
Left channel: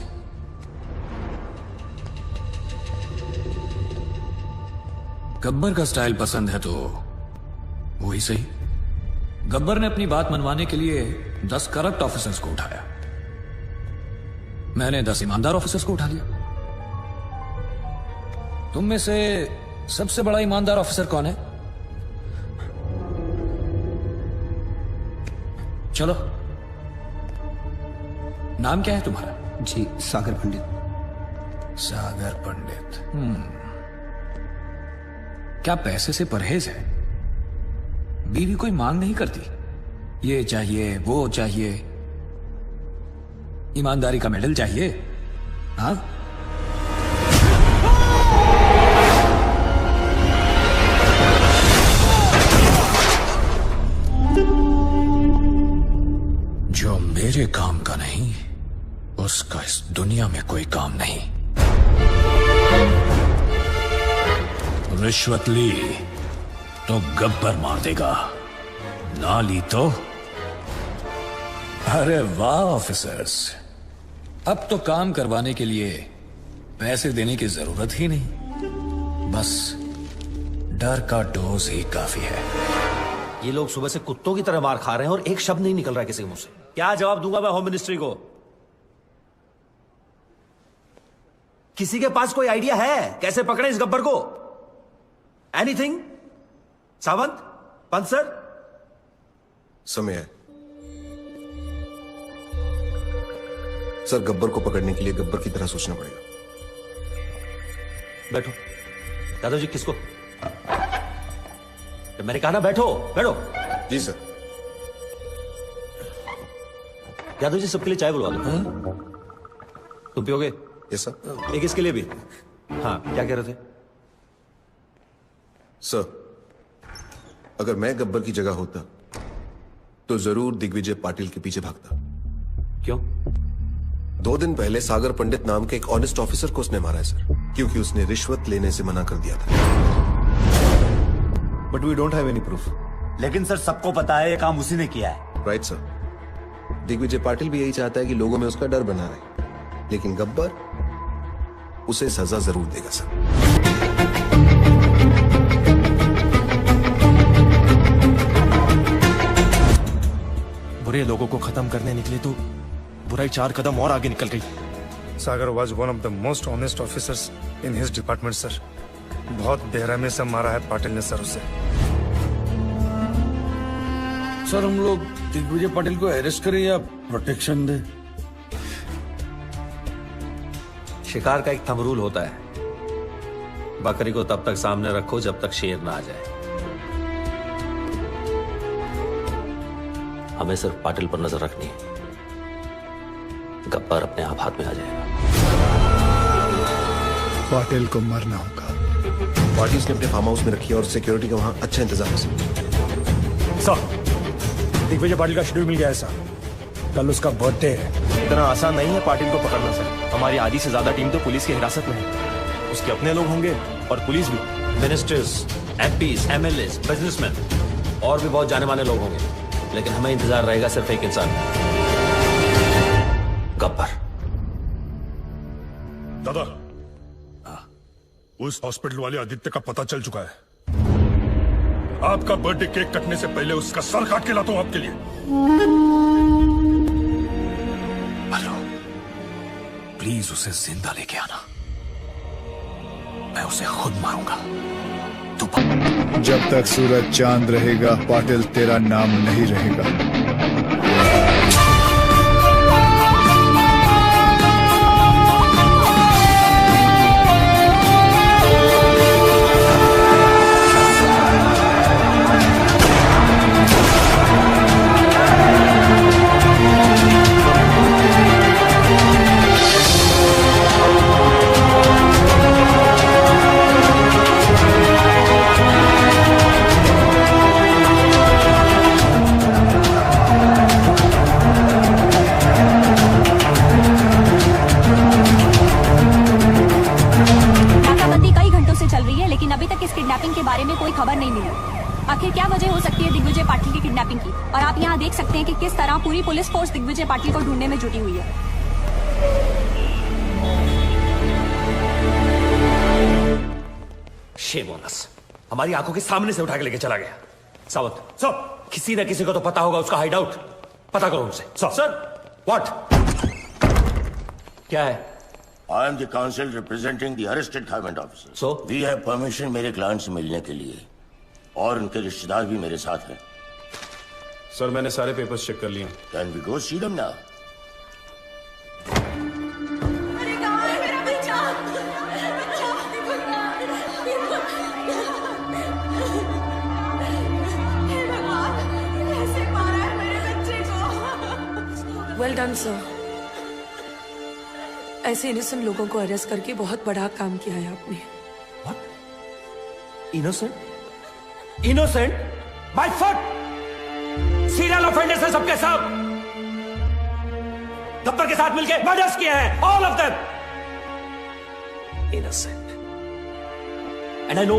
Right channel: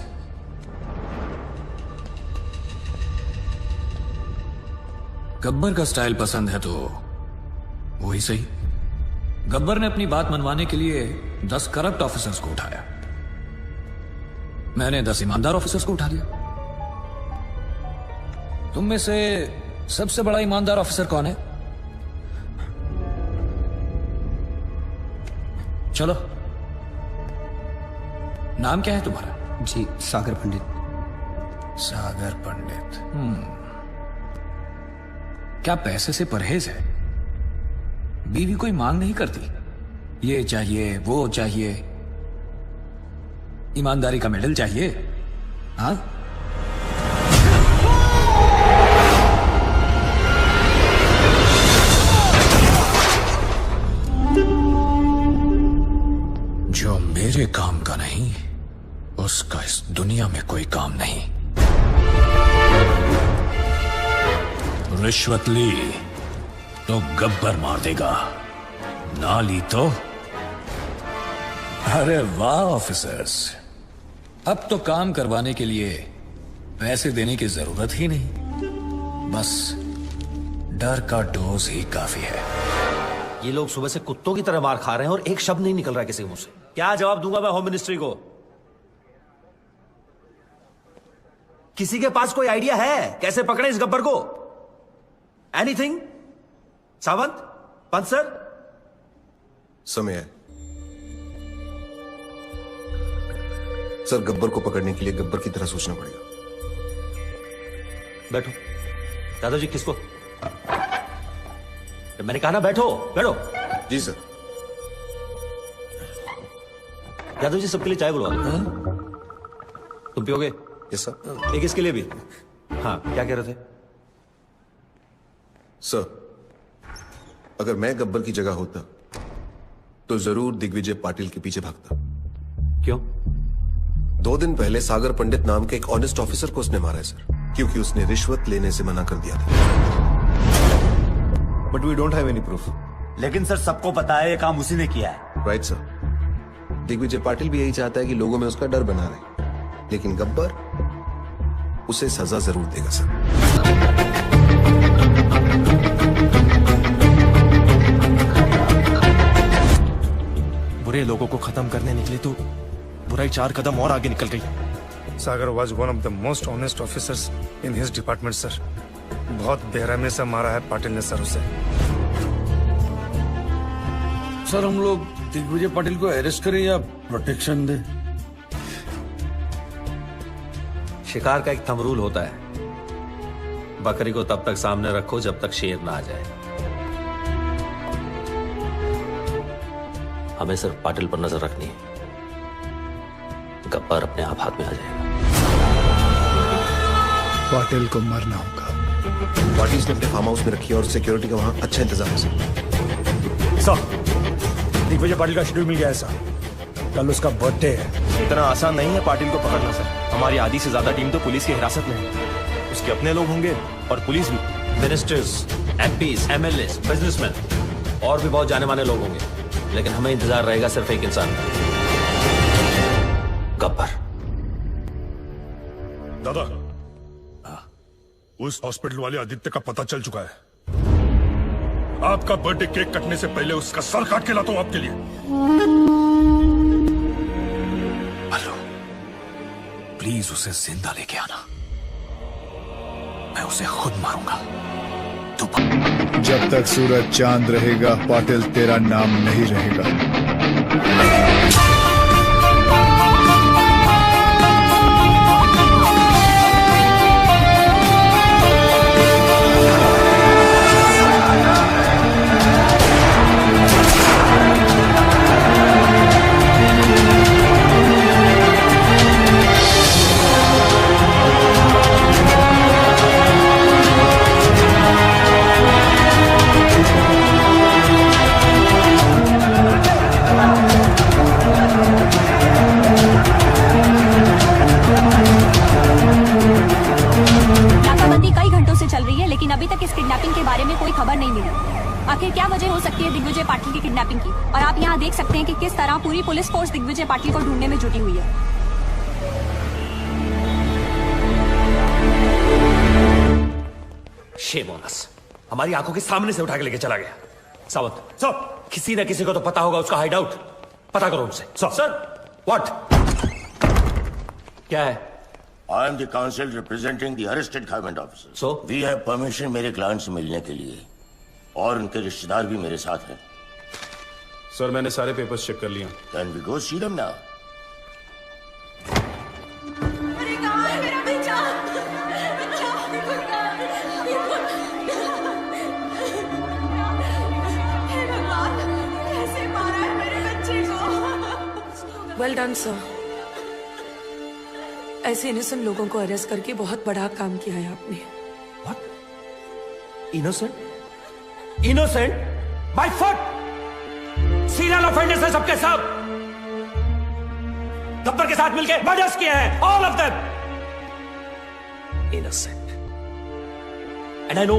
गब्बर का स्टाइल पसंद है तो वही सही। गब्बर ने अपनी बात मनवाने के लिए 10 करप्ट ऑफिसर्स को उठाया, मैंने 10 ईमानदार ऑफिसर्स को उठा लिया। तुम में से सबसे बड़ा ईमानदार ऑफिसर कौन है? चलो, नाम क्या है तुम्हारा? जी सागर पंडित। सागर पंडित। क्या पैसे से परहेज है? बीवी कोई मांग नहीं करती, ये चाहिए वो चाहिए, ईमानदारी का मेडल चाहिए। हाँ, जो मेरे काम का नहीं, उसका इस दुनिया में कोई काम नहीं। रिश्वत ली तो गब्बर मार देगा, ना ली तो। अरे वाह ऑफिसर्स, अब तो काम करवाने के लिए पैसे देने की जरूरत ही नहीं, बस डर का डोज ही काफी है। ये लोग सुबह से कुत्तों की तरह मार खा रहे हैं और एक शब्द नहीं निकल रहा है किसी मुंह से। क्या जवाब दूंगा मैं होम मिनिस्ट्री को? किसी के पास कोई आइडिया है कैसे पकड़े इस गब्बर को? एनीथिंग? सावंत, पंत सर? समय है सर, गब्बर को पकड़ने के लिए गब्बर की तरह सोचना पड़ेगा। बैठो दादाजी। किसको? मैंने कहा ना बैठो। बैठो। जी सर। यादव जी सबके लिए चाय बुलवा दो। तुम पियोगे? Yes sir. एक इसके लिए भी। हाँ, क्या कह रहे थे? सर, अगर मैं गब्बर की जगह होता तो जरूर दिग्विजय पाटिल के पीछे भागता। क्यों? 2 दिन पहले सागर पंडित नाम के एक ऑनेस्ट ऑफिसर को उसने मारा है सर, क्योंकि उसने रिश्वत लेने से मना कर दिया था। But we don't have any proof. लेकिन सर सबको पता है ये काम उसी ने किया है। Right sir. दिग्विजय पाटिल भी यही चाहता है कि लोगों में उसका डर बना रहे, लेकिन गब्बर उसे सजा जरूर देगा सर। बुरे लोगों को खत्म करने निकले तो बुराई 4 कदम और आगे निकल गई। सागर was one of the most honest officers in his department, sir. बहुत बेरहमी से मारा है पाटिल ने सर उसे। सर हम लोग दिग्विजय पाटिल को अरेस्ट करें या प्रोटेक्शन दें? शिकार का एक थंब रूल होता है, बकरी को तब तक सामने रखो जब तक शेर ना आ जाए। हमें सिर्फ पाटिल पर नजर रखनी है। गब्बर अपने आप हाथ में आ जाएगा। पाटिल को मरना होगा। बॉडीज ने अपने फार्म हाउस में रखी है और सिक्योरिटी का वहां अच्छा इंतजाम है। सर, दिग्विजय पाटिल का शेड्यूल मिल गया है सर। कल उसका बर्थडे है। इतना आसान नहीं है पाटिल को पकड़ना सर। हमारी आधी से ज्यादा टीम तो पुलिस की हिरासत में है। उसके अपने लोग होंगे और पुलिस भी। मिनिस्टर्स, एमपीज, एमएलए, बिजनेसमैन और भी बहुत जाने माने लोग होंगे, लेकिन हमें इंतजार रहेगा सिर्फ एक इंसान, गब्बर। दादा, उस हॉस्पिटल वाले आदित्य का पता चल चुका है। आपका बर्थडे केक कटने से पहले उसका सर काट के लाता हूं आपके लिए। प्लीज उसे जिंदा लेके आना, मैं उसे खुद मारूंगा। जब तक सूरज चांद रहेगा पाटिल तेरा नाम नहीं रहेगा। आखिर क्या वजह हो सकती है दिग्विजय पाटिल की किडनैपिंग की? और आप यहाँ देख सकते हैं कि किस तरह पूरी पुलिस फोर्स दिग्विजय पाटिल को ढूंढने में जुटी हुई है। शेमोनस हमारी आंखों के सामने से उठा के लेके चला गया। सावंत, सर, किसी न किसी को तो पता होगा उसका हाइड आउट। पता करो उनसे। Sir, what? क्या है? I am the counsel representing the arrested government officer. So? We have permission मेरे क्लाइंट से मिलने के लिए, और उनके रिश्तेदार भी मेरे साथ हैं। सर, मैंने सारे पेपर्स चेक कर लिया। Can we go see them now? Well done sir. ऐसे इनोसेंट लोगों को अरेस्ट करके बहुत बड़ा काम किया है आपने। Innocent? Innocent? By foot! Serial offenders हैं सबके सब। गब्बर के साथ मिलकर मर्डर्स किया है, all of them. Innocent. And I know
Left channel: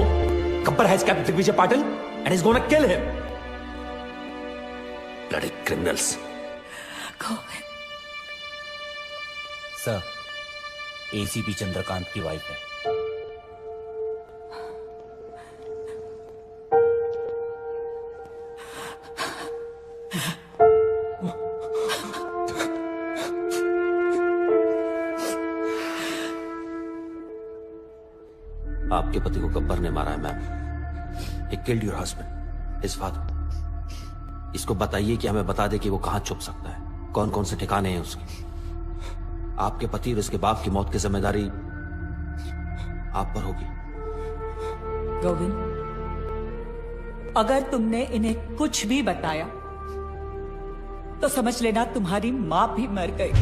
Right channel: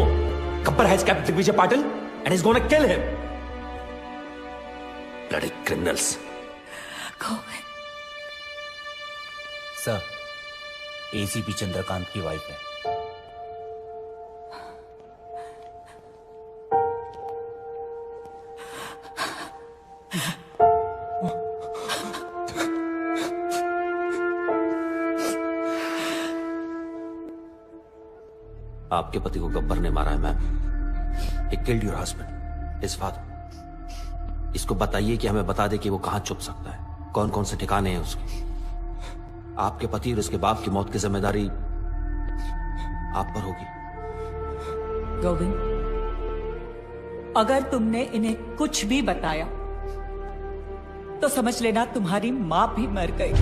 Gabbar has kept Digvijay Patil and is gonna kill him. Bloody criminals. Sir, ACP Chandrakant की वाइफ है। आपके पति को गब्बर ने मारा है ma'am. He killed your husband, his father. इसको बताइए कि हमें बता दे कि वो कहां छुप सकता है, कौन कौन से ठिकाने हैं उसके। आपके पति और उसके बाप की मौत की जिम्मेदारी आप पर होगी। गोविंद, अगर तुमने इन्हें कुछ भी बताया तो समझ लेना तुम्हारी मां भी मर गई।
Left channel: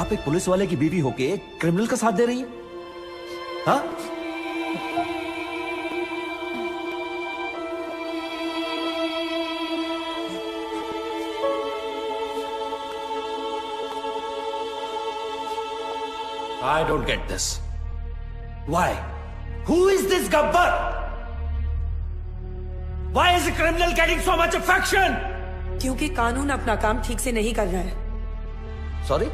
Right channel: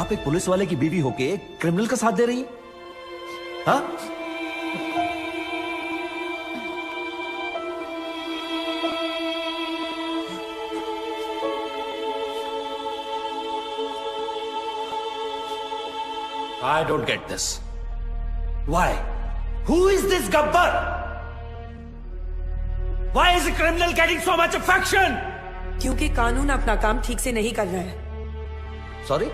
आप एक पुलिस वाले की बीवी होके एक क्रिमिनल का साथ दे रही है? हाँ? I don't get this. Why? Who is this Gabbar? Why is the criminal getting so much affection? क्योंकि कानून अपना काम ठीक से नहीं कर रहा है। Sorry?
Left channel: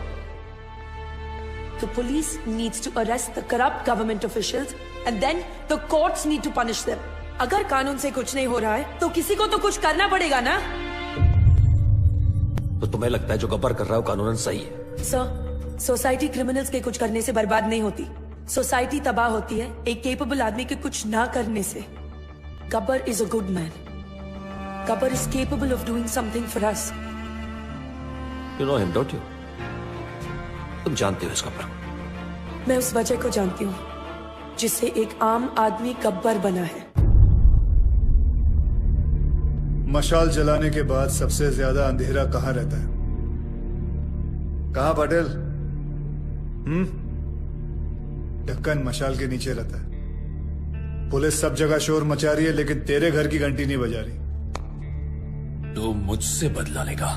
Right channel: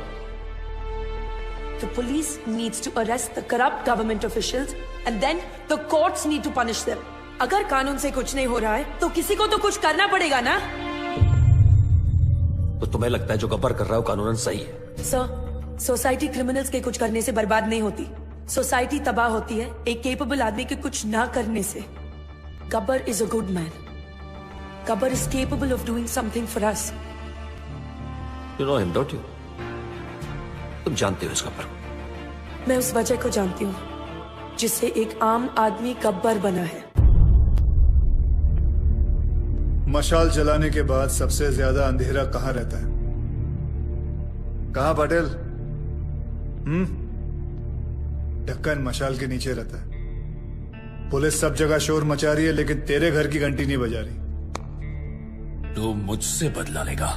The police needs to arrest the corrupt government officials and then the courts need to punish them. अगर कानून से कुछ नहीं हो रहा है तो किसी को तो कुछ करना पड़ेगा ना। तो तुम्हें लगता है जो गब्बर कर रहा है वो कानूनन सही है? सर, सोसाइटी क्रिमिनल्स के कुछ करने से बर्बाद नहीं होती। सोसाइटी तबाह होती है एक केपेबल आदमी के कुछ ना करने से। Gabbar is a good man. Gabbar is capable of doing something for us. You know him, don't you? तुम जानते हो इस गब्बर? मैं उस वजह को जानती हूँ जिससे एक आम आदमी गब्बर बना है। मशाल जलाने के बाद सबसे ज्यादा अंधेरा कहाँ रहता है? कहाँ पटेल? ढक्कन मशाल के नीचे रहता है। पुलिस सब जगह शोर मचा रही है, लेकिन तेरे घर की घंटी नहीं बजा रही। तू मुझसे बदला लेगा।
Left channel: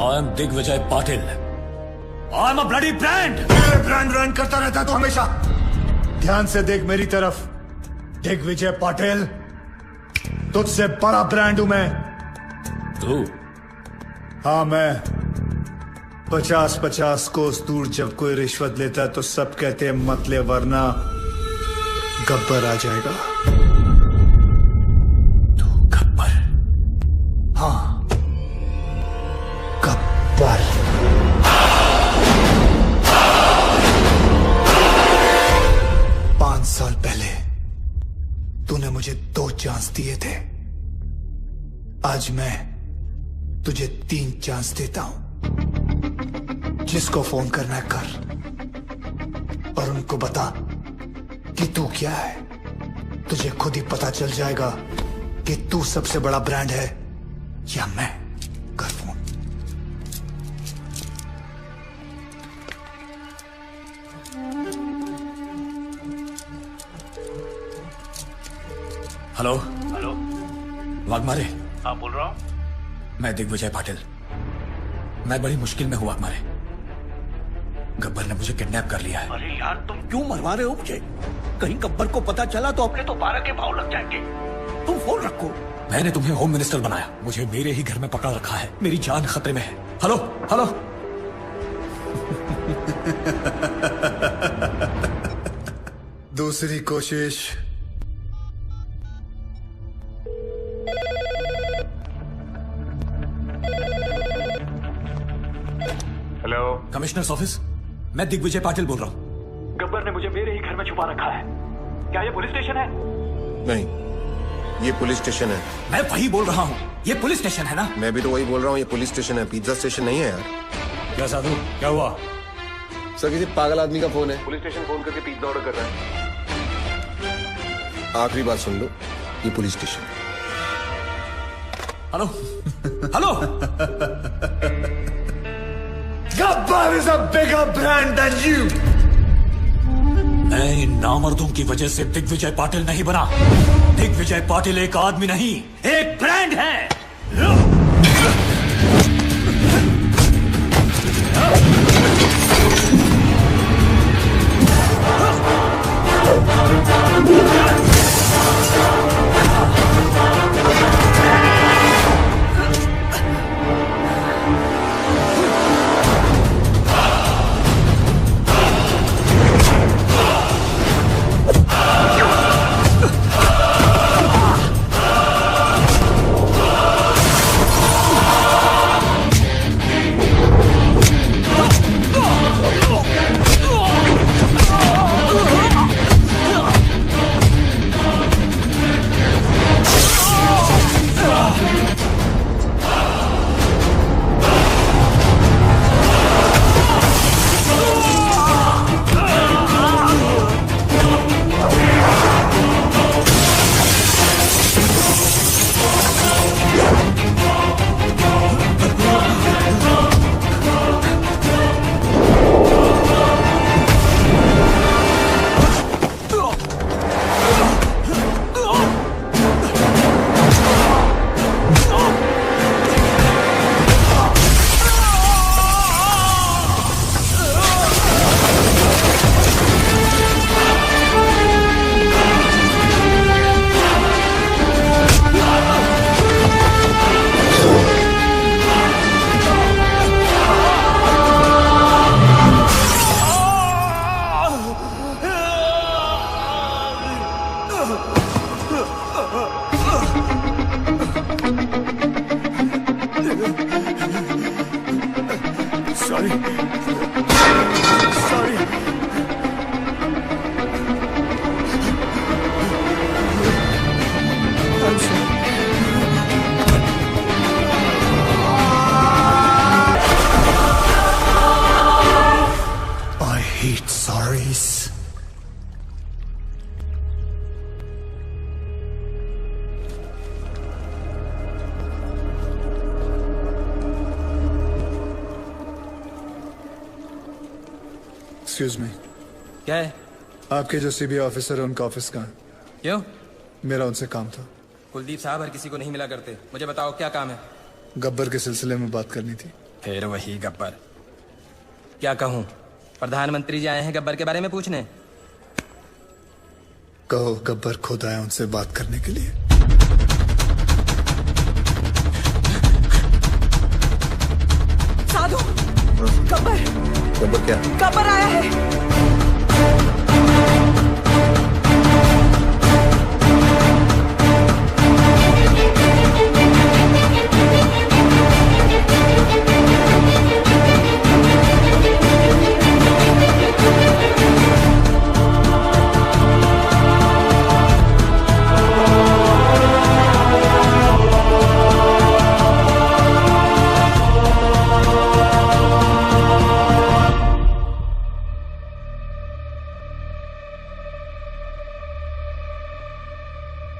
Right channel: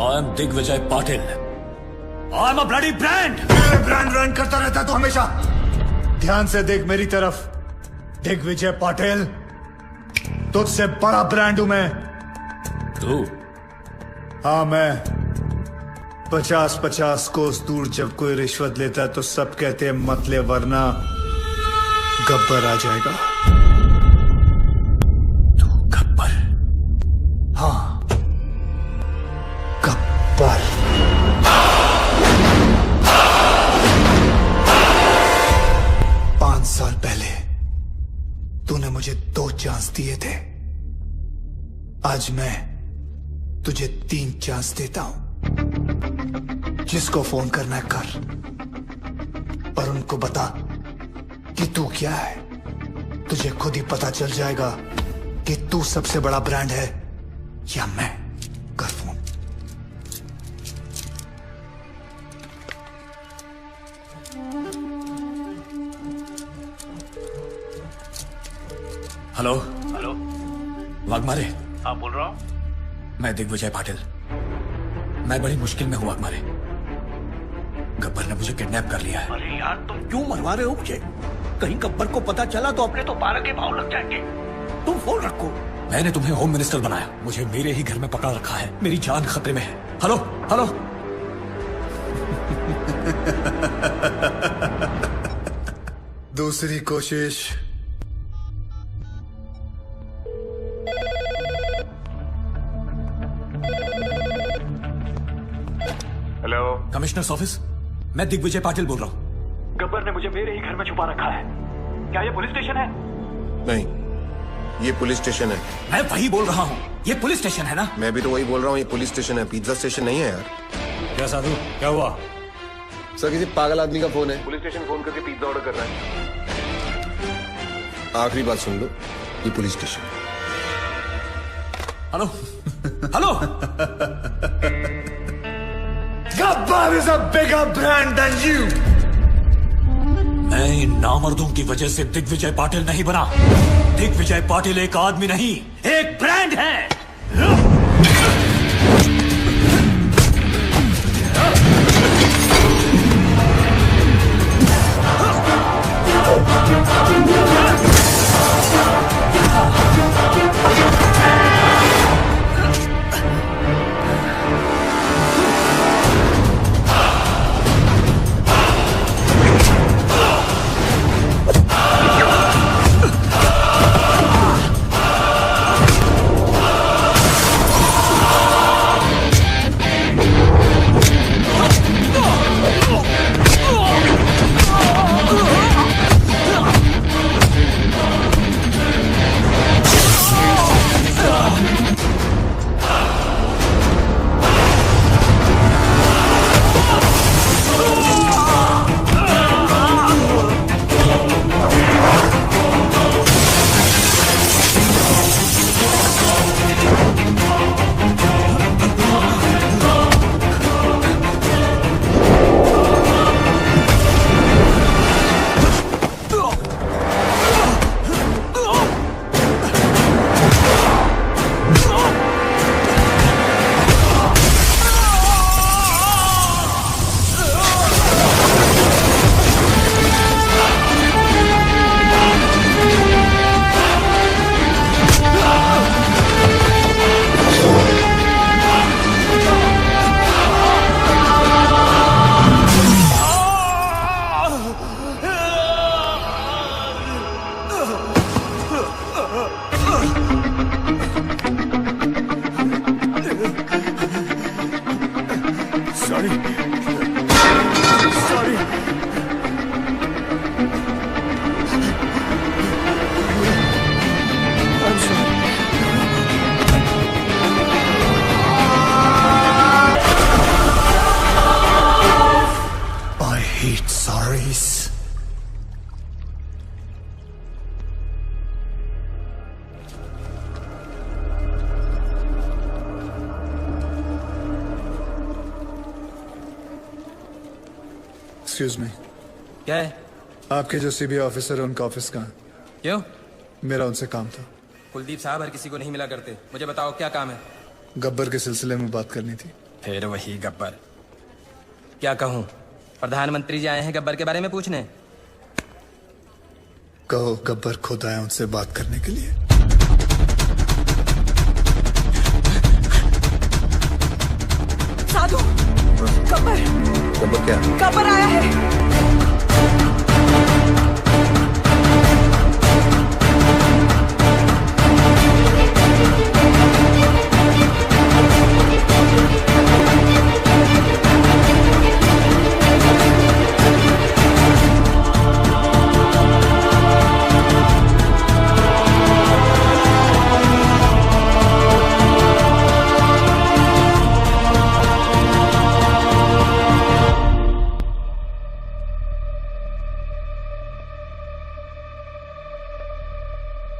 I am Digvijay Patil. I am a bloody brand. Brand run करता रहता है तू हमेशा। ध्यान से देख मेरी तरफ। दिग्विजय पाटिल, तुझसे बड़ा ब्रांड हूं मैं। तू? हाँ मैं। 50-50 कोस दूर जब कोई रिश्वत लेता है तो सब कहते हैं मत ले, वरना गब्बर आ जाएगा। तू गब्बर? हाँ, गब्बर। पांच साल पहले तूने मुझे 2 चांस दिए थे। आज मैं तुझे 3 चांस देता हूं। जिसको फोन करना है कर, और उनको बता कि तू क्या है। तुझे खुद ही पता चल जाएगा कि तू सबसे बड़ा ब्रांड है या मैं। कर फोन। हेलो। हेलो, वाघमारे? हाँ बोल रहा हूँ। मैं दिग्विजय पाटिल। मैं बड़ी मुश्किल में हूँ वाघमारे। गब्बर ने मुझे किडनैप कर लिया है। अरे यार तुम क्यों मरवा रहे हो मुझे? कहीं गब्बर को पता चला तो अपने तो 12 के भाव लग जाएंगे। तुम फोन रखो। मैंने तुम्हें होम मिनिस्टर बनाया, मुझे मेरे ही घर में पकड़ा रखा है। मेरी जान खतरे में है। Hello hello. दूसरी कोशिश। Hello, commissioners office. मैं दिग्विजय पाटिल बोल रहा हूँ। गब्बर ने मुझे मेरे ही घर में छुपा रखा है। क्या ये पुलिस स्टेशन है? नहीं, ये पुलिस स्टेशन है। मैं वही बोल रहा हूँ, ये पुलिस स्टेशन है ना? मैं भी तो वही बोल रहा हूँ, ये पुलिस स्टेशन है, पिज्जा स्टेशन नहीं है यार। क्या साधु, क्या हुआ? सर किसी पागल आदमी का फोन है। पुलिस स्टेशन फोन करके पिज्जा ऑर्डर कर रहा है। आखिरी बात सुन लो, ये police station. Hello hello. Gabbar is a bigger brand than you. मैं इन नामर्दों की वजह से दिग्विजय पाटिल नहीं बना। दिग्विजय पाटिल एक आदमी नहीं, एक ब्रांड है। एक्सक्यूज मी, क्या है? आपके जो सीबीआई ऑफिसर है उनका ऑफिस का है। क्यों? मेरा उनसे काम था। कुलदीप साहब और किसी को नहीं मिला करते। मुझे बताओ क्या काम है? गब्बर के सिलसिले में बात करनी थी। फिर वही गब्बर। क्या कहूँ? प्रधानमंत्री जी आए हैं गब्बर के बारे में पूछने। कहो गब्बर खुद आया उनसे बात करने के लिए। साधु, गब्बर क्या? गब्बर आया है।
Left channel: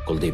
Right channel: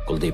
कुलदीप